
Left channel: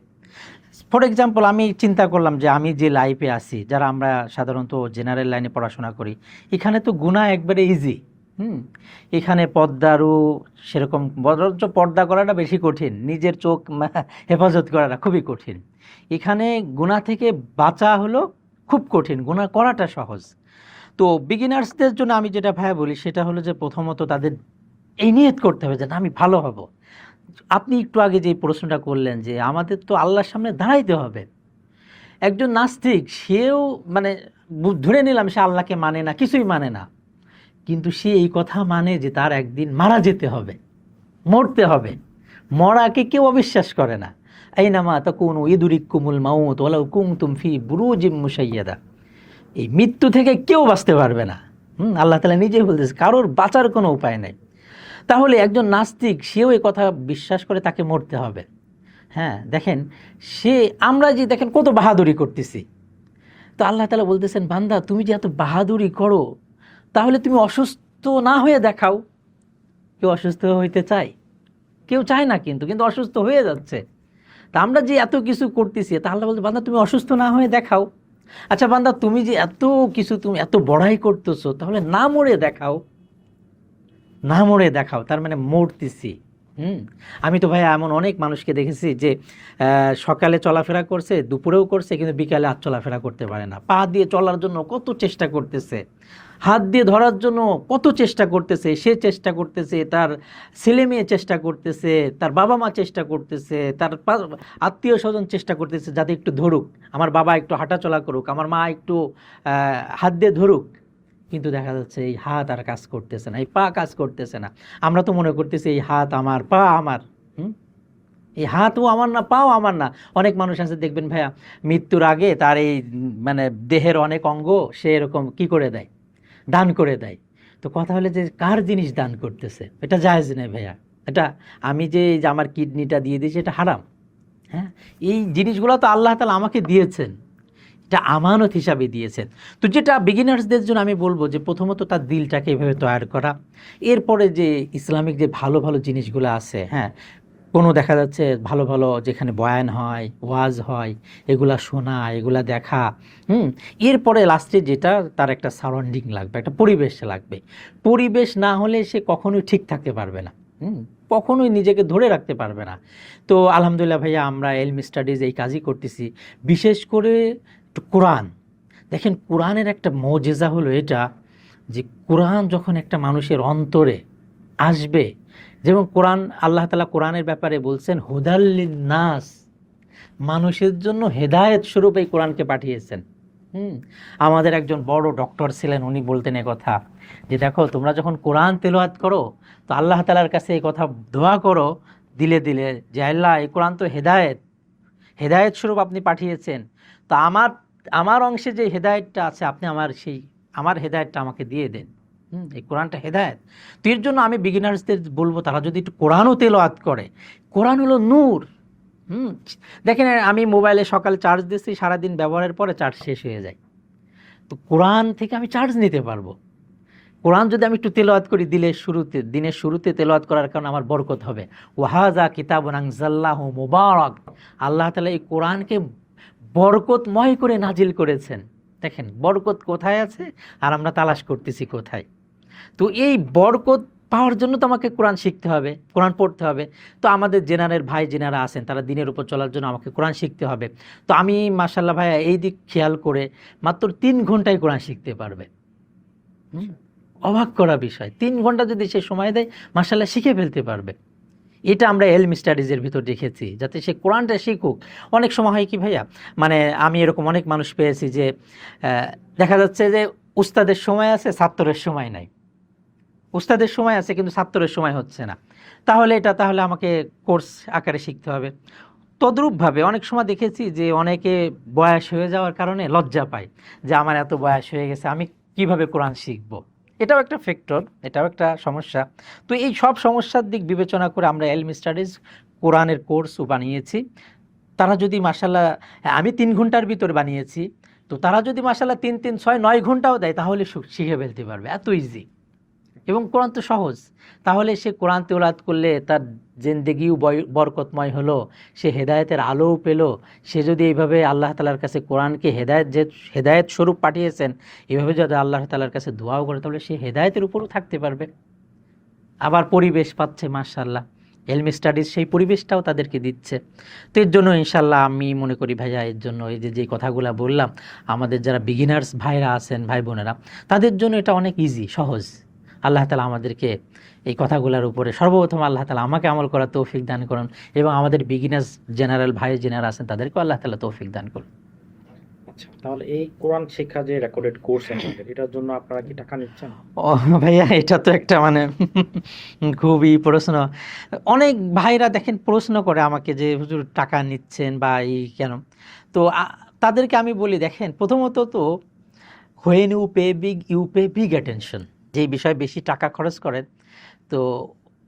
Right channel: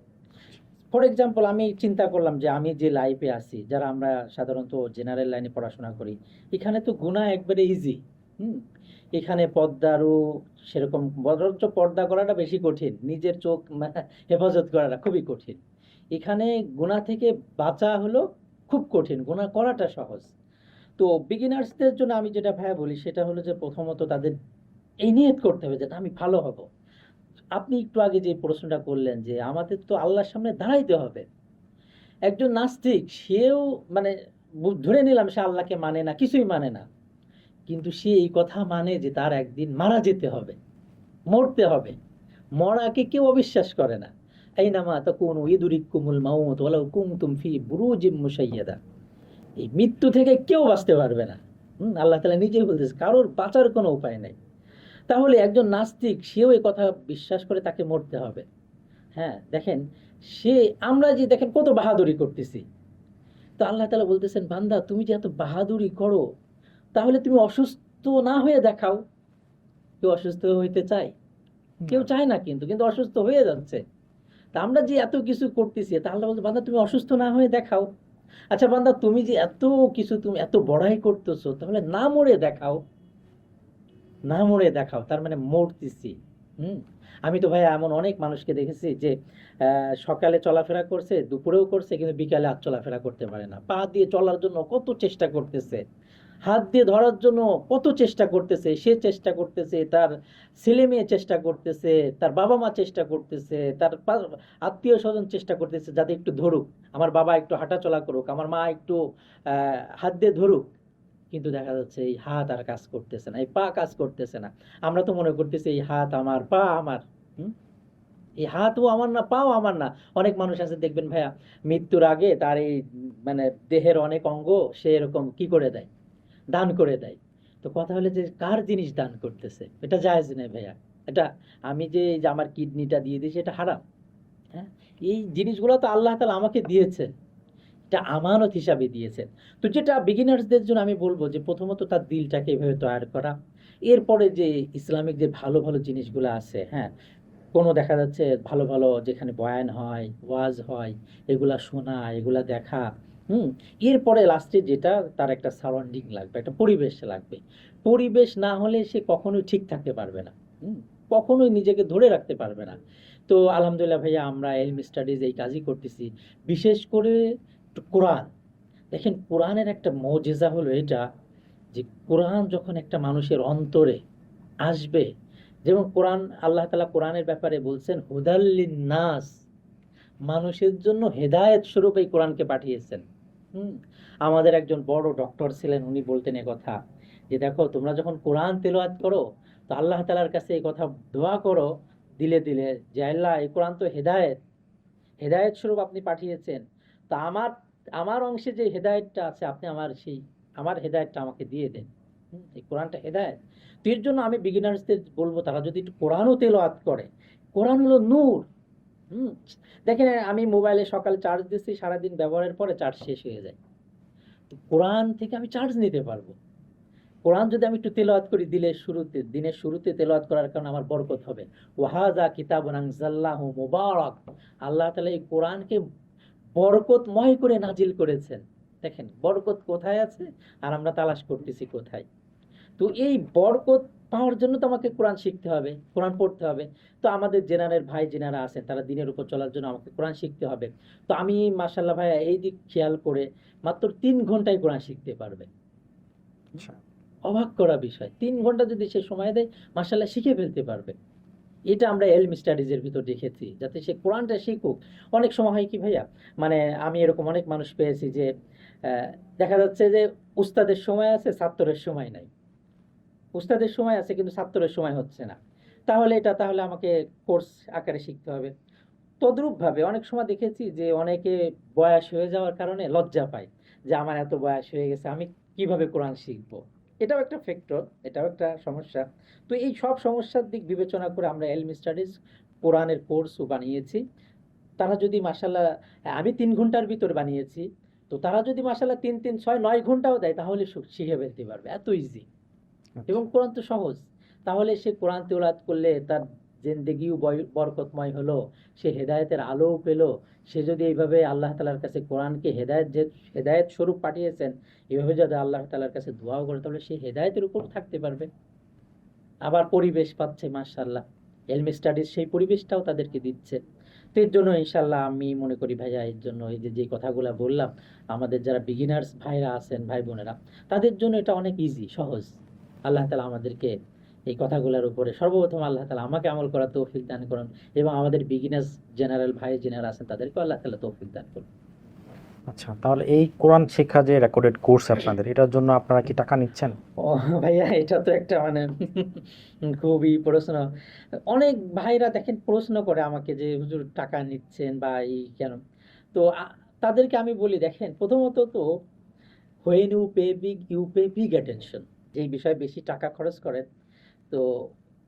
ফর এক্সাম্পল আমি চিন্তা করলাম যে আমি যে লাইফে আছি, যারা আমরা সাধারণত জেনারেল লাইনে পড়াশোনা করি, এখানে তো গুনাহ একবারে ইজি। এখানে পর্দারও সেরকম, বরঞ্চ পর্দা করাটা বেশি কঠিন, নিজের চোখ হেফাজত করাটা খুবই কঠিন। এখানে গুনাহ থেকে বাঁচা হলো খুব কঠিন, গুনাহ করাটা সহজ। তো বিগিনার্সদের জন্য আমি যেটা ভাইয়া বলি সেটা হলো যে প্রথমত তাদের এই নিয়ত করতে হবে যে না, আমি ভালো হব। আপনি একটু আগে যে প্রশ্নটা করলেন যে আমাদের তো আল্লাহর সামনে দাঁড়াইতে হবে। একজন নাস্তিক সেও মানে ধরে নিলাম সে আল্লাহকে মানে না, কিছুই মানে না, কিন্তু সে এই কথা মানে যে তার একদিন মারা যেতে হবে, মরতে হবে। মরাকে কেউ অবিশ্বাস করে না। আইনামা তাকুনু ইদরিকুমুল মাউত ওয়ালাউ কুনতুম ফি বুরুজিম মুশাইয়াদা। এই মৃত্যু থেকে কেউ বাঁচতে পারবে না। আল্লাহ তাআলা নিজেই বলতেছে কারোর বাঁচার কোনো উপায় নাই। তাহলে একজন নাস্তিক সেও এই কথা বিশ্বাস করে তাকে মরতে হবে। হ্যাঁ, দেখেন আমরা যে দেখেন কত বাহাদুরি করতেছি। তো আল্লাহ তাআলা বলতেছেন বান্দা তুমি যে এত বাহাদুরি করো, তাহলে তুমি অসুস্থ না হয়ে দেখাও। কেউ অসুস্থ হইতে চায়? কেউ চায় না, কিন্তু কিন্তু অসুস্থ হয়ে যাচ্ছে। তা আমরা যে এত কিছু করতেছি, তা আল্লাহ বলতে বান্দা তুমি অসুস্থ না হয়ে দেখাও। আচ্ছা বান্দা তুমি যে এত কিছু, তুমি এত বড়াই করতেছো, তাহলে না মরে দেখাও। না মরে দেখাও, তার মানে মরতেছি। আমি তো ভাই এমন অনেক মানুষকে দেখেছি যে সকালে চলাফেরা করছে, দুপুরেও করছে, কিন্তু বিকালে আর চলাফেরা করতে পারে না। পা দিয়ে চলার জন্য কত চেষ্টা করতেছে, হাত দিয়ে ধরার জন্য কত চেষ্টা করতেছে, সে চেষ্টা করতেছে, তার ছেলে মেয়ে চেষ্টা করতেছে, তার বাবা মা চেষ্টা করতেছে, তার আত্মীয় স্বজন চেষ্টা করতেছে যাতে একটু ধরুক, আমার বাবা একটু হাঁটাচলা করুক, আমার মা একটু হাত দিয়ে ধরুক। কিন্তু দেখা যাচ্ছে এই হাত আর কাজ করতেছে না, এই পা কাজ করতেছে না। আমরা তো মনে করতেছি এই হাত আমার, পা আমার। এই হাতও আমার না, পাও আমার না। অনেক মানুষ আছে দেখবেন ভাইয়া, মৃত্যুর আগে তার এই মানে দেহের অনেক অঙ্গ সে এরকম কি করে দেয়, দান করে দেয়। তো কথা হলে যে কার জিনিস দান করতেছে, এটা জায়েজ নেই ভাইয়া। এটা আমি যে এই যে আমার কিডনিটা দিয়ে দিয়েছি, এটা হারাম। হ্যাঁ, এই জিনিসগুলো তো আল্লাহ তাআলা আমাকে দিয়েছেন, এটা আমানত হিসাবে দিয়েছেন। তো যেটা বিগিনার্সদের জন্য আমি বলবো যে প্রথমত তার দিলটাকে এভাবে তৈরি করা। এরপরে যে ইসলামিক যে ভালো ভালো জিনিসগুলো আছে, হ্যাঁ, কোনো দেখা যাচ্ছে ভালো ভালো যেখানে বয়ান হয়, ওয়াজ হয়, এগুলা শোনা, এগুলা দেখা। এরপরে লাস্টে যেটা তার একটা সারাউন্ডিং লাগবে, একটা পরিবেশ লাগবে। পরিবেশ না হলে সে কখনোই ঠিক থাকতে পারবে না, কখনোই নিজেকে ধরে রাখতে পারবে না। তো আলহামদুলিল্লাহ ভাইয়া, আমরা এলমি স্টাডিজ এই কাজই করতেছি। বিশেষ করে কোরআন, দেখেন কোরআনের একটা মজেজা হলো এটা যে কোরআন যখন একটা মানুষের অন্তরে আসবে, যেমন কোরআন আল্লাহ তাআলা কোরআনের ব্যাপারে বলছেন হুদাল্লিন নাস, মানুষের জন্য হেদায়েত স্বরূপ এই কোরআনকে পাঠিয়েছেন। আমাদের একজন বড় ডক্টর ছিলেন, উনি বলতেন কথা যে দেখো তোমরা যখন কোরআন তেলাওয়াত করো, তো আল্লাহ তাআলার কাছে এই কথা দোয়া করো দিলে দিলে যে আল্লাহ এই কোরআন তো হেদায়েত, হেদায়েত স্বরূপ আপনি পাঠিয়েছেন। তো আমার অংশে যে হেদায়েতটা আছে, আপনি আমার হেদায়েতটা আমাকে দিয়ে দেন। এই কোরআনটা হেদায়েত। তো এর জন্য আমি বিগিনার্সদের বলবো তারা যদি একটু কোরআনও তেলাওয়াত করে। কোরআন হলো নূর। দেখেন আমি মোবাইলে সকালে চার্জ দিচ্ছি, সারাদিন ব্যবহারের পরে চার্জ শেষ হয়ে যায়। তো কোরআন থেকে আমি চার্জ নিতে পারবো। কোরআন যদি আমি একটু তেলাওয়াত করি দিনের শুরুতে তেলাওয়াত করার কারণে আমার বরকত হবে। ওয়াহাযা কিতাবুন আনজালনাহু মুবারাক, আল্লাহ তাআলা এই কোরআনকে বরকতময় করে নাজিল করেছেন। দেখেন বরকত কোথায় আছে আর আমরা তালাশ করতেছি কোথায়। তো এই বরকত পাওয়ার জন্য তো আমাকে কোরআন শিখতে হবে, কোরআন পড়তে হবে। তো আমাদের জেনারেল ভাই যেনারা আছেন তারা দিনের উপর চলার জন্য আমাকে কোরআন শিখতে হবে। তো আমি মাশাআল্লাহ ভাইয়া এই দিক খেয়াল করে মাত্র 3 ঘন্টায় কোরআন শিখতে পারবে। অবাক করা বিষয়, 3 ঘন্টা যদি সে সময় দেয় মাশাআল্লাহ শিখে ফেলতে পারবে। এটা আমরা এলমি স্টাডিজের ভিতর দেখেছি, যাতে সে কোরআনটা শিখুক। অনেক সময় হয় কি ভাইয়া, মানে আমি এরকম অনেক মানুষ পেয়েছি যে দেখা যাচ্ছে যে উস্তাদের সময় আছে, ছাত্রের সময় নাই। উস্তাদের সময় আছে কিন্তু ছাত্রের সময় হচ্ছে না। তাহলে আমাকে কোর্স আকারে শিখতে হবে। তদ্রূপভাবে অনেক সময় দেখেছি যে অনেকে বয়স হয়ে যাওয়ার কারণে লজ্জা পায় যে আমার এত বয়স হয়ে গেছে, আমি কিভাবে কোরআন শিখবো। এটাও একটা ফ্যাক্টর, এটাও একটা সমস্যা। তো এই সব সমস্যার দিক বিবেচনা করে আমরা এলমি স্টাডিজ কোরআনের কোর্সও বানিয়েছি। তারা যদি মাশাআল্লাহ, আমি 3 ঘন্টার ভিতরে বানিয়েছি, তো তারা যদি মাশাআল্লাহ 3, 3, 6, 9 ঘন্টাও দেয় তাহলে শিখে ফেলতে পারবে, এত ইজি। এবং কোরআন তো সহজ। তাহলে সে কোরআন তেলাওয়াত করলে তার জিন্দেগিও বরকতময় হলো, সে হেদায়েতের আলোও পেল। সে যদি এইভাবে আল্লাহ তাআলার কাছে কোরআনকে হেদায়েত স্বরূপ পাঠিয়েছেন, এইভাবে যদি আল্লাহ তাআলার কাছে দোয়াও করে, তাহলে সে হেদায়েতের উপরও থাকতে পারবে। আবার পরিবেশ পাচ্ছে মাশাআল্লাহ, এলমি স্টাডিজ সেই পরিবেশটাও তাদেরকে দিচ্ছে। তো এর জন্য ইনশাআল্লাহ আমি মনে করি ভাইয়া, এর জন্য এই যে কথাগুলো বললাম, আমাদের যারা বিগিনার্স ভাইরা আছেন, ভাই বোনেরা, তাদের জন্য এটা অনেক ইজি, সহজ। আল্লাহ তাআলা আমাদেরকে এই কথাগুলোর উপরে সর্বপ্রথম আল্লাহ তাআলা আমাকে আমল করার তৌফিক দান করুন, এবং আমাদের বিগিনার্স জেনারেল ভাই যারা আছেন তাদেরকেও আল্লাহ তাআলা তৌফিক দান করুন। আচ্ছা, তাহলে এই কোরআন শিক্ষা যে রেকর্ডেড কোর্স আপনাদের, এটার জন্য আপনারা কি টাকা নিচ্ছেন? ও ভাইয়া, এটা তো একটা মানে খুবই প্রশ্ন। অনেক ভাইরা দেখেন প্রশ্ন করে আমাকে যে হুজুর টাকা নিচ্ছেন বা এই কেন। তো তাদেরকে আমি বলি, দেখেন প্রথমত তো when you pay big attention, যেই বিষয়ে বেশি টাকা খরচ করেন, তো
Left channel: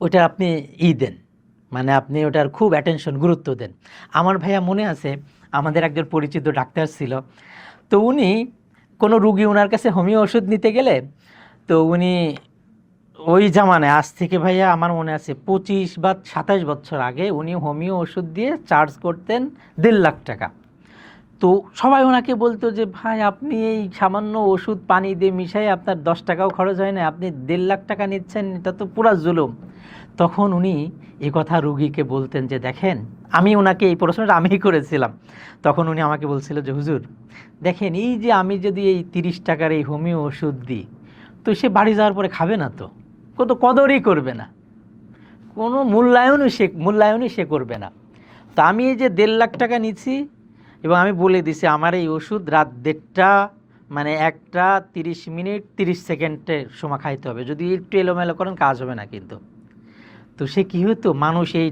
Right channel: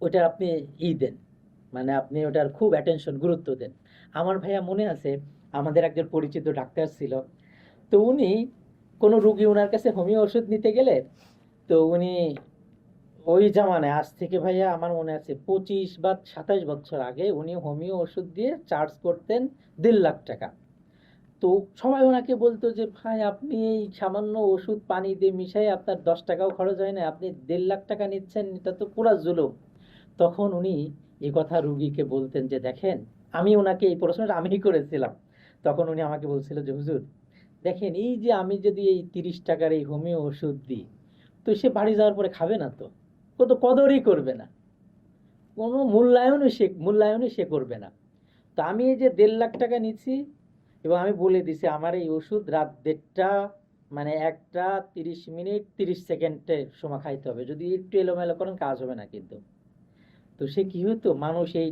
ওটা আপনি দেন, মানে আপনি ওটার খুব অ্যাটেনশন, গুরুত্ব দেন। আমার ভাইয়া মনে আছে, আমাদের একজন পরিচিত ডাক্তার ছিল, তো উনি কোনো রুগী ওনার কাছে হোমিও ওষুধ নিতে গেলে, তো উনি ওই জামানায়, আজ থেকে ভাইয়া আমার মনে আছে 25 বা 27 বছর আগে, উনি হোমিও ওষুধ দিয়ে চার্জ করতেন 1.5 লাখ টাকা। তো সবাই ওনাকে বলতো যে ভাই, আপনি এই সামান্য ওষুধ পানি দিয়ে মিশাই আপনার 10 টাকাও খরচ হয় না, আপনি 1.5 লাখ টাকা নিচ্ছেন, এটা তো পুরা জুলুম। তখন উনি এই কথা রুগীকে বলতেন যে দেখেন, আমি ওনাকে এই প্রশ্নটা আমিই করেছিলাম। তখন উনি আমাকে বলছিল যে হুজুর দেখেন, এই যে আমি যদি এই 30 টাকার এই হোমিও ওষুধ দিই, তো সে বাড়ি যাওয়ার পরে খাবে না, তো কত কদরই করবে না, কোনো মূল্যায়নই সে করবে না। তো আমি এই যে 1.5 লাখ টাকা নিচ্ছি, এবং আমি বলে দিছি আমার এই ওষুধ রাত 1:30, মানে 1:30 30 সেকেন্ডের সময় খাইতে হবে, যদি একটু এলোমেলো করেন কাজ হবে না কিন্তু। তো সে কী হতো, মানুষ এই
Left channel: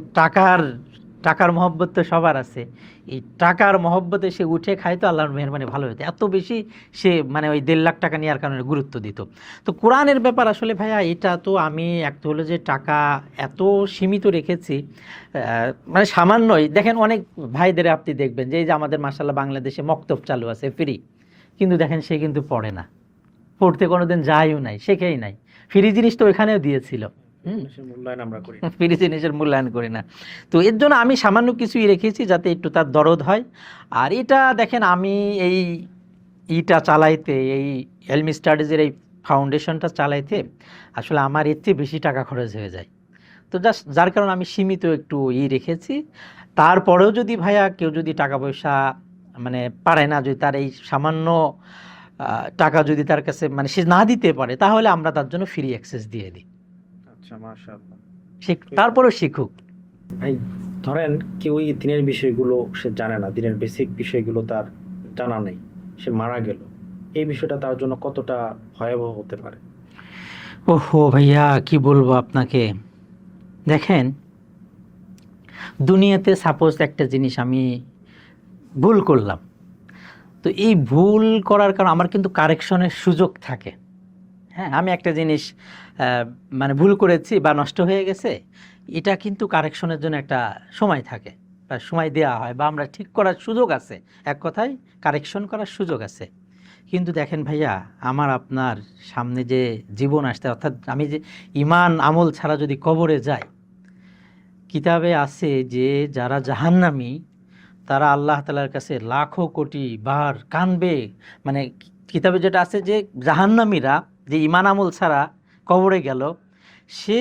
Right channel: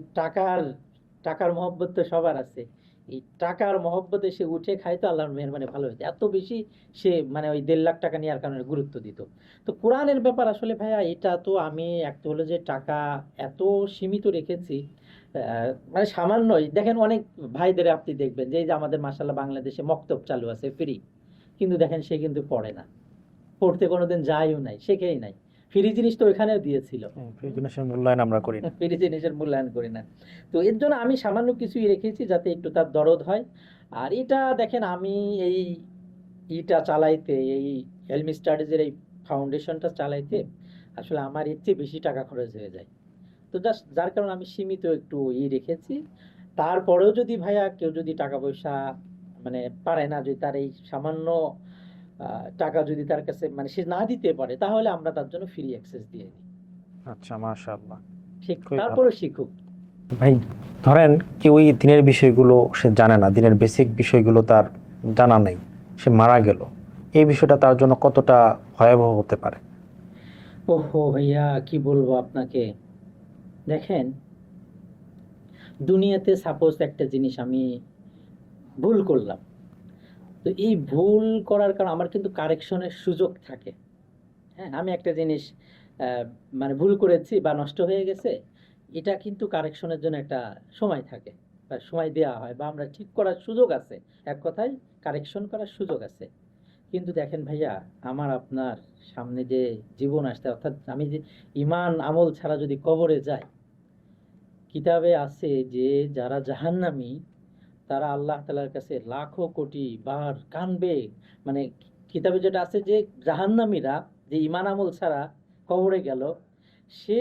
টাকার মহব্বত তো সবার আছে, এই টাকার মহব্বতে সে উঠে খাইতো, আল্লাহর মেহরবানি ভালো হতো, এত বেশি সে মানে ওই 1.5 লাখ টাকা নেওয়ার কারণে গুরুত্ব দিত। তো কোরআনের ব্যাপার আসলে ভাইয়া, এটা তো আমি একটা হলো যে টাকা এত সীমিত রেখেছি, মানে সামান্যই। দেখেন অনেক ভাইদের আপনি দেখবেন যে এই যে আমাদের মাশাআল্লাহ বাংলাদেশে মক্তব চালু আছে ফ্রি, কিন্তু দেখেন সে কিন্তু পড়ে না, পড়তে কোনোদিন যায়ও নাই, শেখেই নাই। ফ্রি জিনিস তো ওইখানেও দিয়েছিল, মূল্যায়ন আমরা করি না, ফ্রি জিনিসের মূল্যায়ন করি না। তো এর জন্য আমি সামান্য কিছুই রেখেছি, যাতে একটু তার দরদ হয়। আর এটা দেখেন, আমি এই চালাইতে, এই এলমি স্টাডিজের এই ফাউন্ডেশনটা চালাইতে আসলে আমার এর চেয়ে বেশি টাকা খরচ হয়ে যায়। তো জাস্ট যার কারণে আমি সীমিত একটু রেখেছি। তারপরেও যদি ভাইয়া কেউ যদি টাকা পয়সা মানে পারে না, যদি তার এই সামান্য টাকা যদি তার কাছে মানে সে না দিতে পারে, তাহলে আমরা তার জন্য ফ্রি অ্যাক্সেস দিয়ে দিই। আচ্ছা, মাশাআল্লাহ। তারপরেও শিখুক। ভাই ধরেন কেউ এই দিনের বিষয়গুলো সে জানে না, দিনের বেসিক বিষয়গুলো তার জানা নেই, সে মারা গেল, এই বিষয়টা তার জন্য কতটা ভয়াবহ হতে পারে? ওহো ভাইয়া, কি বলবো আপনাকে। দেখেন, দুনিয়াতে সাপোজ একটা জিনিস আমি ভুল করলাম, তো এই ভুল করার কারণে আমার কিন্তু কারেকশনের সুযোগ থাকে। হ্যাঁ, আমি একটা জিনিস মানে ভুল করেছি বা নষ্ট হয়ে গেছে, এটা কিন্তু কারেকশনের জন্য একটা সময় থাকে, বা সময় দেওয়া হয়, বা আমরা ঠিক করার সুযোগ আছে, এক কথায় কারেকশন করার সুযোগ আছে। কিন্তু দেখেন ভাইয়া, আমার আপনার সামনে যে জীবন আসতে, অর্থাৎ আমি যে ইমান আমল ছাড়া যদি কবরে যাই, কিতাবে আছে যে যারা জাহান্নামী, তারা আল্লাহ তাআলার কাছে লাখো কোটি বার কানবে। মানে কিতাবে যেটা আছে যে জাহান্নামীরা যে ইমান আমল ছাড়া কবরে গেল, সে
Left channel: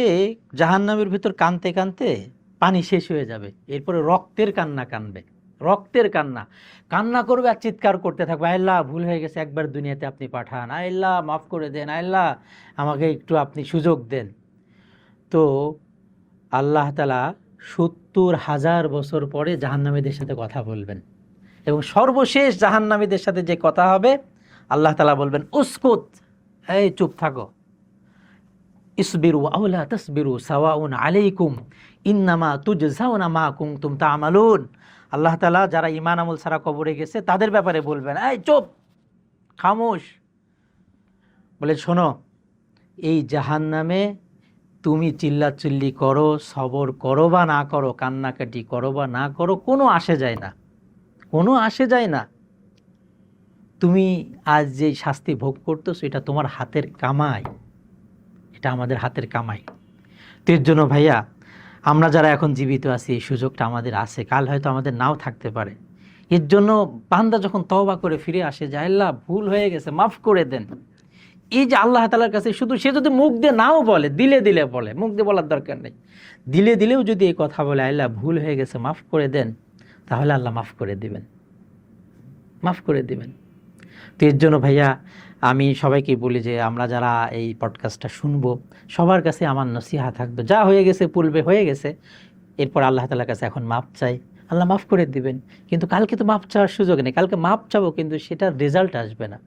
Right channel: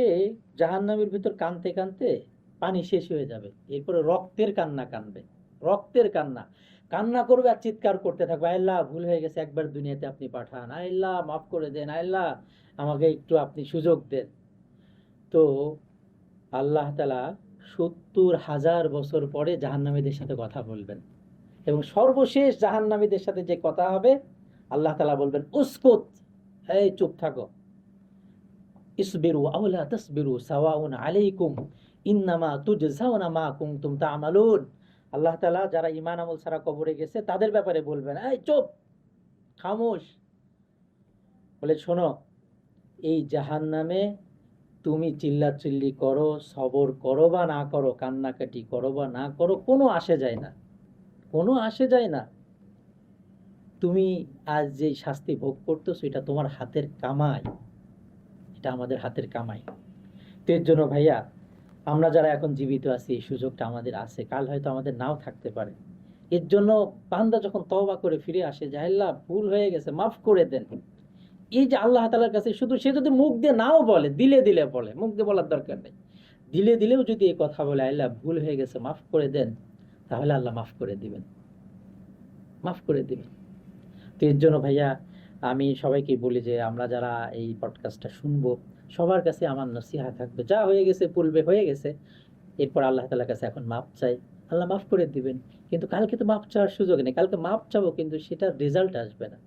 জাহান্নামের ভিতর কানতে কানতে পানি শেষ হয়ে যাবে, এরপরে রক্তের কান্না কানবে, রক্তের কান্না কান্না করবে আর চিৎকার করতে থাকবে, আল্লাহ ভুল হয়ে গেছে, একবার দুনিয়াতে আপনি পাঠান, আল্লাহ মাফ করে দেন, আল্লাহ আমাকে একটু আপনি সুযোগ দেন। তো আল্লাহ তাআলা 70,000 বছর পরে জাহান্নামীদের সাথে কথা বলবেন, এবং সর্বশেষ জাহান্নামীদের সাথে যে কথা হবে, আল্লাহ তাআলা বলবেন উসকুত, এই চুপ থাকো, ইসবিরু আও লা তাসবিরু সাওয়াউন আলাইকুম ইন্নামা তুজজাউনা মা কুনতুম তা'মালুন। আল্লাহ তাআলা যারা ঈমান আমল ছাড়া কবরে গেছে তাদের ব্যাপারে বলবেন, এই চুপ, খামোশ, বলে শোনো, এই জাহান্নামে তুমি চিল্লাচিল্লি করো, সবর করো বা না করো, কান্নাকাটি করো বা না করো, কোনো আসে যায় না, কোনো আসে যায় না। তুমি আজ যে শাস্তি ভোগ করতেছো, এটা তোমার হাতের কামাই, এটা আমাদের হাতের কামাই। তো এর জন্য ভাইয়া আমরা যারা এখন জীবিত আছি এই সুযোগটা আমাদের আছে, কাল হয়তো আমাদের নাও থাকতে পারে। এর জন্য বান্দা যখন তওবা করে ফিরে আসে যে আল্লাহ ভুল হয়ে গেছে মাফ করে দেন, এই যে আল্লাহ তাআলার কাছে শুধু সে যদি মুখ দিয়ে নাও বলে, দিলে দিলে বলে, মুখ দিয়ে বলার দরকার নেই, দিলে দিলেও যদি এই কথা বলে আল্লাহ ভুল হয়ে গেছে মাফ করে দেন, তাহলে আল্লাহ মাফ করে দিবেন, মাফ করে দিবেন। তো এর জন্য ভাইয়া আমি সবাইকে বলি যে আমরা যারা এই পডকাস্টটা শুনবো সবার কাছে আমার নসিহা থাকবে, যা হয়ে গেছে পূর্বে হয়ে গেছে, এরপর আল্লাহ তাআলার কাছে এখন মাপ চাই, আল্লাহ মাফ করে দিবেন। কিন্তু কালকে তো মাপ চাওয়ার সুযোগ নেই, কালকে মাপ চাবো কিন্তু সেটার রেজাল্ট আসবে না।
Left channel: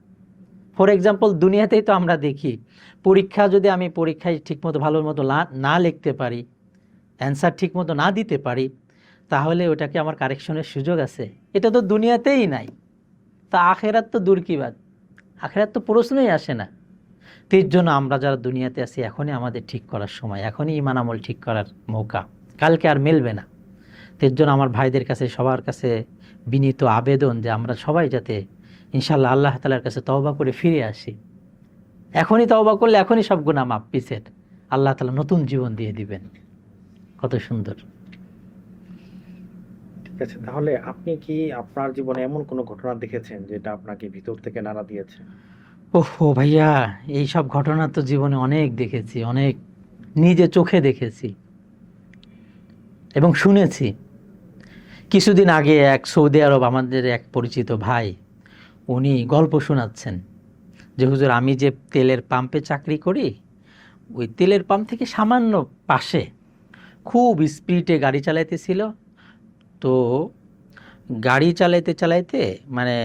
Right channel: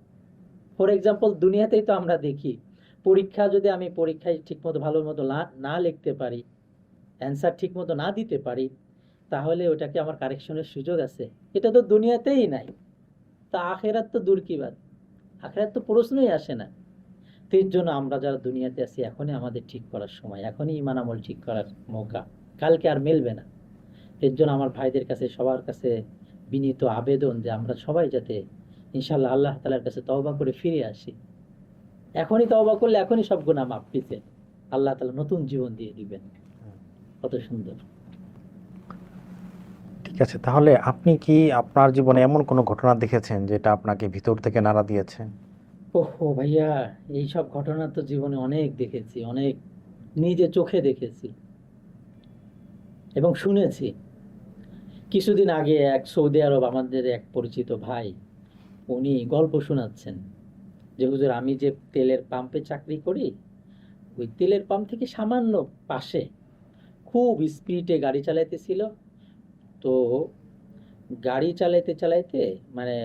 ফর এক্সাম্পল দুনিয়াতেই তো আমরা দেখি পরীক্ষা, যদি আমি পরীক্ষায় ঠিকমতো ভালো মতো না লিখতে পারি, অ্যান্সার ঠিকমতো না দিতে পারি, তাহলে ওটাকে আমার কারেকশনের সুযোগ আছে? এটা তো দুনিয়াতেই নাই, তা আখেরাত তো দূর কি বাদ, আখেরাত তো প্রশ্নই আসে না। তো এর জন্য আমরা যারা দুনিয়াতে আছি এখনই আমাদের ঠিক করার সময়, এখনই ঈমান আমল ঠিক করার মৌকা, কালকে আর মিলবে না। তো এর জন্য আমার ভাইদের কাছে সবার কাছে বিনীত আবেদন যে আমরা সবাই যাতে ইনশাআল্লাহ আল্লাহ তাআলার কাছে তওবা করে ফিরে আসি। এখনই তওবা করলে এখনই সব গুনাহ মাফ, পিছের আল্লাহ তাআলা নতুন জীবন দিয়ে দিবেন। কত সুন্দর। ঠিক আছে, তাহলে আপনি কি আপনার জীবনে এমন কোনো ঘটনা দেখেছেন যেটা আপনাকে ভিতর থেকে নাড়া দিয়েছে? ওহো ভাইয়া, এই সব ঘটনা তো জীবনে অনেক দেখেছি, অনেক নিজে চোখে দেখেছি এবং শুনেছি। কিছুদিন আগে এক সৌদি আরব আমাদের এক পরিচিত ভাই, উনি গল্প শোনাচ্ছেন যে হুজুর আমি যে তেলের পাম্পে চাকরি করি, ওই তেলের পাম্প থেকে সামান্য পাশে খুব স্পিডে গাড়ি চালাইতেছিল। তো গাড়ি চালাইতে চালাইতে মানে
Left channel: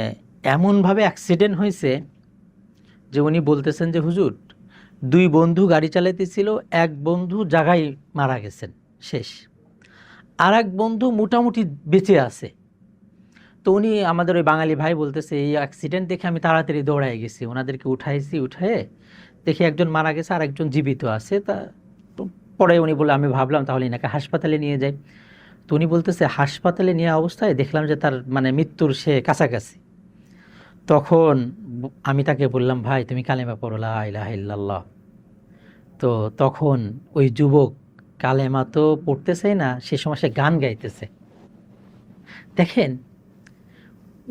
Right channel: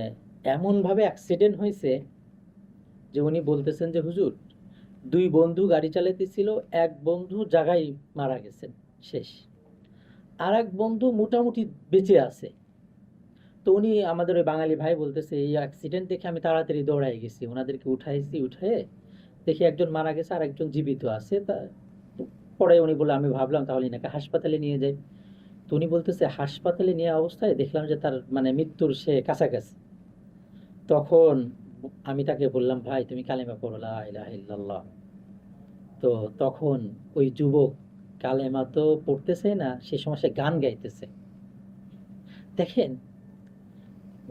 এমনভাবে অ্যাক্সিডেন্ট হয়েছে যে উনি বলতেছেন যে হুজুর দুই বন্ধু গাড়ি চালাইতেছিল, এক বন্ধু জায়গায় মারা গেছেন, শেষ, আর এক বন্ধু মোটামুটি বেঁচে আছে। তো উনি আমাদের ওই বাঙালি ভাই বলতেছে এই অ্যাক্সিডেন্ট দেখে আমি তাড়াতাড়ি দৌড়াই গেছি, ওনাদেরকে উঠাইছি, উঠায়ে দেখি একজন মারা গেছে আর একজন জীবিত আছে। তা তো পরে উনি বলে আমি ভাবলাম তাহলে এনাকে হাসপাতালে নিয়ে যাই। তো উনি বলতেছে হাসপাতালে নেওয়া অবস্থায় দেখলাম যে তার মানে মৃত্যুর সে কাছাকাছি। তখন আমি তাকে বললাম ভাই তুমি কালেমা পড়ো লা ইলাহা ইল্লাল্লাহ। তো তখন ওই যুবক কালেমা তো পড়তেছেই না, সে সময় সে গান গাইতেছে। দেখেন,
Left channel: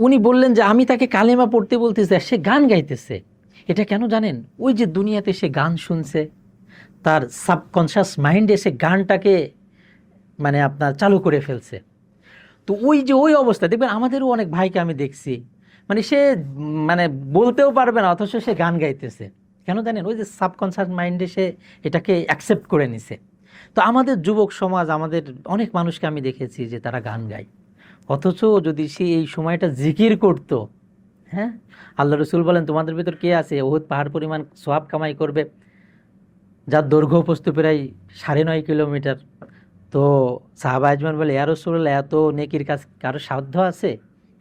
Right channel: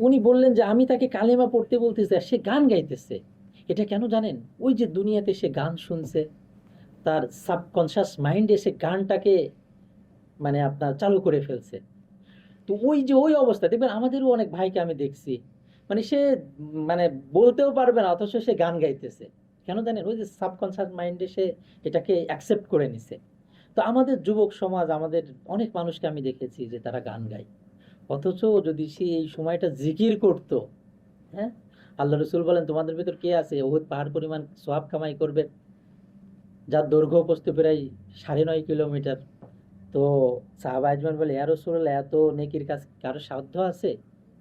উনি বললেন যে আমি তাকে কালেমা পড়তে বলতেছি আর সে গান গাইতেছে। এটা কেন জানেন? ওই যে দুনিয়াতে সে গান শুনছে, তার সাবকনশাস মাইন্ডে সে গানটাকে মানে আপনার চালু করে ফেলছে। তো ওই যে ওই অবস্থা দেখবেন আমাদেরও অনেক ভাইকে আমি দেখছি, মানে সে মানে বলতেও পারবে না অথচ সে গান গাইতেছে। কেন জানেন? ওই যে সাবকনশাস মাইন্ডে সে এটাকে অ্যাকসেপ্ট করে নিছে। তো আমাদের যুবক সমাজ, আমাদের অনেক মানুষকে আমি দেখেছি যে তারা গান গায়, অথচ যদি সে এই সময়টা জিকির করত, হ্যাঁ, আল্লাহ রসুল বলেন তোমাদের ভিতর কে আছে উহুদ পাহাড় পরিমাণ সোয়াব কামাই করবে, যার দৈর্ঘ্য প্রস্থ প্রায় 9.5 কিলোমিটার। তো সাহাবা আজমান বলে ইয়া রাসূলুল্লাহ এত নেকির কাজ কারো সাধ্য আছে?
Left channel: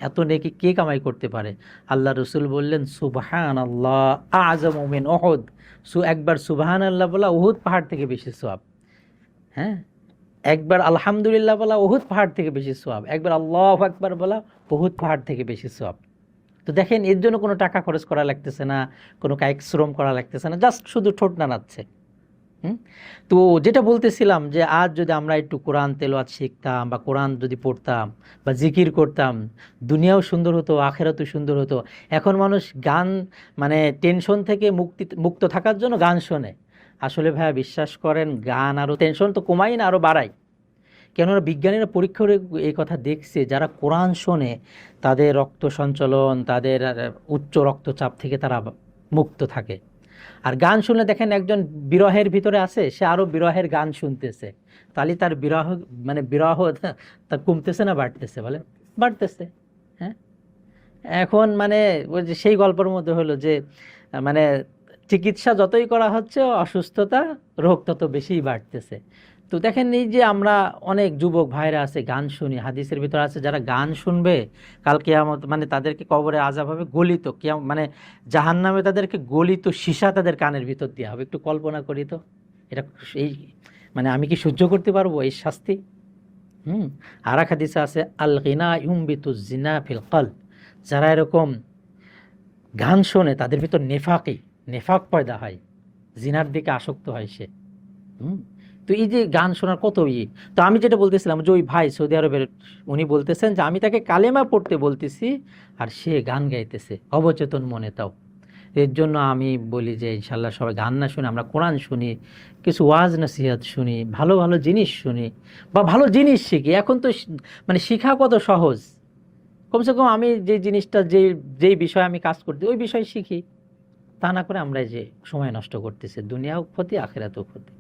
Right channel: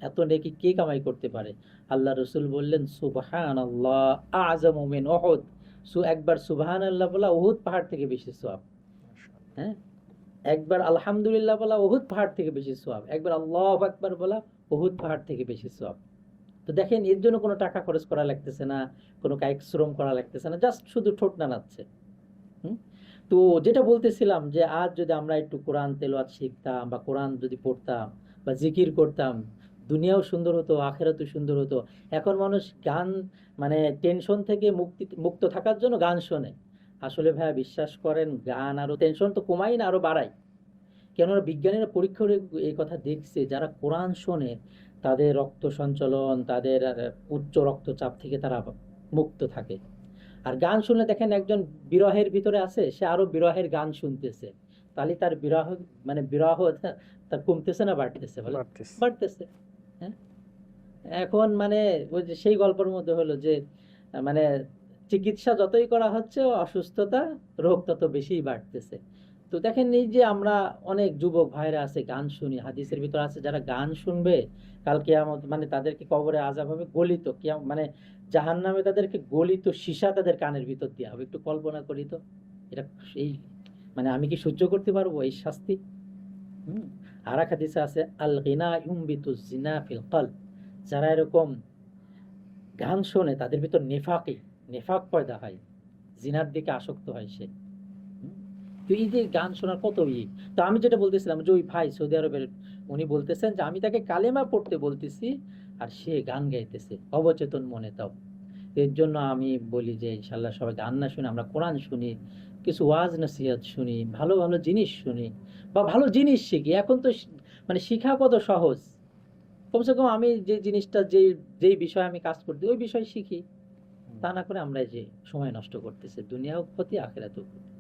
এত নেকি কে কামাই করতে পারে? আল্লাহ রসুল বললেন সুবহানাল্লাহ আযমু মিন উহুদ। একবার সুবহানাল্লাহ বলা উহুদ পাহাড় থেকে বেশি সওয়াব। হ্যাঁ, একবার আলহামদুলিল্লাহ বলা উহুদ পাহাড় থেকে বেশি সওয়াব, একবার আল্লাহু আকবার বলা উহুদ পাহাড় থেকে বেশি সওয়াব। তো দেখেন, এর জন্য কোনো টাকা খরচ করা লাগতেছে না, কোনো কায়িক শ্রম করা লাগতেছে না, জাস্ট শুধু ঠোঁট নাড়াচ্ছে। তো যেটা বলতেছিলাম যে আজ যদি আমরা একটু কোরআন তেলাওয়াত শিখতাম বা কোরআন যদি পড়তাম বা জিকির করতাম, দুনিয়াও সুন্দর হতো, আখেরাতও সুন্দর হতো। এখন মানুষ গান মানে টেনশন থেকে মুক্ত থাকার জন্য গান শোনে। আসলে ভাইয়া বিশ্বাস করেন, গান আরও টেনশন তো কমাই না, আরও বাড়ায়। কেননা বিজ্ঞানীরা পরীক্ষা করে এই কথা দেখছে, যারা কোরআন শোনে তাদের রক্ত সঞ্চালন, তাদের উচ্চ রক্তচাপ থেকে তারা মুক্ত থাকে। আর গান শুনলে দেখেন একজন বিরহের ভিতরে আছে, সে আরো বিরহের গান শুনতেছে, তাহলে তার বিরহ মানে বিরহ তার কমতেছে না বাড়তেছে? বলে বাড়তেছে। হ্যাঁ, এখন মানে ওই যে সেই গল্পের মধ্যে হলো যে মানে চিকিৎসা যতই করা হচ্ছে অসুস্থতা রোগ তত বেশিই বাড়তেছে। তো দেখেন এই যে আমরা অনেক যুবক ভাইরা আছে গান শুনি, হাদিসের ভিতরে আছে যারা গান শুনবে কাল কিয়ামত মানে তাদেরকে কবরে আযাব হবে গলিত, মানে জাহান্নামে তাদেরকে গলিত সীসা তাদের কানের ভিতর দেওয়া হবে। একটু কল্পনা করি তো, এটা এই মানে আমি কি সহ্য করতে পারবো এই শাস্তি? আর এক হাদিসে আছে আল গিনা ইউমবিতু জিনা ফিল কলব, যারা এরকম গান শোনে তাদের ভিতর নেফাক পয়দা হয়, জিনার দিকে আসক্ত হয় সে। তো এই যে গান শোনার কত তো আমি যেটা বলতেছিলাম যে ওই ভাই সৌদি আরবের, উনি বলতেছেন যে আমি তাকে কালেমা পড়তে বলতেছি আর সে গান গাইতেছে অবচেতন মনে। তাও এর জন্য আমি বলি যে ইনশাল্লাহ সবাই গান না শুনে আমরা কোরআন শুনি, কিছু ওয়াজ নসিহত শুনি, ভালো ভালো জিনিস শুনি বা ভালো জিনিস শিখি। এখন তো মানে শেখা কত সহজ, কমসে কম আমি যে জিনিসটা যেই বিষয়ে আমি কাজ করতে ওই বিষয়ে শিখি। তা না করে আমরা এই যে সময় নষ্ট করতেছি, দুনিয়াও ক্ষতি আখিরাতেও ক্ষতি।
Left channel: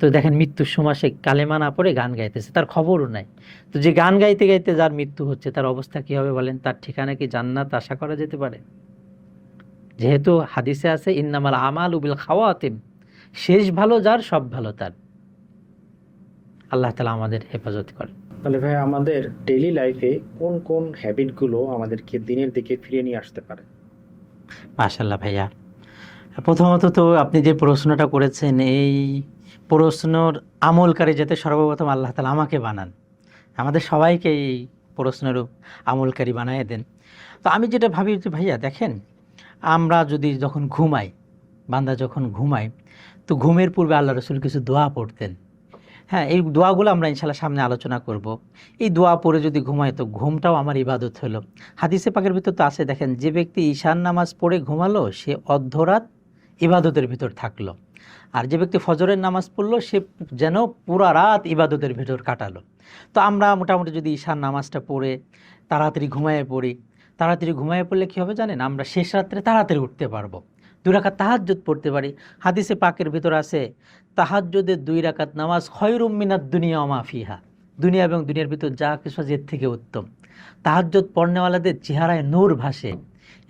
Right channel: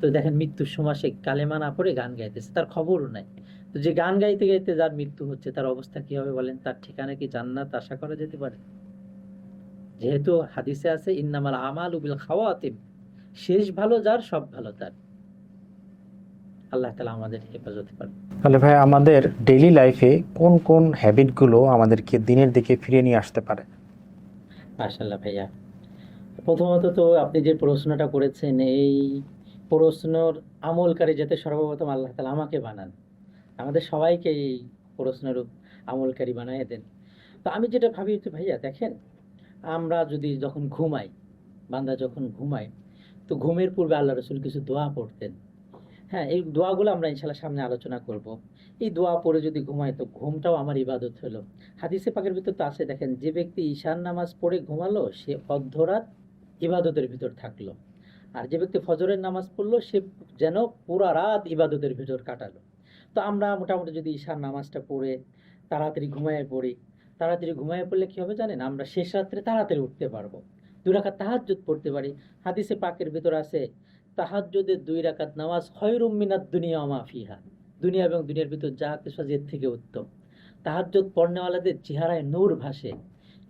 তো দেখেন মৃত্যুর সময় সে কালেমা না পড়ে গান গাইতেছে, তার খবরও নাই। তো যে গান গাইতে গাইতে যার মৃত্যু হচ্ছে তার অবস্থা কি হবে বলেন? তার ঠিকানা কি জান্নাত আশা করা যেতে পারে? যেহেতু হাদিসে আছে ইন্নামাল আমালু বিল খাওয়াতিম, শেষ ভালো যার সব ভালো তার। আল্লাহ তাআলা আমাদের হেফাজত করে। তাহলে ভাই আমাদের ডেইলি লাইফে কোন কোন হ্যাবিটগুলো আমাদেরকে দিনের দিকে ফিরিয়ে নিয়ে আসতে পারে? মাশাআল্লাহ ভাইয়া, প্রথমত তো আপনি যে প্রশ্নটা করেছেন এই প্রশ্নর আমলকারী যাতে সর্বপ্রথম আল্লাহ তাআলা আমাকে বানান, আমাদের সবাইকে এই প্রশ্নের আমলকারী বানায় দেন। তো আমি যেটা ভাবি যে ভাইয়া দেখেন, আমরা যদি যখন ঘুমাই, বান্দা যখন ঘুমায়, তো ঘুমের পূর্বে আল্লাহ রসুল কিছু দোয়া পড়তেন। হ্যাঁ, এই দোয়াগুলো আমরা ইনশাল্লাহ সামনে আলোচনা করব। এই দোয়া পড়ে যদি ঘুমায় তো ঘুমটাও আমার ইবাদত হলো। হাদিসে পাকের ভিতর তো আছে, দেখেন যে ব্যক্তি ঈশান নামাজ পড়ে ঘুমালো সে অর্ধরাত ইবাদতের ভিতর থাকলো, আর যে ব্যক্তি ফজরের নামাজ পড়লো সে যেন পুরা রাত ইবাদতের ভিতর কাটালো। তো আমরা মোটামুটি যদি ঈশান নামাজটা পড়ে তাড়াতাড়ি ঘুমায়ে পড়ি, তাড়াতাড়ি ঘুমায়ে পড়লে কী হবে জানেন? আমরা শেষ রাত্রে তাড়াতাড়ি উঠতে পারবো, 2 রাকাত তাহাজ্জুদ পড়তে পারি। হাদিসে পাকের ভিতর আছে তাহাজ্জুদের 2 রাকাত নামাজ খয়রুম মিনাদ দুনিয়া ওয়া মা ফিহা, দুনিয়া এবং দুনিয়ার ভিতর যা কিছু আছে এর থেকে উত্তম। তাহাজ্জুদ পড়নেওয়ালাদের চেহারায় নূর ভাসে।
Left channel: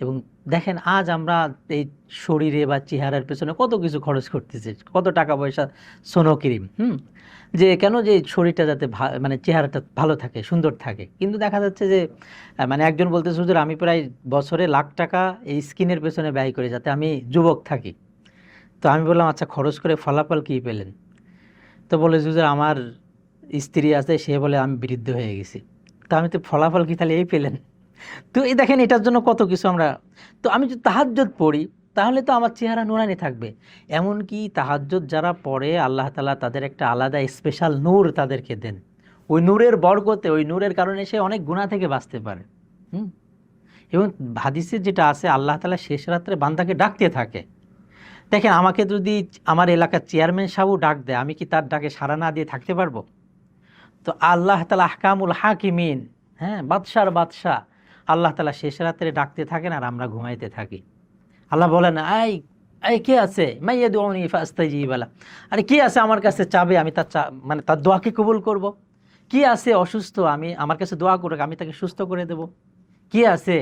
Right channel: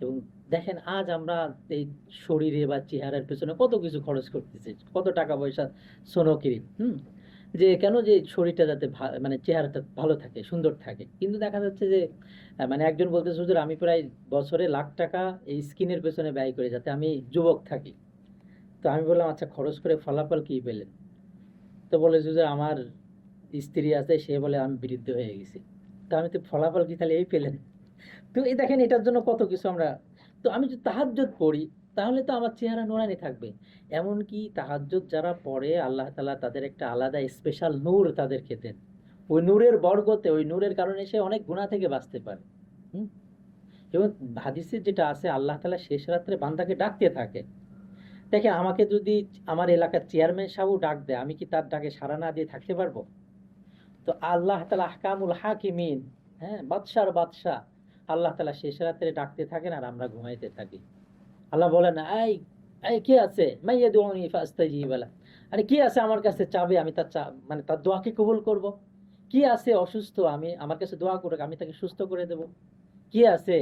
এবং দেখেন আজ আমরা এই শরীরে বা চেহারার পেছনে কত কিছু খরচ করতেছি, কত টাকা পয়সা, সোনো ক্রিম, যে কেন যে শরীরটা যাতে মানে চেহারাটা ভালো থাকে, সুন্দর থাকে। কিন্তু দেখা যাচ্ছে যে মানে একজন বলতেছে হুজুর আমি প্রায় বছরে লাখ টাকা এই স্কিনের পেছনে ব্যয় করি যাতে আমি যুবক থাকি। তো আমি বললাম আচ্ছা খরচ করে ফলাফল কী পেলেন? তো বলে হুজুর আমার স্ত্রী আছে, সে বলে আমি বৃদ্ধ হয়ে গেছি। তো আমি তো ফলাফল কি তাহলে এই পেলেন? তো এই দেখেন এটার জন্য কত কিছু আমরা। তো আমি যদি তাহাজ্জুদ পড়ি তাহলে তো আমার চেহারা নুরানি থাকবে। এমনকি তাহাজ্জুদ যারা পড়ে আল্লাহ তাআলা তাদের একটা আলাদা স্পেশাল নূর তাদেরকে দেন। ওই নূরের বরকতে, ওই নূরের কারণে সে অনেক গুনাহ থেকে বাঁচতে পারে। এবং হাদিসে যেটা আছে আল্লাহ তাআলা শেষ রাত্রে বান্দাকে ডাকতে থাকে। দেখেন আমাকে যদি আমার এলাকার চেয়ারম্যান সাহেবও ডাক দেয়, আমি কি তার ডাকে সাড়া না দিয়ে থাকতে পারবো? তো আল্লাহ তাআলা আহকামুল হাকিমিন, হ্যাঁ, বাদশার বাদশাহ আল্লাহ তাআলা শেষ রাত্রে ডাকতে থাকেন আর আমরা ঘুমাইতে থাকি। আল্লাহ বলেন আই এই কে আছে মাইয়াদুনি ফাস্তাজিব লাহ, আরে কি আছে আমার কাছে চাবে, আমি তার মানে তার দোয়াকে কবুল করব। কি আছে অসুস্থ, আমি আমার কাছে দোয়া করুক আমি তাকে সুস্থ করে দেব। কি আছে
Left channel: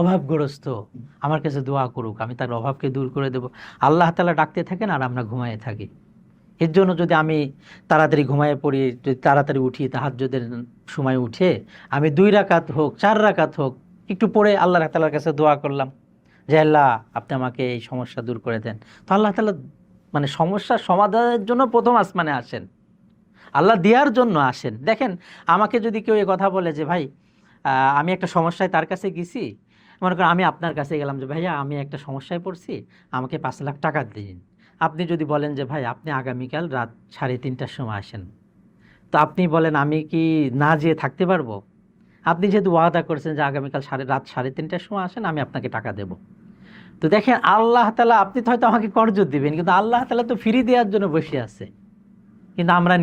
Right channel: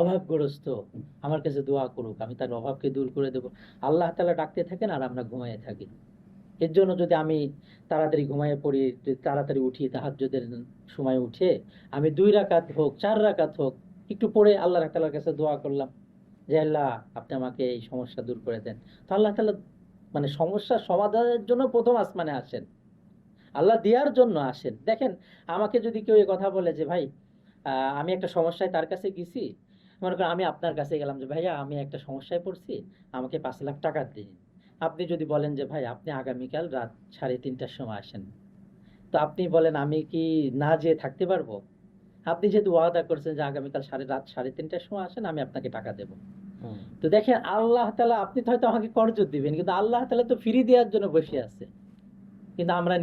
অভাবগ্রস্ত, আমার কাছে দোয়া করুক আমি তার অভাবকে দূর করে দেব। আল্লাহ তাআলা ডাকতে থাকেন আর আমরা ঘুমায়ে থাকি। এর জন্য যদি আমি তাড়াতাড়ি ঘুমায়ে পড়ি, যদি তাড়াতাড়ি উঠি, তাহাজ্জুদের সময় উঠে আমি 2 রাকাত হোক 4 রাকাত হোক একটু পড়ে আল্লাহ তাআলার কাছে দোয়া করলাম যে আল্লাহ আপনি আমাকে এই সমস্যা দূর করে দেন, তো আল্লাহ তাআলা মানে সমস্যার সমাধানের জন্য প্রথম আসমানে আসেন, আল্লাহ দেওয়ার জন্য আসেন। দেখেন আমাকে যদি কেউ এই কথা বলে যে ভাই আমি একটা সমস্যায় তার কাছে গেছি, মনে করেন আমি আপনার কাছে গেলাম যে ভাইয়া আমি একটা সমস্যায় পড়ছি, আমাকে 5 লাখ টাকা দিন। আপনি যদি বলেন যে ভাই আপনি আগামীকাল রাত 3:30টার সময় আসেন, তো আপনি বলেন আমি কি না যেয়ে থাকতে পারবো? আপনি যেহেতু ওয়াদা করছেন যে আগামীকাল রাত 3:30টার সময় আসেন, আমি আপনাকে টাকা দেব। তো দেখেন আল্লাহ তাআলা, আপনি তো হয়তো আমাকে করজোর দিবেন, কিন্তু আল্লাহ তাআলা তো ফ্রি দেওয়ার জন্য বসে আছে, কিন্তু আমরা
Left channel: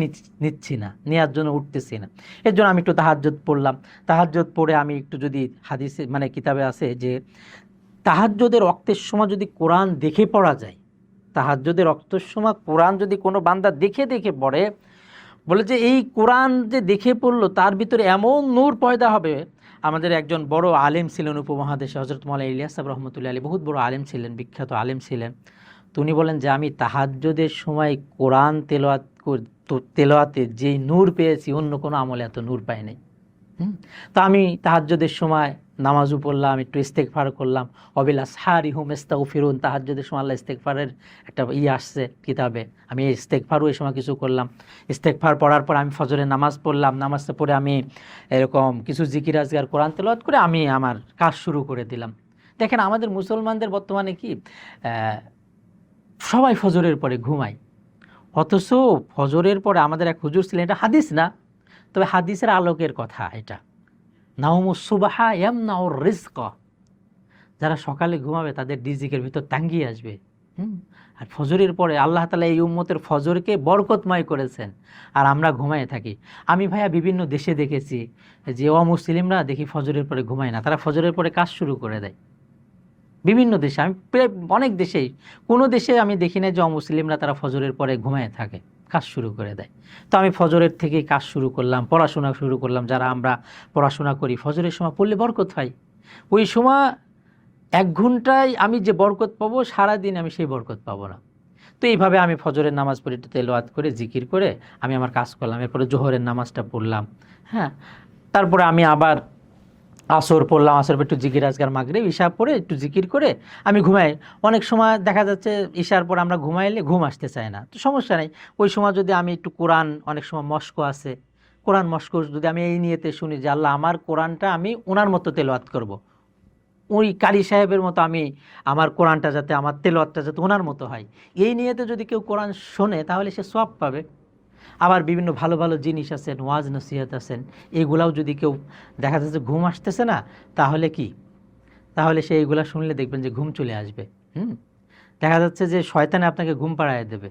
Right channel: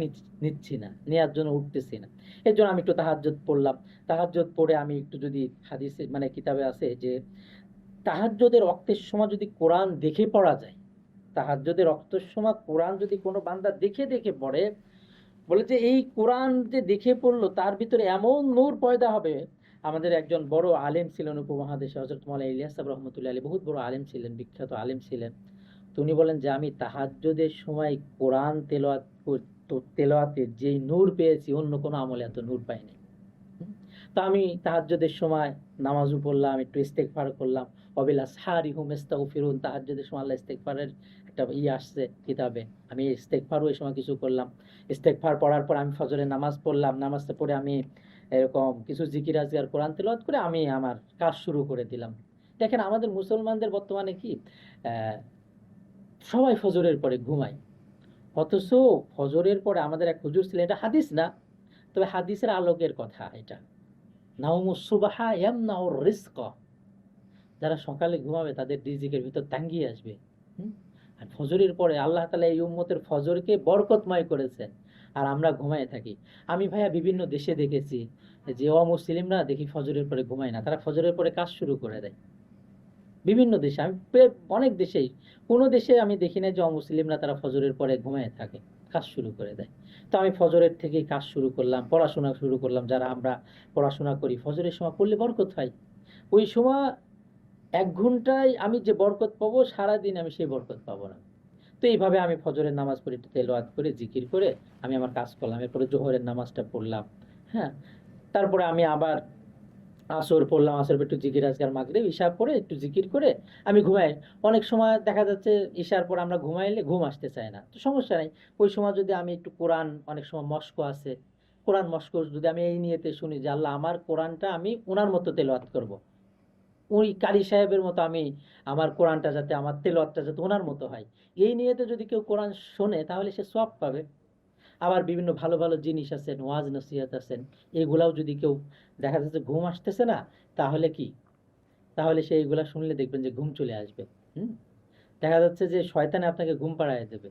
নিচ্ছি না, নেওয়ার জন্য উঠতেছি না। এর জন্য আমি একটু তাহাজ্জুদ পড়লাম। তাহাজ্জুদ পড়ে আমি একটু যদি হাদিসে মানে কিতাবে আছে যে তাহাজ্জুদের ওয়াক্তের সময় যদি কোরআন দেখে পড়া যায়, তাহাজ্জুদের ওয়াক্তের সময় কোরআন যদি কোনো বান্দা দেখে দেখে পড়ে, বলে যে এই কোরআন যে দেখে পড়লো তার ভিতরে এমন নূর পয়দা হবে। আমাদের একজন বড় আলেম ছিলেন উপমহাদেশে, হযরত মাওলানা ইলিয়াস সাহেব রহমতুল্লাহ আলাইহি, বহুত বড় আলেম ছিলেন, বিখ্যাত আলেম ছিলেন। তো উনি বলেন যে আমি তাহাজ্জুদের সময় কোরআন তেলাওয়াতে যেই নূর পেয়েছি অন্য কোনো আমলে এত নূর পাই নাই। তো আমি তাহাজ্জুদের সময় নামাজও পড়লাম, একটু ইস্তেগফার করলাম, ওয়াবিল আসহারি হুম ইস্তাগফিরুন, তাহাজ্জুদের সময় আল্লাহ ইস্তেগফারের একটা আসছে কিতাবে, আমি ইস্তেগফারও এই সময় কিছু করলাম। ইস্তেগফার পড়ার পর আমি ফজরের নামাজ পড়লাম, নামাজটা পড়ে আমি এরকম কিছু জিকির আজকার কোরআন তেলাওয়াত করে আমি আমার কাজ শুরু করে দিলাম। দেখেন আমাদের মুসলমানদের বর্তমানে কি সবাই ফজরের পরে ঘুমায়, অথচ ফজরের পরে আমাদের এক হুজুর ছিলেন, এটা হাদিস না, তবে হাদিসের আলোকের কথা এটা, নাওমুস সুবাহা ইয়ামনাউর রিজক, যারা সকালে ঘুমাবে তাদের রিজিকের ভিতর তাঙ্গিয়ে আসবে। আর ফজরের পরে আল্লাহ তাআলা এই উম্মতের ফজরকে বরকতময় করেছেন, আর আমরা ঘুমায়ে থাকি। আমি ভাইয়া বিভিন্ন দেশে দেখেছি যে অমুসলিমরা দেখি ফজরের পরে ঘুমায় না, তারা ফজরের পরে কাজ শুরু করে দেয়। বিভিন্ন দেশে, আমি প্রায় অনেক দেশেই, কোনো দেশে আমি দেখি না যে অমুসলিমরা তারা ফজরের পরে ঘুমায় থাকে, কাজ শুরু করে দেয়। তো আমি ফজরের থেকেই কাজ শুরু করলাম, পড়াশোনা শুরু করলাম। যারা আমরা পড়াশোনা করি ফজরের সময় পড়লে বরকত হয়। ওই সময় 1 ঘন্টায় আমি যে বরকত পাবো, সারাদিন আমি সেই বরকত পাবো না। তো এইভাবে আমি ফজরের নামাজ পড়ি, একটু তেলাওয়াত করে জিকির করে আমি আমার কাজ করলাম। এরপরে জোহরের নামাজটা পড়লাম, হ্যাঁ, তারপরে আমি আবার আসর পড়লাম, আসর পর একটু জিকির আজকার মাগরিব ইশা পড়ে একটু জিকির করে আমি ঘুমাই। অনেক সময় দেখা যাচ্ছে ইশার পর আমরা ঘুমাইলে ঘুম আসতে চায় না, তো সমস্যা নেই, ওই সময় যদি আমি একটু কোরআন, অনেক সময় মস্ক আছে, কোরআন মস্ক যদি আমি এই নিয়েতে শুনি যে আল্লাহ আমার কোরআনটা আমি ওনার মতো তেলাওয়াত করব, ওই কারি সাহেবের মতো আমি আমার কোরআনটা যাতে, আমার তেলাওয়াতটা যাতে ওনার মতো হয়, এই নিয়েতে যদি কেউ কোরআন শোনে তাহলে সে সওয়াব পাবে। আবার বিভিন্ন ভালো ভালো জিনিস আছেন, ওয়াজ নসিহত আছেন, এগুলাও যদি কেউ দেখা যাচ্ছে ঘুম আসতেছে না, তাহলে কি, তাহলে সে এইগুলা শুনলে দেখবেন যে ঘুম চলে আসবে। দেখা যাচ্ছে যে শয়তানে আপনাকে ঘুম পাড়ায় দেবে,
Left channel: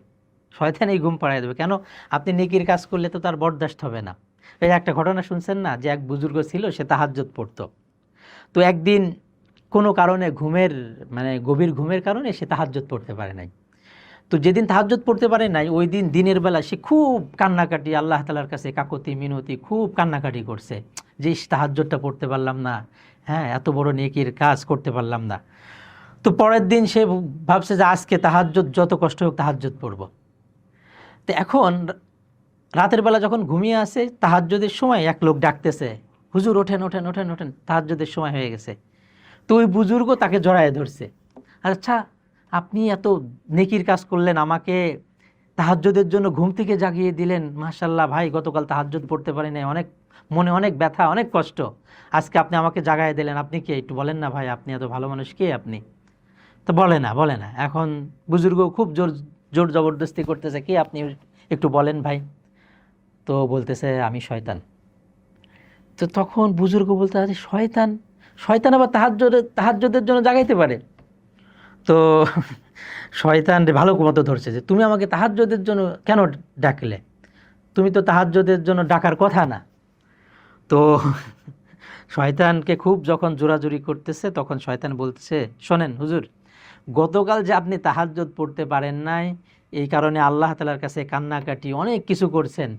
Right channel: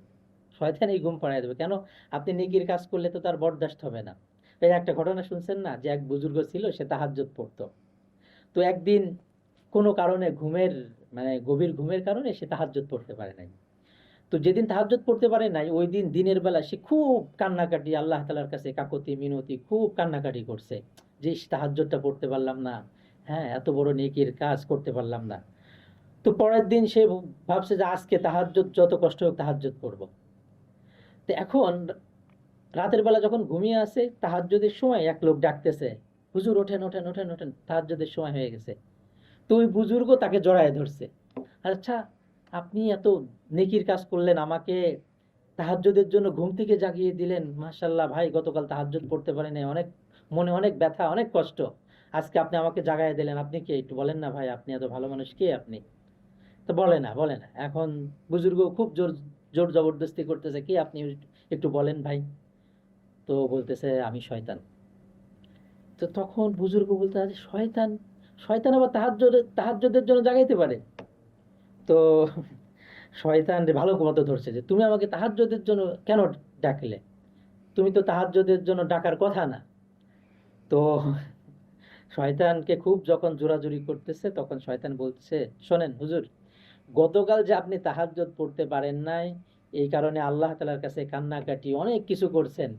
শয়তানেই ঘুম পাড়ায় দেবে। কেন? আপনি নেকির কাজ করলে তো তার বরদাস্ত হবে না। এই যে একটা ঘটনা শুনছেন না, যে এক বুজুর্গ ছিল, সে তাহাজ্জুদ পড়তো। তো একদিন কোনো কারণে ঘুমের, মানে গভীর ঘুমের কারণে সে তাহাজ্জুদ পড়তে পারে নাই। তো যেদিন তাহাজ্জুদ পড়তে পারে নাই, ওই দিন দিনের বেলা সে খুব কান্নাকাটি, আল্লাহ তাআলার কাছে কাকুতি মিনতি খুব কান্নাকাটি করছে যে তাহাজ্জুদটা পড়তে পারলাম না, হ্যাঁ, এত বড় নেকির কাজ করতে পারলাম না। তো পরের দিন সে ভাবছে যে আজকে তাহাজ্জুদ যত কষ্ট হোক তাহাজ্জুদ পড়ব। তো এখন রাতের বেলা যখন ঘুমিয়ে আসে, তাহাজ্জুদের সময় এক লোক ডাকতেছে, হুজুর ওঠেন ওঠেন ওঠেন ওঠেন, তাহাজ্জুদের সময় হয়ে গেছে। তো ওই বুজুর্গ তাকে জড়ায় ধরছে, আচ্ছা আপনি এত নেকির কাজ করলেন, আমাকে তাহাজ্জুদের জন্য ঘুম থেকে জাগিয়ে দিলেন, মাশাআল্লাহ ভাই, গতকাল তাহাজ্জুদ পড়তে পারি নাই, অনেক মনে অনেক ব্যথা, অনেক কষ্ট, আজকে আপনি আমাকে জাগায় দিলেন, আপনি কে, একটু বলেন না ভাই, আপনি এত ভালো মানুষ, কে আপনি? তো বলে না, বলে না। এখন বুজুর্গ খুব জোর জোর জবরদস্তি করতেছে, কে আপনি, একটু বলেন ভাই। তো বলতেছে আমি শয়তান। তো তখন বুজুর্গ বলতে আছে, শয়তান? শয়তান আবার তাহাজ্জুদের জন্য জাগাইতে পারে? তো শয়তান ভালো মতো ধরছে যে তুমি আমাকে তাহাজ্জুদের জন্য কেন ডাকলে, তুমি তো তাহাজ্জুদের জন্য ডাকার কথা না। তো শয়তানকে খুব যখন জোরাজুরি করতেছে, তখন শয়তান বলতেছে, শোনেন হুজুর, গতকাল যে আপনি তাহাজ্জুদ পড়তে পারেন নাই, এই কারণে আল্লাহ তাআলার কাছে কান্নাকাটি অনেক কিছু করছেন,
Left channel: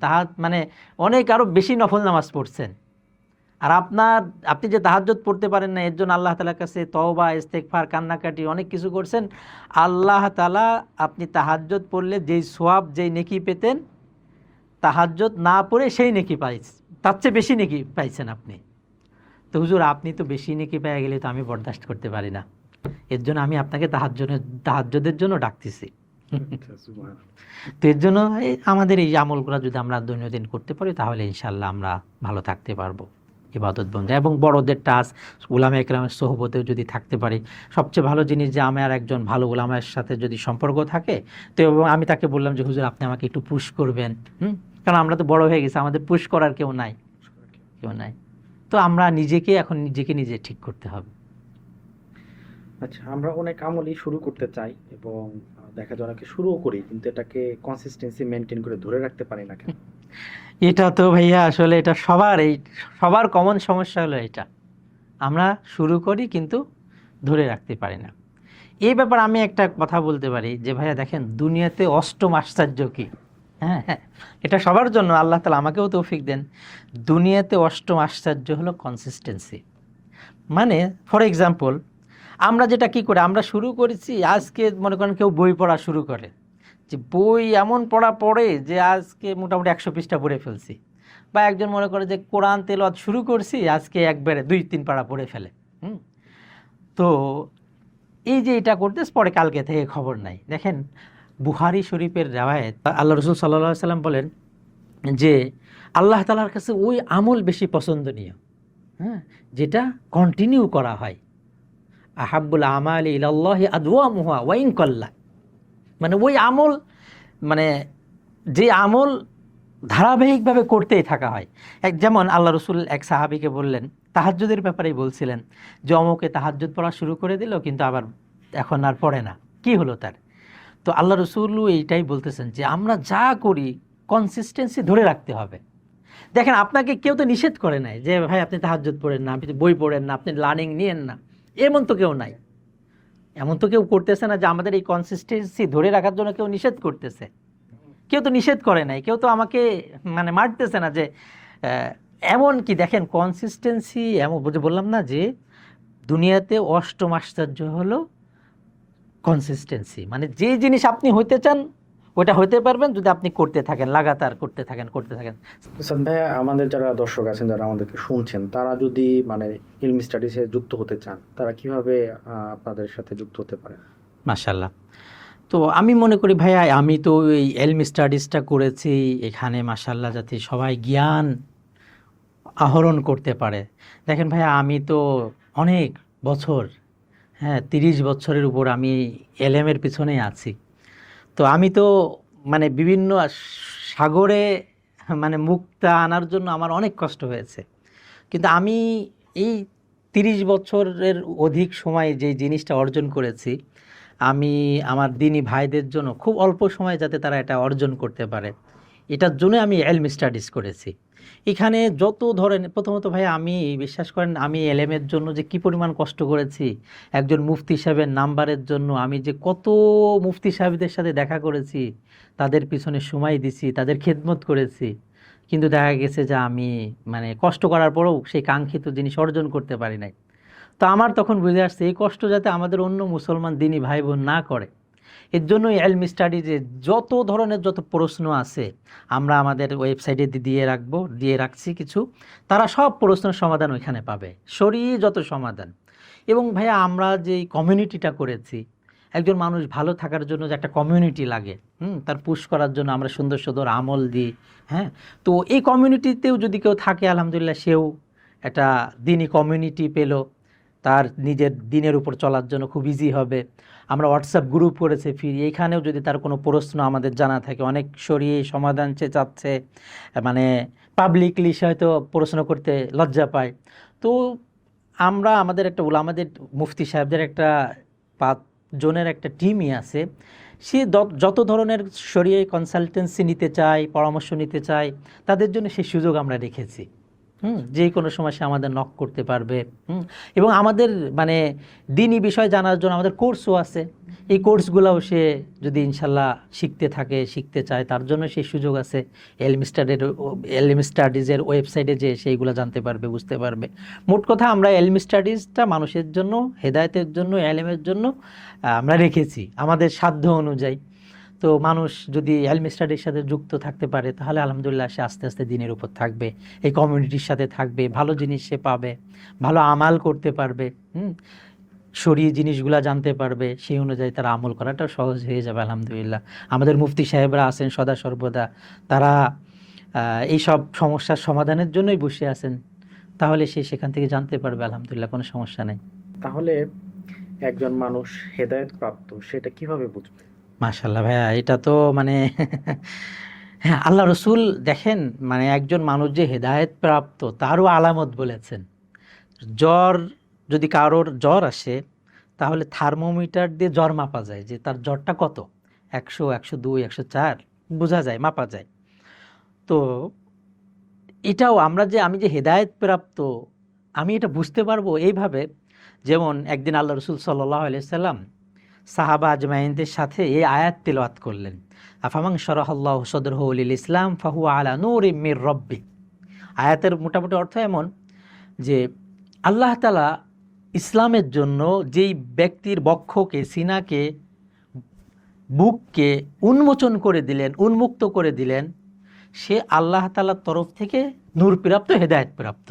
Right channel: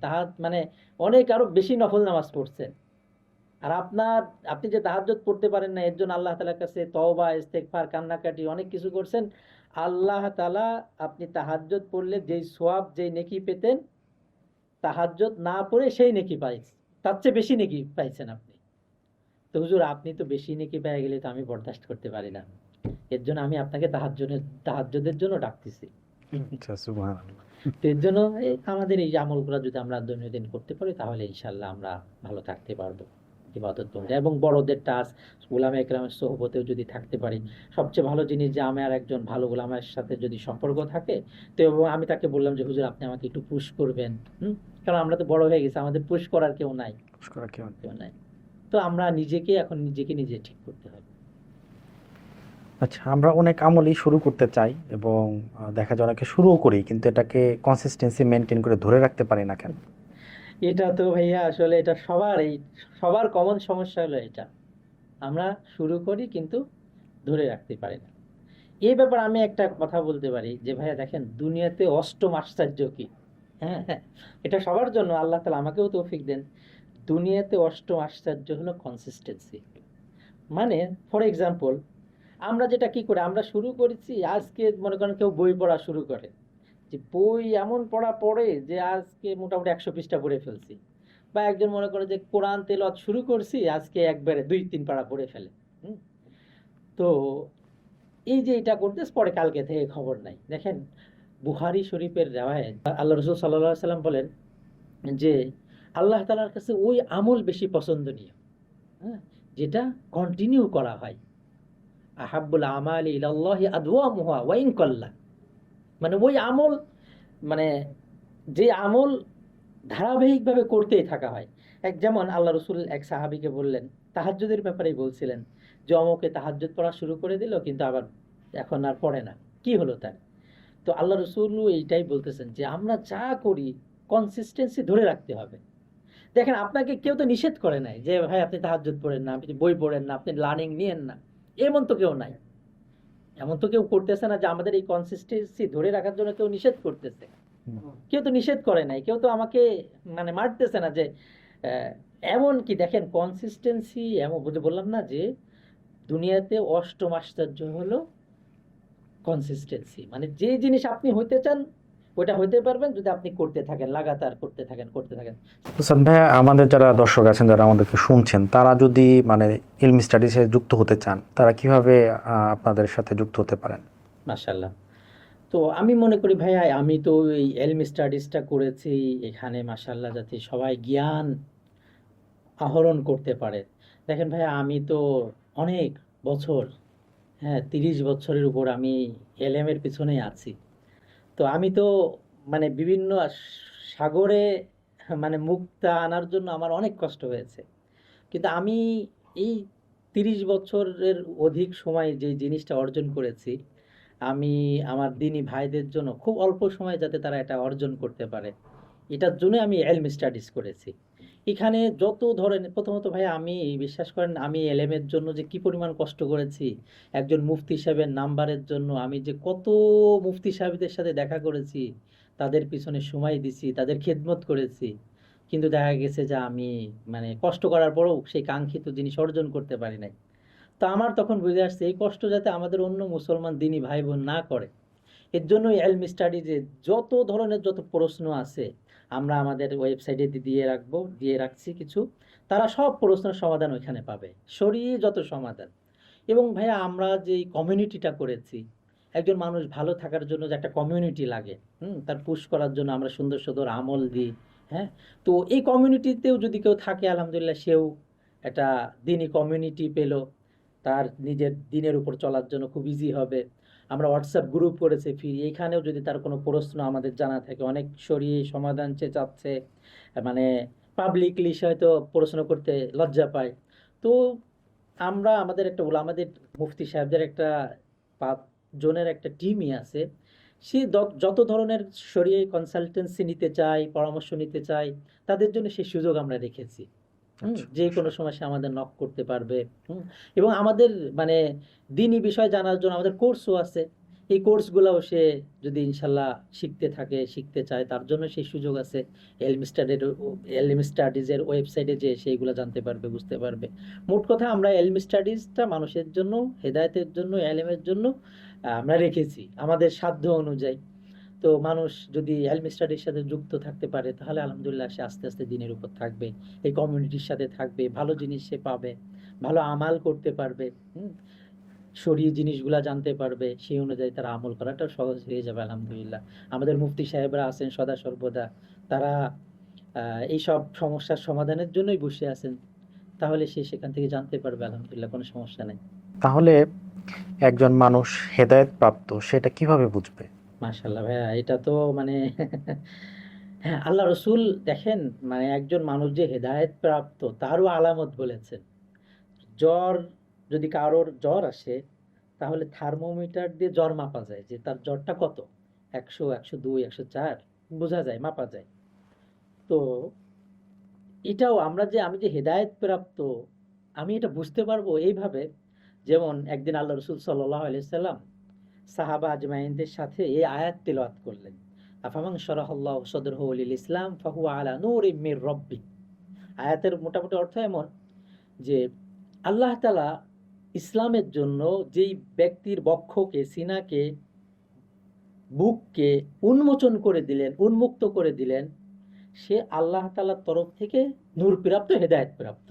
মানে অনেক আরো বেশি নফল নামাজ পড়ছেন, আর আপনি যে তাহাজ্জুদ পড়তে পারেন না, এর জন্য আল্লাহ তাআলার কাছে তওবা ইস্তেগফার কান্নাকাটি অনেক কিছু করছেন। আল্লাহ তাআলা আপনি তাহাজ্জুদ পড়লে যেই সওয়াব, যেই নেকি পেতেন, তাহাজ্জুদ না পড়ে সেই নেকি পাইছেন, তার চেয়ে বেশি নেকি পাইছেন আপনি। তো হুজুর আপনি তো বেশি নেকি পেয়ে গেলে তো আমি বরদাস্ত করতে পারি না, এর জন্য আমি আপনাকে তাহাজ্জুদের জন্য ডাকতেছি। তো এর জন্য আমাদের এই আমলগুলো যদি আমরা দৈনন্দিন করতে পারি, তাহলে ইনশাআল্লাহ আমরা ভালো থাকতে পারবো ইবাদত বন্দী। এবং বড়দের টাচ, উলামা একরামের সোহবতেও যদি থাকতে পারি, সবচেয়ে ভালো জিনিস যে আমার একজন ভালো উলামার সাথে যদি সম্পর্ক থাকে, তো এবং আমি তাকে বললাম যে হুজুর আপনি আমাকে একটু পুশ করবেন, কারণ আমরা তো বড় হয়ে গেছি, আমাদের পুশ করার কেউ নাই, কেউ নাই। তো আমরা এখন নিজেকে নিজে ঠিক করতে হবে। আচ্ছা, আমরা অনেক আমলই শুরু করতে চাই এবং দেখা যায় অনেকে শুরুও করি, কিন্তু এটাকে কনসিস্টেন্সি মেনটেন করে ধরে রাখতে পারি না কেন? এটা তো ভাইয়া আসলে এটা সবার কমন সমস্যা হলো এটা, আমরা শুরু করি কিন্তু ধরে রাখতে পারি না। এই ব্যাপারে আমি একটা কথা বলতে পারি যে ভাইয়া দেখেন, দুনিয়াতে অষ্টম আশ্চর্য কি, হ্যাঁ হ্যাঁ, এটা সবার জন্য, আল্লাহ তাআলা আমাকেও তৌফিক দেন। দুনিয়াতে অষ্টম আশ্চর্য হলো কনসিস্টেন্সি। মানে ফর এক্সাম্পল, আমরা যেটা কি করে, আমরা শুরু করেছি, আজকে মনে করেন কেউ বই পড়া শুরু করে, যে বই এমন পড়ে যে আজকে মোটামুটি 100 পৃষ্ঠা পড়ে ফেলছি, বা একজন মনে করে যে কোরআন তেলাওয়াত শুরু করছি, আজকে একবারে 2-3 পারা পড়ে ফেলে। তো এই যে এটা করতেছ, পরে কালকে থেকে খবর নাই। দেখেন বুখারী শরীফের রিওয়ায়াত, আল্লাহ রাসূল সাল্লাল্লাহু আলাইহি সাল্লাম বলেন যে আল্লাহ তাআলার কাছে ওই আমল বেশি পছন্দনীয়, যেটা কন্টিনিউ করা হয়। আহাব্বুল আমালি ইলাল্লাহি আদওয়ামুহা ওয়া ইন কাল্লা, মানে ওই আমল, মানে যে আমল ধারাবাহিকভাবে করতেই থাকা হয়। যেমন আল্লাহ রসুল এক সাহাবীকে বললেন, তাহাজ্জুদের ব্যাপারেই বলছিলেন, যে অমুকে তাহাজ্জুদ পড়া শুরু করে দিল কিন্তু আবার এখন আর পড়ে না, কি হলো তার? তো আল্লাহ রসুলও এইটাই বলতেছেন যে আমরা যা করি কনসিস্টেন্সি ধরে রাখতে হবে। দেখেন, আপনাকে কেউ তো নিষেধ করে নাই যে ভাই আপনি তাহাজ্জুদ পড়েন না, আপনি বই পড়েন না, আপনি লার্নিং নিয়েন না, এমন তো কেউ নাই। এমন তো কেউ করতেছে না যে আমাদের এই কনসিস্টেন্সি ধরে রাখার জন্য কেউ নিষেধ করতেছে। কেউ তো নিষেধ করে নাই, কেউ তো আমাকে মানে মারতেছে না যে এমন কি। দেখেন কনসিস্টেন্সি এমন বললাম না যে দুনিয়াতে অষ্টম আশ্চর্য হলো কনসিস্টেন্সি, মানে যে জিনিস আপনি হইতে চান ওটা হইতে পারবেন যদি আপনি করতে থাকেন, লাগাতার করতে থাকেন। হোসেন ভাই, আমাদের যারা দর্শক আছেন, যারা আমাদেরকে শুনছেন, তারা যদি মানে ইলমি স্টাডিজে যুক্ত হতে চান, তারা কিভাবে আপনাদের সাথে যুক্ত হতে পারেন? মাশাআল্লাহ। তো আমি মনে করি ভাইয়া, আমি তো এই এলমি স্টাডিজটা করেছি এখানে মাশাআল্লাহ যাতে সবাই জ্ঞান আহরণ করতে পারে। দেখেন ভাইয়া, আমি তো অনেক বছর, হ্যাঁ 30 বছরের উপর আমি এলএমের পিছনে আছি। তো আমি তো মানে বিভিন্ন সাগরে মানে মুক্তা আনার জন্য আমার অনেক কষ্ট হয়েছে, কিন্তু আমি এই 30 বছরের অধিক সময়ে যে জিনিসটা অর্জন করেছি, আমি আমার দিনী ভাইদের জন্য খুব অল্প সময়ে যাতে তারা এটা অর্জন করতে পারে, এটার জন্য আমি এলম স্টাডিজ করেছি। এখানে যত ধরনের, প্রথমত ভাই আমি বিশ্বাস করেন, আমি এলএমের জন্য যে কি পরিমাণ কষ্ট করেছি, একজন মুফতি সাহেবের নাম্বারের জন্য আমি যে কত মুফতি সাহেবদের সাথে দেখা করেছি, তাদের পিছনে সময় দিছি, তাদের খেদমত করেছি, কিন্তু দেখা গেছে যে আমি মানে কষ্ট করার পরেও সেই কাঙ্ক্ষিত জিনিস অর্জন করতে পারি নাই। তো আমার তখন বুঝে আসছে এই কষ্ট যাতে আমাদের অন্য মুসলমান দিনী ভাই বোন না করে, এর জন্য এলমি স্টাডিজে যত ধরনের যত প্রশ্ন আছে আমরা আমাদের ওয়েবসাইটে দিয়ে রাখছি কিছু, তারা সব প্রশ্নের সমাধান ওইখানে পাবে, সরিয়ে যত সমাধান। এবং ভাইয়া আমরা যে কমিউনিটিটা করেছি, একজন মানুষ ভালো থাকার জন্য যে একটা কমিউনিটি লাগে, তার পুশ করার জন্য আমরা সুন্দর সুন্দর আমল দিই। হ্যাঁ, তো এই কমিউনিটিতেও যদি কেউ থাকে আলহামদুলিল্লাহ, সেও একটা দিনই কমিউনিটি পেল, তার নিজের দিনের উপর চলার জন্য খুব ইজি হবে। আমরা হোয়াটসঅ্যাপ গ্রুপ করেছে ফিরি, এইখানেও যদি তার কোনো প্রশ্ন আমাদের জানা থাকে, অনেক সরিয়ে সমাধান চাচ্ছে, মানে পাবলিকলি সে হয়তো প্রশ্ন করতে লজ্জা পায়, তো আমরা আমাদের একটা আমাদের মুফতি সাহেবদের একটা 5 জনের একটা টিমই আছে, সে যত ধরনের শরীয় কনসালটেন্সি নিতে চায়, পরামর্শ নিতে চায়, তাদের জন্য সেই সুযোগ আমরা রেখেছি। যে কোনো সময় সে আমাদের নক করতে পারবে। এবং আমাদের মানে দিনী বিষয় জানার জন্য আমাদের কোর্সও আছে, এই কোর্সগুলোও সে যদি ইনশাল্লাহ শিখতে চায়, তার জন্য সেই সুযোগ আছে। এলমি স্টাডিজের ওয়েবসাইটে যে সেইগুলো জানতে পারবে, বুঝতে পারবে। মোট কথা আমরা এলমি স্টাডিজটা মানুষের জন্য, হেদায়েতের জন্য, এলমের জন্য আমরা রেখেছি আমাদের সাধ্য অনুযায়ী। তো মানুষ যদি এলমি স্টাডির সাথে যুক্ত থাকতে পারে, তাহলে আলহামদুলিল্লাহ সে আস্তে আস্তে দিনের উপর থাকবে, এই কমিউনিটির সাথে থাকবে, ভালো জিনিস সে পাবে, ভালো আমাল করতে পারবে, শরীয়ী জিনিসগুলা জানতে পারবে, সেই অনুযায়ী তারা আমল করাটাও সহজ হয়ে যাবে আলহামদুলিল্লাহ। আমাদের মুফতি সাহেবরা আছেন সদা সর্বদা, তারা এই সব সমস্যার সমাধানের জন্যই বসে আছেন, তাহলে সে সেখান থেকে জানতে পারবে আলহামদুলিল্লাহ, কোনো সমস্যা নেই। তাহলে একজন মানুষ হেদায়েত প্রাপ্ত সেটা কিভাবে বুঝবে? মাশাআল্লাহ ভাইয়া, এটা তো মানে হ্যাঁ, আল্লাহ রসুল দেখেন মানে একজন মানুষ যে হেদায়েত প্রাপ্ত তারও আলামত বলেছেন। যদি কারোর জ্বর আসে, তাহলে থার্মোমিটার দিয়ে জ্বর মাপা যায় যে তার জ্বরটা কত, 100, 102, 104 বোঝা যায়, মাপা যায়। তো এটাও আমি যে হেদায়েত প্রাপ্ত, আমি এটা বুঝতে পারবো এইভাবে, যেমন একদিন আল্লাহ রসুল সাল্লাল্লাহু আলাইহি সাল্লাম সাহাবা আজমাইনদের সাথে এই আয়াত তিলাওয়াত করলেন, আফামান শারাহাল্লাহু সাদরাহু লিল ইসলাম ফাহুয়া আলা নূরিম মির রাব্বি। আয়াতের মোটামুটি অর্থ এমন যে আল্লাহ তাআলা ইসলামের জন্য যেই ব্যক্তির বক্ষকে, সিনাকে, বুককে উন্মুক্ত করে দিলেন, সে আল্লাহ তাআলার তরফ থেকে নূর প্রাপ্ত, হেদায়েত প্রাপ্ত।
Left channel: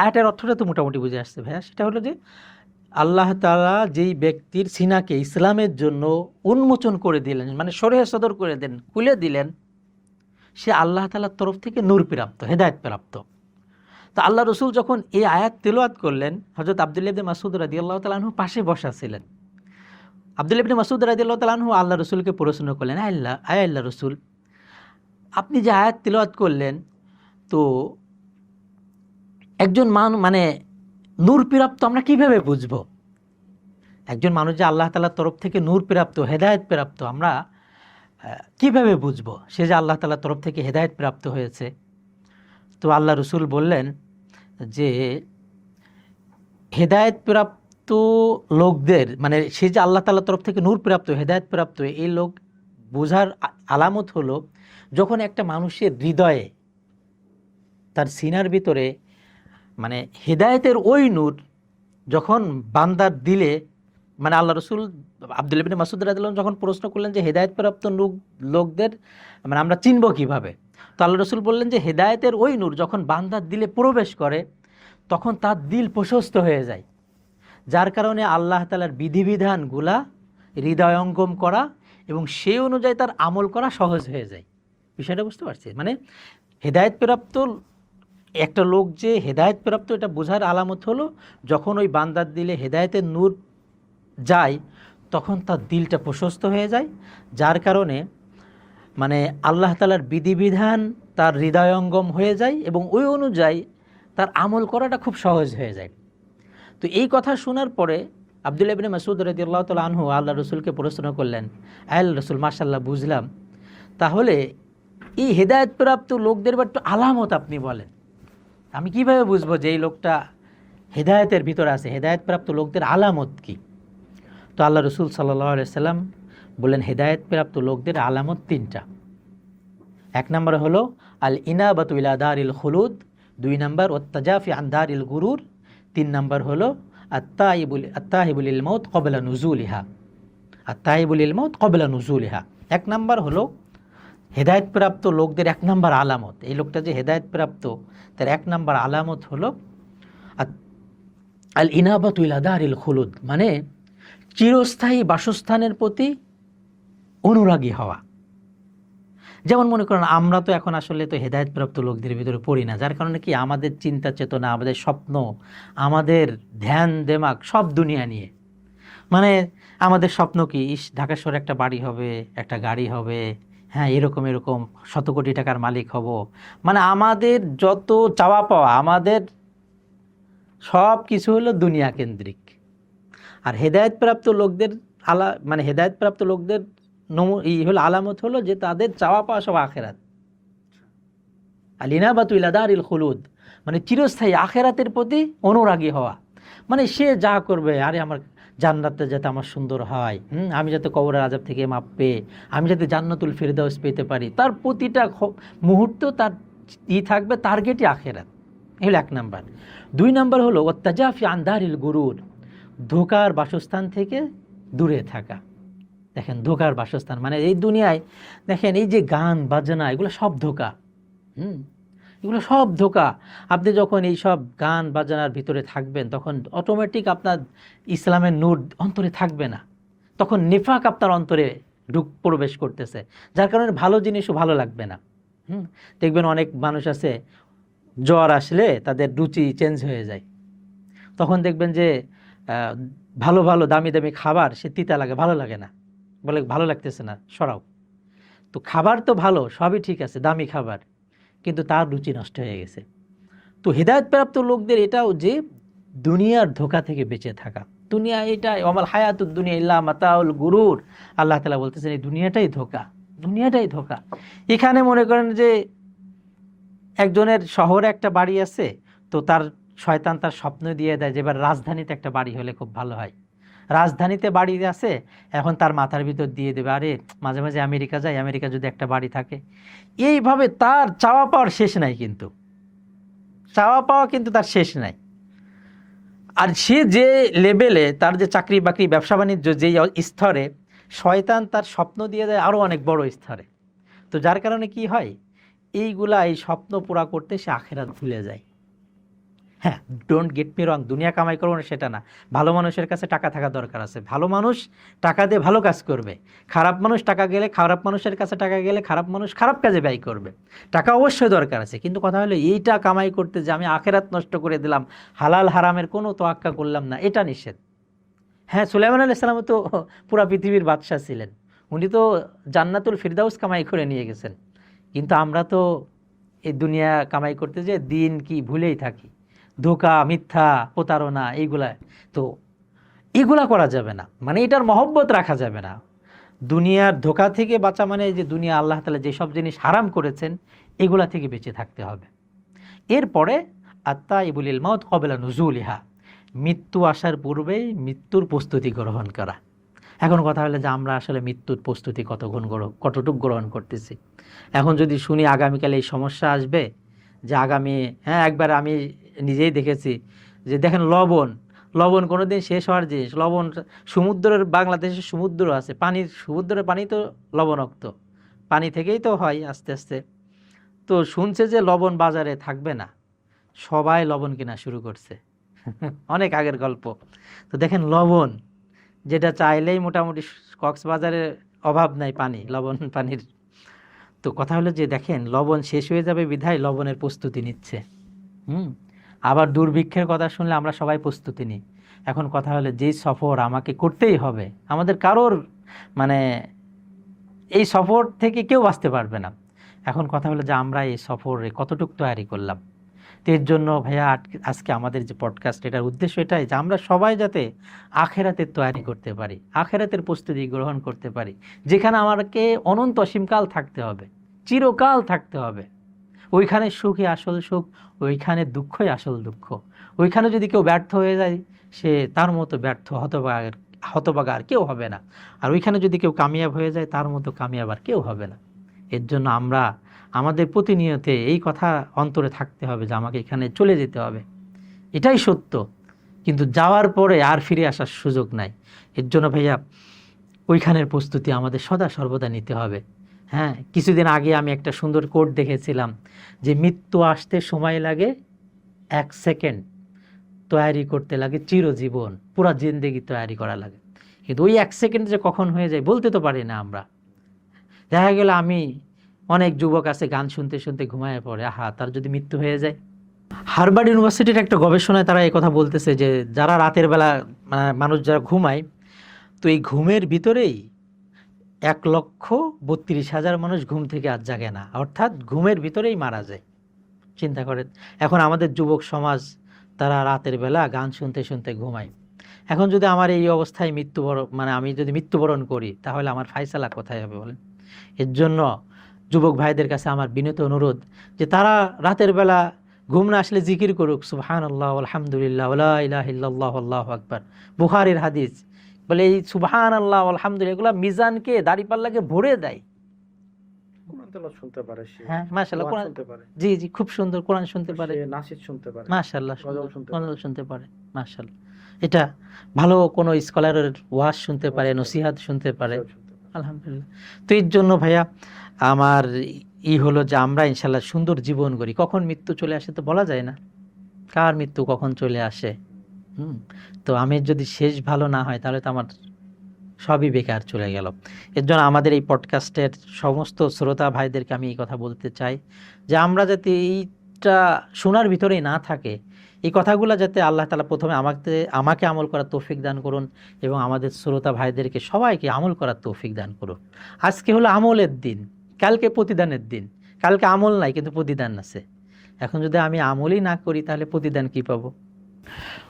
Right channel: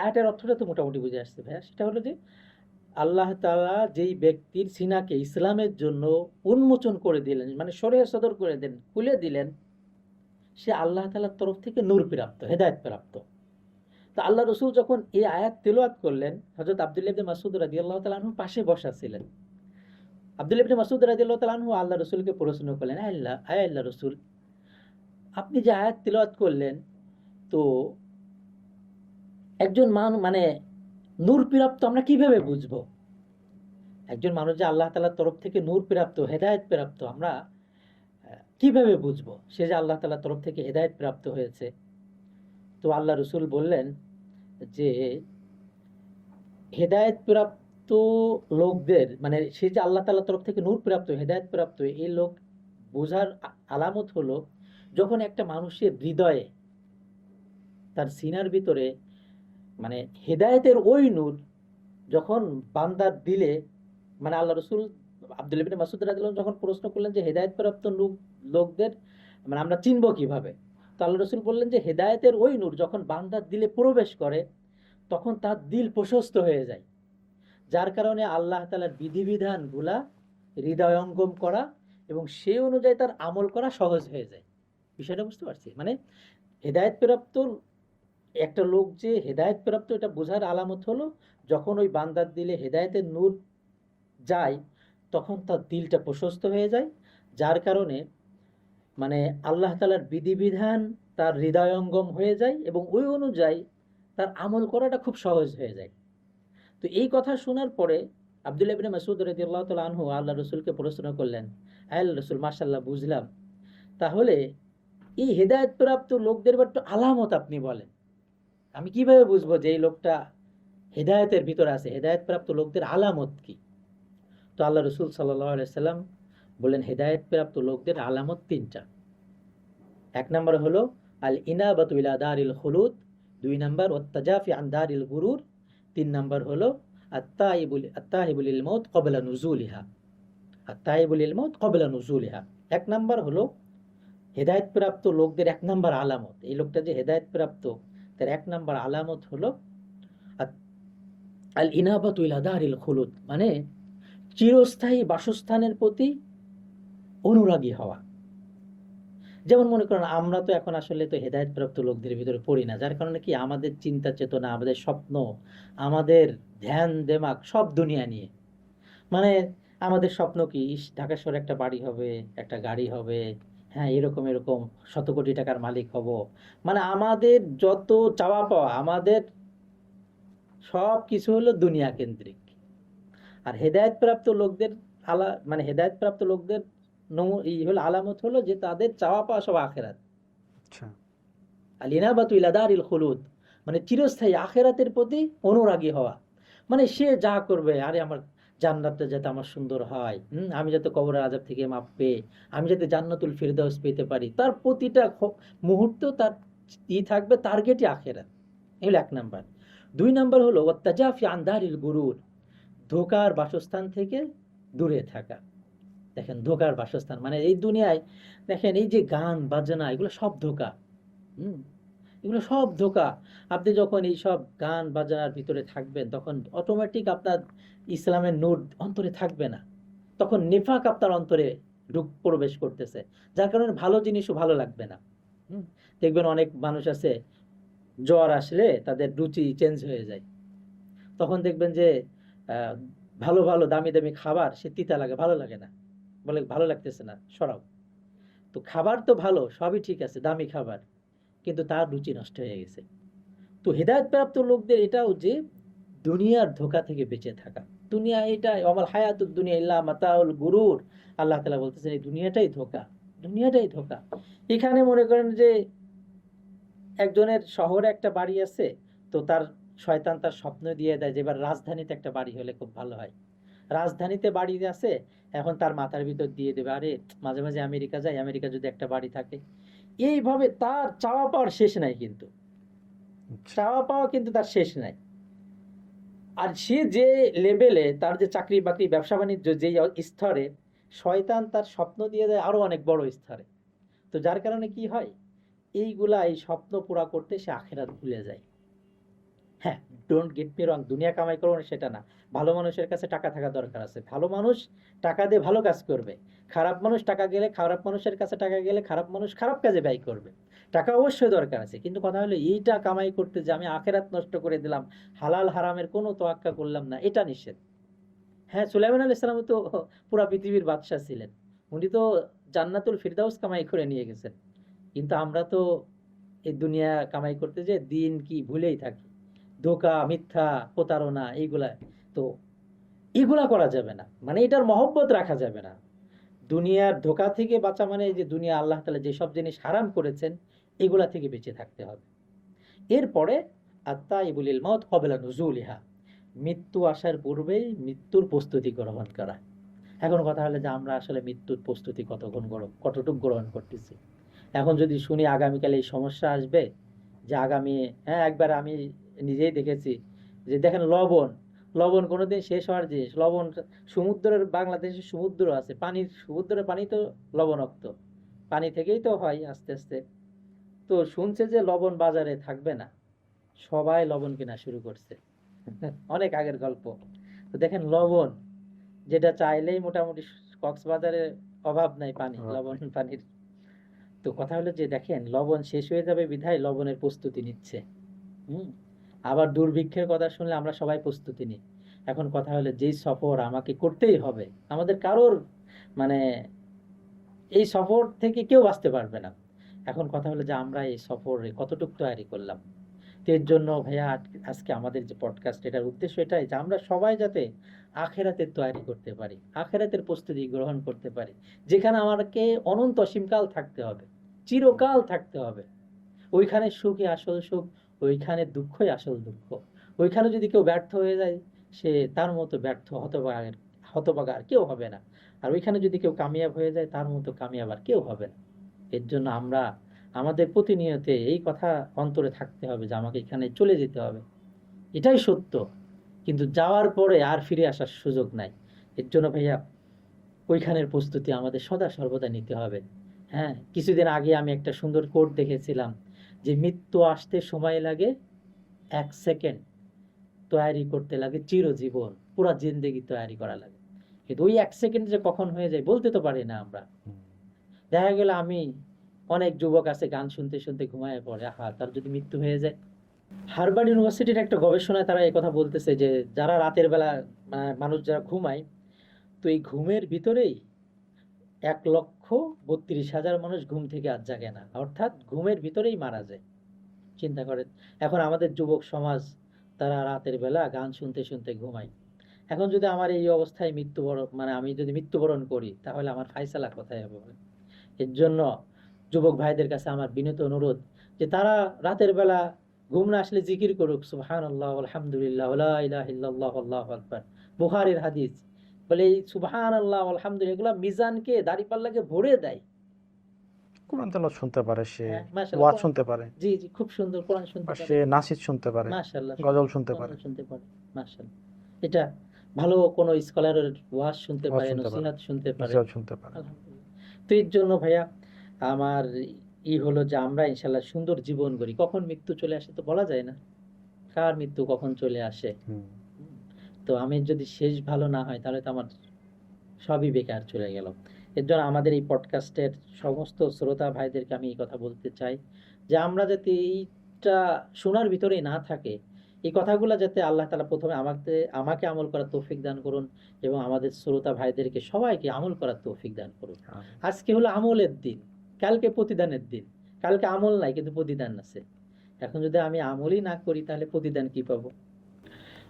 আয়াতের অর্থটা তো মোটামুটি বুঝে আসছে ভাইয়া, সেটা হলো যে আল্লাহ তাআলা যেই ব্যক্তির সিনাকে ইসলামের জন্য উন্মোচন করে দিলেন, মানে শরীহ সদর করে দেন, খুলে দিলেন, সে আল্লাহ তাআলার তরফ থেকে নূর প্রাপ্ত, হেদায়েত প্রাপ্ত। তো আল্লাহ রসুল যখন এই আয়াত তেলাওয়াত করলেন, হযরত আব্দুল্লাহ ইবনে মাসউদ রাদিয়াল্লাহু তাআলা আনহু পাশে বসা ছিলেন। আব্দুল্লাহ ইবনে মাসউদ রাদিয়াল্লাহু তাআলা আনহু আল্লাহ রসুলকে প্রশ্ন করলেন, আল্লাহ রসুল, আপনি যে আয়াত তিলাওয়াত করলেন, তো একজন মানে নূর প্রাপ্ত আমরা কিভাবে বুঝবো? একজন মানুষ যে আল্লাহ তাআলার তরফ থেকে নূর প্রাপ্ত, হেদায়েত প্রাপ্ত, আমরা কিভাবে বুঝবো সে যে আল্লাহ তাআলার তরফ থেকে হেদায়েত প্রাপ্ত হয়েছে? তো আল্লাহ রসুল বললেন যে হেদায়েত প্রাপ্ত লোকদের, মানে সে যে আল্লাহ তাআলার তরফ থেকে নূর প্রাপ্ত, হেদায়েত প্রাপ্ত, এই লোক বোঝার আলামত হলো যখন একটা মানুষের হৃদয়ে, তার সিনার ভিতরে, মানে হেদায়েতের ওই নূর যখন বান্দার দিলে, মানে আল্লাহ রসুল আব্দুল্লাহ ইবনে মাসউদ রাদিয়াল্লাহু আনহু যখন প্রশ্ন করলেন যে হেদায়েতপ্রাপ্ত লোকদের মানে আমরা চিনব কিভাবে, তো আল্লাহ রসুল বললেন যে হেদায়েতের ওই নূর যখন বান্দার দিলে প্রবেশ করে তখন তার দিল প্রশস্ত হয়ে যায়, যার কারণে আল্লাহ তাআলার বিধিবিধানগুলা হৃদয়ঙ্গম করা এবং সেই অনুযায়ী তার আমল করা সহজ হয়ে যায়। বিষয়টা বুঝতে পারছি? মানে হেদায়েতপ্রাপ্ত একটা লোক যে হেদায়েতপ্রাপ্ত, এটা বোঝার আলামত হলো যখন ওই বান্দার দিলে হেদায়েতের নূর যায় তখন তার দিলটা প্রশস্ত হয়ে যায়, যার কারণে মানে আল্লাহ তাআলার বিধিবিধান তার হৃদয়ঙ্গম হয়ে যায় এবং ওই অনুযায়ী তার আমল করাটা খুব সহজ হয়ে যায়। তো এই কথা শোনার পরে আব্দুল্লাহ ইবনে মাসউদ রাদিয়াল্লাহু তাআলা আনহু আল্লাহ রসুলকে প্রশ্ন করলেন, আল্লাহ রসুল, মাশাআল্লাহ, বুঝলাম, তাহলে এই হেদায়েতপ্রাপ্ত লোকদের একটু আলামত আপনি বলেন, আমি কিভাবে বুঝবো যে এই লোকটা হেদায়েতের ভিতরে আছে, হেদায়েতপ্রাপ্ত লোকদের আলামত কি? তো আল্লাহ রসুল সাল্লাল্লাহু আলাইহি সাল্লাম বললেন হেদায়েতপ্রাপ্ত লোকদের আলামত তিনটা। এক নম্বর হলো আল ইনাবাতু ইলা দারিল খুলুদ, দুই নম্বর ওয়াত্তাজাফি আন দারিল গুরুর, তিন নম্বর হলো আত্তাইবু লিল মাউত ক্বাবলা নুজুলিহা, আত্তাইবু লিল মাউত ক্বাবলা নুজুলিহা। এক নম্বর হলো হেদায়েতপ্রাপ্ত লোকদের এক নম্বর আলামত, এই লোকটা যে হেদায়েতপ্রাপ্ত তার এক নম্বর আলামত হলো আল ইনাবাতু ইলা দারিল খুলুদ, মানে চিরস্থায়ী বাসস্থানের প্রতি অনুরাগী হওয়া। যেমন মনে করেন আমরা তো এখন আসলে তো হেদায়েতপ্রাপ্ত লোকদের ভিতরে পড়ি না, যার কারণে কি আমাদের চিন্তা চেতনা, আমাদের স্বপ্ন, আমাদের ধ্যান দেমাগ সব দুনিয়া নিয়ে। মানে আমাদের স্বপ্ন কি, ঢাকা শহরে একটা বাড়ি হবে, একটা গাড়ি হবে, হ্যাঁ এরকম এরকম শত কোটি টাকার মালিক হব, মানে আমাদের যত চাওয়া পাওয়া, আমাদের সব কিছু হলো দুনিয়া কেন্দ্রিক। আর হেদায়েতপ্রাপ্ত লোকদের মানে হেদায়েতপ্রাপ্ত লোকদের এই হলো আলামত হলো যে তাদের চাওয়া পাওয়া সব আখেরাত। আল ইনাবাতু ইলা দারিল খুলুদ, মানে চিরস্থায়ী আখেরাতের প্রতি অনুরাগী হওয়া। মানে সে যা করবে, আরে আমার জান্নাতে যাতে আমার সুন্দর হয়, আমি যাতে কবরের আযাব থেকে মাপ পেয়ে আমি যাতে জান্নাতুল ফিরদাউস পেতে পারি, তার প্রতিটা মুহূর্ত তার থাকবে টার্গেটই আখেরাত। এই হলো এক নাম্বার। দুই নাম্বার হলো ওয়াত্তাজাফি আন দারিল গুরুর, ধোঁকার বাসস্থান থেকে দূরে থাকা। দেখেন ধোঁকার বাসস্থান মানে এই দুনিয়ায় দেখেন এই যে গান বাজনা এগুলো সব ধোঁকা, এগুলো সব ধোঁকা। আপনি যখন এই সব গান বাজনার ভিতরে থাকবেন তখন অটোমেটিক আপনার ইসলামের নূর অন্তরে থাকবে না, তখন নিফাক আপনার অন্তরে প্রবেশ করতেছে, যার কারণে ভালো জিনিসও ভালো লাগবে না। দেখবেন অনেক মানুষ আছে জ্বর আসলে তাদের রুচি চেঞ্জ হয়ে যায়, তখন দেখবেন যে ভালো ভালো দামি দামি খাবার সে তিতা লাগে, ভালো লাগে না, বলে ভালো লাগতেছে না, সরাও। তো খাবার তো ভালো, সবই ঠিক আছে, দামি খাবার, কিন্তু তার রুচি নষ্ট হয়ে গেছে। তো হেদায়েতপ্রাপ্ত লোকদের এটাও যে দুনিয়ার ধোঁকা থেকে বেঁচে থাকা। দুনিয়া এটা আমাল হায়াতুদ দুনিয়া ইল্লা মাতাউল গুরুর, আল্লাহ তাআলা বলতেছেন এই দুনিয়াটাই ধোঁকা, দুনিয়াটাই ধোঁকা। এখানে মনে করেন যে একজনের শহরে একটা বাড়ি আছে, তো তার শয়তান তার স্বপ্ন দিয়ে দেয় যে এবার রাজধানীতে একটা বাড়ি হলে খুব ভালো হয়, রাজধানীতে বাড়ি আছে, এখন তার মাথার ভিতর দিয়ে দেবে আরে মাঝে মাঝে আমেরিকা যায়, আমেরিকা যদি একটা বাড়ি থাকে। এইভাবে তার চাওয়া পাওয়ার শেষ নাই, কিন্তু চাওয়া পাওয়া কিন্তু তার শেষ নাই। আর সে যে লেভেলে তার যে চাকরি বাকরি ব্যবসা বাণিজ্য যে স্তরে, শয়তান তার স্বপ্ন দিয়ে দেয় আরও অনেক বড় স্তরে। তো যার কারণে কি হয়, এইগুলা এই স্বপ্ন পুরা করতে সে আখেরাত ভুলে যায়। হ্যাঁ, ডোন্ট গেট মি রং, দুনিয়া কামাই করবো না সেটা না, ভালো মানুষের কাছে টাকা থাকা দরকার আছে, ভালো মানুষ টাকা দিয়ে ভালো কাজ করবে, খারাপ মানুষ টাকা গেলে, খারাপ মানুষের কাছে টাকা গেলে খারাপ মানুষ খারাপ কাজে ব্যয় করবে। টাকা অবশ্যই দরকার আছে, কিন্তু কথা হলো এইটা কামাই করতে যে আমি আখেরাত নষ্ট করে দিলাম, হালাল হারামের কোনো তোয়াক্কা করলাম না, এটা নিষেধ। হ্যাঁ, সুলাইমান আলাইহিস সালাম তো পুরা পৃথিবীর বাদশা ছিলেন, উনি তো জান্নাতুল ফিরদাউস কামাই করে নিয়ে গেছেন। কিন্তু আমরা তো এই দুনিয়া কামাই করতে যে দিন কি ভুলেই থাকি, ধোঁকা, মিথ্যা, প্রতারণা, এইগুলা। তো এগুলা করা যাবে না, মানে এটার মহব্বত রাখা যাবে না। দুনিয়ার ধোঁকা থেকে বাঁচা মানে এই যে দুনিয়া আল্লাহ তাআলা যেসব জিনিস হারাম করেছেন এগুলা থেকে বেঁচে থাকতে হবে। এরপরে আত্তাইবুল লিল মাউত ক্বাবলা নুজুলিহা, মৃত্যু আসার পূর্বেই মৃত্যুর প্রস্তুতি গ্রহণ করা। এখন কথা হলো যে আমরা আসলে মৃত্যুর প্রস্তুতি কতটুকু গ্রহণ করতেছি। এখন যদি শুনি আগামীকাল এই সমস্যা আসবে, যে আগামী, হ্যাঁ একবার আমি নিজেই দেখেছি যে দেখেন লবণ কোনোদিন শেষ হওয়ার জিনিস। লবণ সমুদ্রের, বাংলাদেশের সমুদ্র আছে, সমুদ্রের পানি তো লবণাক্ত, পানি থেকেই তো হয় আস্তে আস্তে। তো শুনছে যে লবণ বাজারে থাকবে না, সবাই লবণ কেনা শুরু করছে। অনেক আগের গল্প। তো দেখেন লবণ, যেটা চাইলেই মোটামুটি কক্সবাজারে অভাব নাই লবণ পানির। তো কথা হলো যে দেখেন লবণ শেষ হয়ে যাবে বিধায় লবণের প্রস্তুতি নিচ্ছে। আবার দুর্ভিক্ষের কথা শুনলে আমরা সবাই প্রস্তুতি নিই। এখন কথা হলো যেই সফর আমাকে করতেই হবে, আমাদের কারোর মানে এই সফর থেকে কেউ বাঁচতে পারবে না। এখন কথা হলো যে আমরা এই সফরে কতটুকু তৈরি করলাম। তো এর জন্য ভাইয়া আজকে আমাদের যে পডকাস্ট, এটার উদ্দেশ্য এটাই যে আমরা সবাই যাতে আখেরাতের তৈরি করতে পারি, আখেরাতের প্রস্তুতি গ্রহণ করতে পারি, যেখানে আমাকে অনন্ত অসীমকাল থাকতে হবে, চিরকাল থাকতে হবে। ওইখানে সুখই আসল সুখ, ওইখানে দুঃখই আসল দুঃখ। ওইখানে যদি কেউ ব্যর্থ হয়ে যায়, সে তার মতো ব্যর্থ হতভাগা আর কেউ হবে না। আর ওইখানে যদি কেউ কামিয়াব হয়ে যায়, তার মতো কামিয়াব আর কেউ হবে না। এর জন্য আমরা আমাদের প্রতিনিয়ত এই কথা অন্তরে থাকতে হবে যে আমাকে এখানে চলে যেতে হবে, এটাই সত্য। কিন্তু যাওয়ার পরে আর ফিরে আসার সুযোগ নাই। এর জন্য ভাইয়া ওইখানের প্রস্তুতি আমাদের সদা সর্বদা নিতে হবে। হ্যাঁ, কিছুদিন আগে আমি একটা সুন্দর কোট দেখেছিলাম যে মৃত্যু আসতে সময় লাগে 1 সেকেন্ড, তৈরি করতে লাগে চিরজীবন, পুরা জিন্দেগি তৈরি করা লাগে। কিন্তু ওই 1 সেকেন্ড যে কখন হয়ে যায় বলতে তো পারি না আমরা। দেখা গেল আমি, অনেক যুবক আছে গান শুনতে শুনতে ঘুমায় পড়ে, আহা তার যদি মৃত্যু হয়ে যায়। হার্ভার্ড ইউনিভার্সিটির একটা গবেষণায় তারা এই কথা বলতেছে যে যারা রাতের বেলা মানুষ যারা ঘুমায়, তো এই ঘুমের ভিতরেই 1,32,000 মানুষ ঘুম থেকে আর জাগে না, অর্থাৎ ঘুমের ভিতরেই মারা যায়। চিন্তা করেন, এখন আমাদের যুবক সমাজ তারা রাতের বেলা গান শুনতে শুনতে ঘুমায়। এখন যদি আমার এই অবস্থায় আমি যদি মৃত্যুবরণ করি, তাহলে আমার ফায়সালা কোথায় হবে বলেন? এর জন্য যুবক ভাইদের কাছে আমার বিনীত অনুরোধ যে তারা রাতের বেলা ঘুম না আসলে জিকির করুক, সুবহানাল্লাহ, আলহামদুলিল্লাহ, লা ইলাহা ইল্লাল্লাহ, আল্লাহু আকবার। বুখারীর হাদিস বলে এই সুবহানাল্লাহ, আলহামদুলিল্লাহ এগুলা মিজানকে, দাড়িপাল্লাকে ভরে দেয়। কোরআন তেলাওয়াত শুনতে পারে সে, হ্যাঁ মাশাআল্লাহ, ওয়াজ শুনতে পারে, জি জি, খুব সুন্দর কোরআন শুনতে পারে, সে নাসিদ শুনতে পারে, মাশাআল্লাহ, গজল শুনতে পারে, গজল শুনতে পারে, মাশাআল্লাহ। এটা ভালো কোনো স্কলারের ওয়াজ শুনতে পারে, নসিহত শুনতে পারে, আলহামদুলিল্লাহ। তো এর জন্য ভাইয়া আমার হলো যে আমরা ইনশাল্লাহ সুন্দর জীবন করি। কখন মৃত্যু চলে আসে তো বলা যায় না, কার মৃত্যু কখন চলে আসে। তো আমি যদি শেষ ভালো না হয় তাহলে তো আমার সবই বেকার চলে গেল। এর জন্য আমাদের এই পডকাস্টের সমস্ত শ্রোতা ভাইদেরকে আমি এই কথা বলতে চাই যে আমরা যাতে এইটা শোনার ভিতরেই না থাকে, এই কথাগুলো যাতে আল্লাহ তাআলা প্রথমে আমাকে আমল করার তৌফিক দান করুন, এবং আমাদের শ্রোতা ভাইদেরকে সবাইকে আমল করার তৌফিক দান করুন। আজকে হলো আমলের দিন, কালকে প্রতিদানের দিন। কালকে আমল নাই কিন্তু প্রতিদান আছে। এখন যদি আমি আমলই না করি তাহলে প্রতিদান কি পাবো?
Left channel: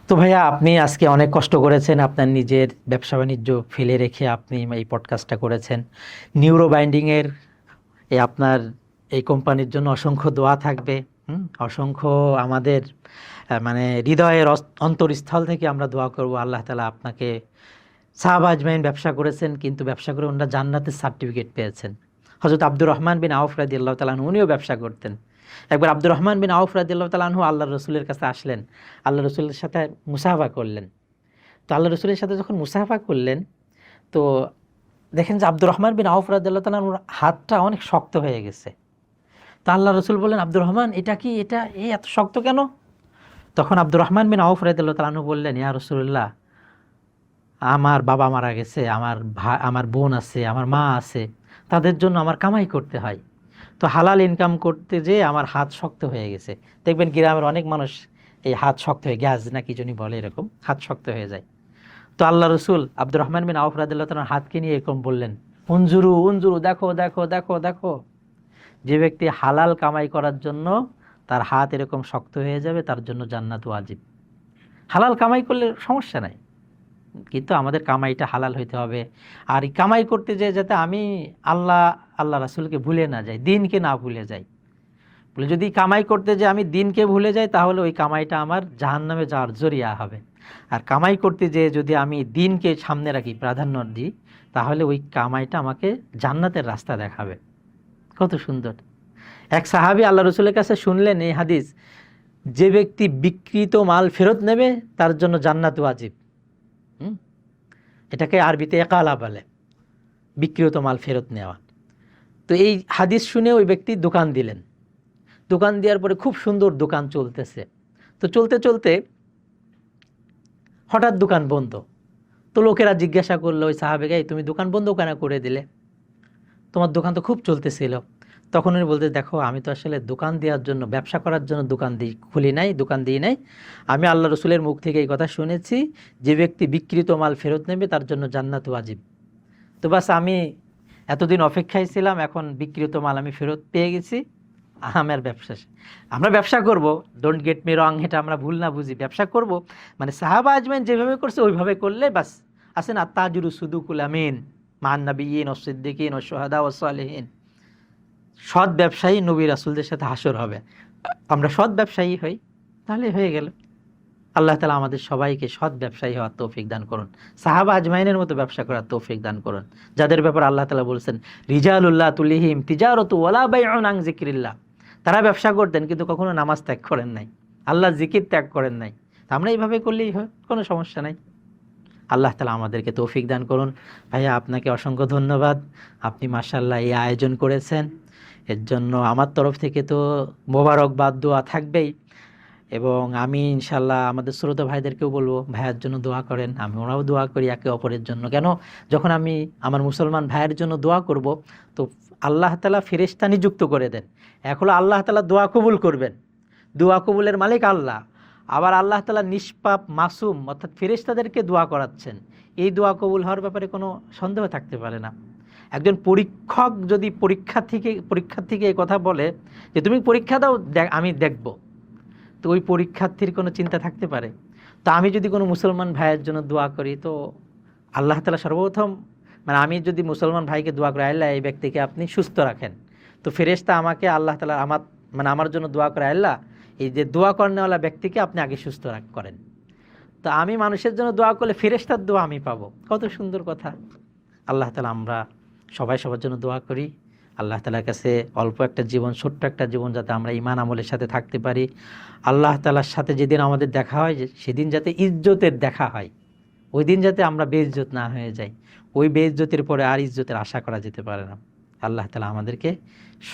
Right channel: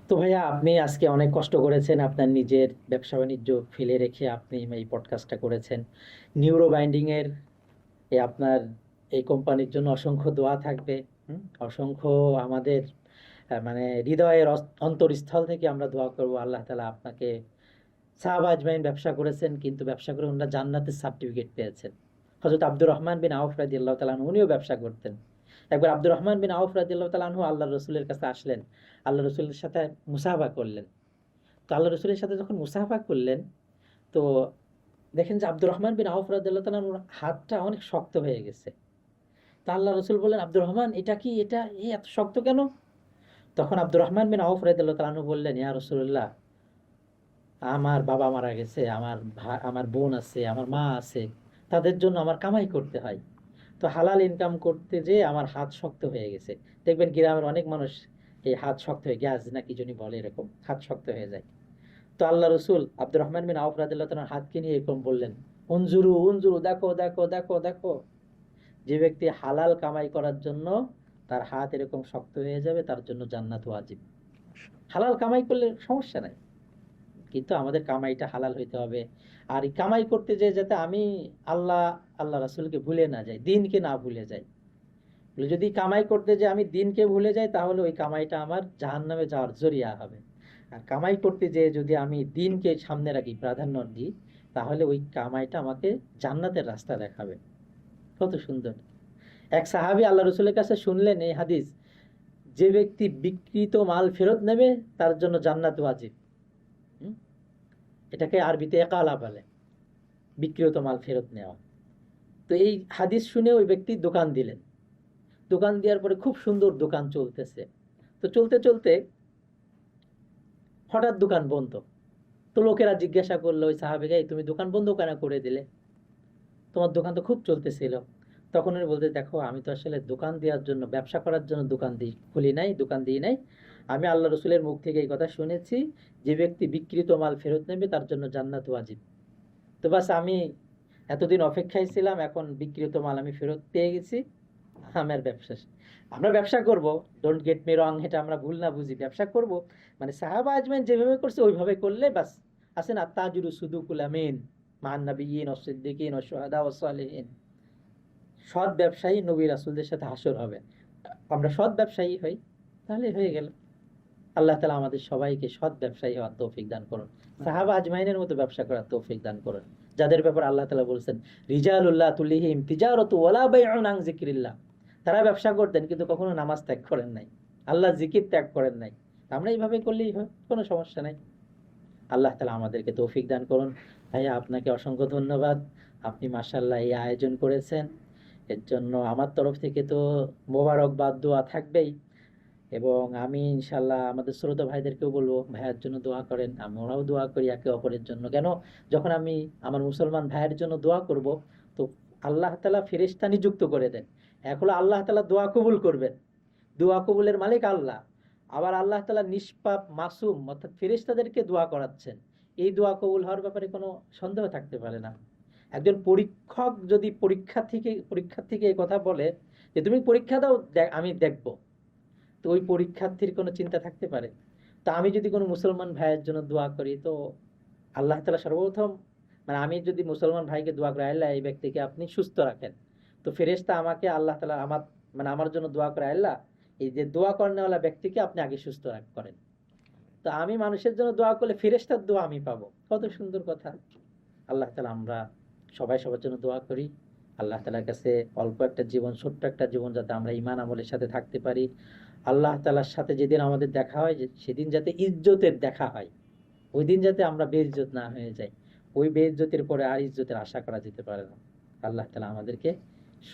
তো ভাইয়া আপনি আজকে অনেক কষ্ট করেছেন, আপনার নিজের ব্যবসা বাণিজ্য ফেলে রেখে আপনি এই পডকাস্টটা করেছেন। নিউরো বাইন্ডিংয়ের আপনার এই কোম্পানির জন্য অসংখ্য দোয়া থাকবে। অসংখ্য আমাদের মানে হৃদয়ের অন্তরস্থল থেকে আমরা দোয়া করব আল্লাহ তাআলা আপনাকে, সাহাবা আজমাইন ব্যবসা করেছেন কিন্তু ব্যবসা করে ওনারা জান্নাতের সার্টিফিকেট পেয়েছেন। হযরত আব্দুর রহমান বিন আউফ রাদিয়াল্লাহু তাআলা আনহু উনিও ব্যবসা করতেন। একবার আব্দুর রহমান বিন আউফ রাদিয়াল্লাহু তাআলা আনহু আল্লাহর রাসূলের কাছে আসলেন, আল্লাহর রাসূলের সাথে মুসাফা করলেন। তো আল্লাহর রাসূলের সাথে যখন মুসাফা করলেন, তো দেখেন যে আব্দুর রহমান বিন আউফ রাদিয়াল্লাহু তাআলা আনহুর হাতটা অনেক শক্ত হয়ে গেছে। তো আল্লাহর রাসূল বললেন, আব্দুর রহমান এটা কি, এটা এত শক্ত কেন? তখন আব্দুর রহমান বিন আউফ রাদিয়াল্লাহু তাআলা আনহু বললেন, ইয়া রাসূলুল্লাহ, আমার বাবা মারা গেছে, আমার বোন আছে, আমার মা আছে, তাদের জন্য আমার কামাই করতে হয়। তো হালাল ইনকাম করতে যেয়ে আমার হাত শক্ত হয়ে গেছে। দেখবেন গ্রামের অনেক মানুষ এই হাত শক্ত হয়ে গ্যাস না কি জন্য বলে, এরকম হাত শক্ত হয়ে যায়। তো আল্লাহ রসুল আব্দুর রহমান বিন আউফ রাদিয়াল্লাহু তাআলার হাতকে নিয়ে এরকম বললেন, উনজুরু উনজুরু, দেখো দেখো দেখো দেখো, যে ব্যক্তি হালাল কামাই করার জন্য তার হাত এরকম শক্ত হয়ে যাবে তার জন্য জান্নাত ওয়াজিব। হালাল কামাই করলে সমস্যা নাই, কিন্তু আমাদের কামাইটা হালাল হইতে হবে। আর এই কামাই করতে যেয়ে যাতে আমি আল্লাহ রাসূলকে ভুলে না যাই, দিনকে না ভুলে যাই। বলে যদি কামাই করতে যে আমি দিনকে ভুলে যাই তাহলে ওই কামাইটা আমার জাহান্নামে যাওয়ার জরিয়া হবে। আর কামাই করতে যে যদি আমি দিনকে সামনে রাখি, প্রাধান্য দিই, তাহলে ওই কামাইটা আমাকে জান্নাতের রাস্তা দেখাবে। কত সুন্দর! এক সাহাবী আল্লাহ রসুলের কাছে শুনলেন এই হাদিস, যে ব্যক্তি বিকৃত মাল ফেরত নেবে তার জন্য জান্নাত ওয়াজিব। এটাকে আরবিতে একালা বলে, বিকৃত মাল ফেরত নেওয়া। তো এই হাদিস শুনে ওই ব্যক্তি দোকান দিলেন। দোকান দেওয়ার পরে খুব সুন্দর দোকান চলতেছে। তো চলতে চলতে হঠাৎ দোকান বন্ধ। তো লোকেরা জিজ্ঞাসা করলো ওই সাহাবেকে, তুমি দোকান বন্ধ কেন করে দিলে? তোমার দোকান তো খুব চলতেছিল। তখন উনি বলতে, দেখো আমি তো আসলে দোকান দেওয়ার জন্য, ব্যবসা করার জন্য দোকান খুলি নাই, দোকান দিই নাই। আমি আল্লাহ রসুলের মুখ থেকে এই কথা শুনেছি, যে ব্যক্তি বিকৃত মাল ফেরত নেবে তার জন্য জান্নাত ওয়াজিব। তো বাস আমি এতদিন অপেক্ষায় ছিলাম, এখন বিকৃত মাল আমি ফেরত পেয়ে গেছি, আমার ব্যবসা। আমরা ব্যবসা করব, ডোন্ট গেট মি রং, এটা আমরা ভুল না বুঝি, ব্যবসা করব মানে সাহাবা আজমাইন যেভাবে করছে ওইভাবে করলে বাস। আছে না, তাজুরু সুদুকুল আমিন মান নাবিয়িন ওয়াস সিদ্দিকিন ওয়াস শুহাদা ওয়াস সালিহিন, সৎ ব্যবসায়ী নবী রাসূলদের সাথে হাসর হবে। আমরা সৎ ব্যবসায়ী হই, তাহলে হয়ে গেল। আল্লাহ তাআলা আমাদের সবাইকে সৎ ব্যবসায়ী হওয়ার তৌফিক দান করুন, সাহাবা আজমাইনের মতো ব্যবসা করার তৌফিক দান করুন, যাদের ব্যাপার আল্লাহ তাআলা বলছেন রিজালুল্লাহ তুলিহিম তিজারাতু ওয়ালা বাইউন আন যিকরিল্লাহ। তারা ব্যবসা করতেন কিন্তু কখনো নামাজ ত্যাগ করেন নাই, আল্লাহ জিকির ত্যাগ করেন নাই। আমরা এইভাবে করলেই হয়, কোনো সমস্যা নাই। আল্লাহ তাআলা আমাদেরকে তৌফিক দান করুন। ভাইয়া আপনাকে অসংখ্য ধন্যবাদ, আপনি মাশাআল্লাহ এই আয়োজন করেছেন, এর জন্য আমার তরফ থেকে তো মোবারকবাদ, দোয়া থাকবেই। এবং আমি ইনশাল্লাহ আমাদের শ্রোতা ভাইদেরকেও বলবো ভাইয়ের জন্য দোয়া করেন, আমরাও দোয়া করি একে অপরের জন্য। কেন, যখন আমি আমার মুসলমান ভাইয়ের জন্য দোয়া করব, তো আল্লাহ তাআলা ফেরেশতা নিযুক্ত করে দেন। এক হলো আল্লাহ তাআলা দোয়া কবুল করবেন, দোয়া কবুলের মালিক আল্লাহ। আবার আল্লাহ তাআলা নিষ্পাপ মাসুম অর্থাৎ ফেরেশতাদেরকে দোয়া করাচ্ছেন। এই দোয়া কবুল হওয়ার ব্যাপারে কোনো সন্দেহ থাকতে পারে না। একজন পরীক্ষক যদি পরীক্ষার্থীকে এই কথা বলে যে তুমি পরীক্ষা দাও, আমি দেখব, তো ওই পরীক্ষার্থীর কোনো চিন্তা থাকতে পারে? তো আমি যদি কোনো মুসলমান ভাইয়ের জন্য দোয়া করি, তো আল্লাহ তাআলা সর্বপ্রথম, মানে আমি যদি মুসলমান ভাইকে দোয়া করি, আল্লাহ এই ব্যক্তিকে আপনি সুস্থ রাখেন, তো ফেরেশতা আমাকে আল্লাহ তাআলা আমার জন্য দোয়া করে, আল্লাহ এই যে দোয়া করেনওয়ালা ব্যক্তিকে আপনি আগে সুস্থ করেন। তো আমি মানুষের জন্য দোয়া করলে ফেরেশতার দোয়া আমি পাবো। কত সুন্দর কথা! আল্লাহ তাআলা আমরা সবাই সবার জন্য দোয়া করি। আল্লাহ তাআলার কাছে অল্প একটা জীবন, ছোট্ট একটা জীবন, যাতে আমরা ঈমান আমলের সাথে থাকতে পারি। আল্লাহ তাআলার সাথে যেদিন আমাদের দেখা হয়, সেদিন যাতে ইজ্জতের দেখা হয়, ওই দিন যাতে আমরা বেইজ্জত না হয়ে যাই। ওই বেইজ্জতের পরে আর ইজ্জতের আশা করা যেতে পারে না। আল্লাহ তাআলা আমাদেরকে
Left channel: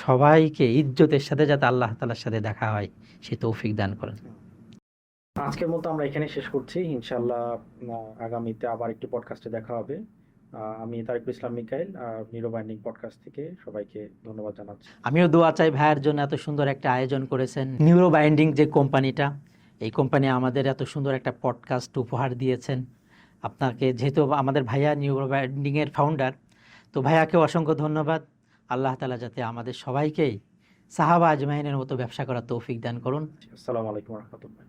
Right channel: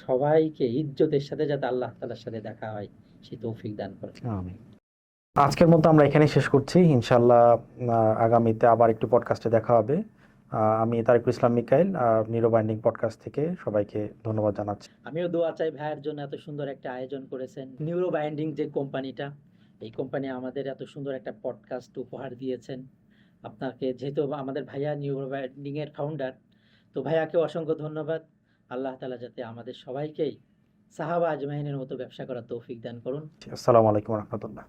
সবাইকে ইজ্জতের সাথে যাতে আল্লাহ তাআলার সাথে দেখা হয় সে তৌফিক দান করেন। আমিন। আজকের মতো আমরা এখানে শেষ করছি। ইনশাআল্লাহ আগামীতে আবার একটু পডকাস্টে দেখা হবে। আমি তারিকুল ইসলাম মিকাইল, নিউরো বাইন্ডিং পডকাস্ট থেকে সবাইকে ধন্যবাদ জানাচ্ছি। আমিও দোয়া চাই ভাইয়ের জন্য, এত সুন্দর একটা আয়োজন করেছেন। নিউরো বাইন্ডিং যে কোম্পানিটা, এই কোম্পানি আমাদের এত সুন্দর একটা পডকাস্ট উপহার দিয়েছেন। আপনাকে, যেহেতু আমাদের ভাইয়া নিউরো বাইন্ডিংয়ের ফাউন্ডার, তো ভাইয়াকে অসংখ্য ধন্যবাদ। আল্লাহ তাআলা যাতে আমাদের সবাইকেই সাহাবা আজমাইনের মতো ব্যবসা করার তৌফিক দান করুন। আসসালামু আলাইকুম ওয়া রাহমাতুল্লাহ।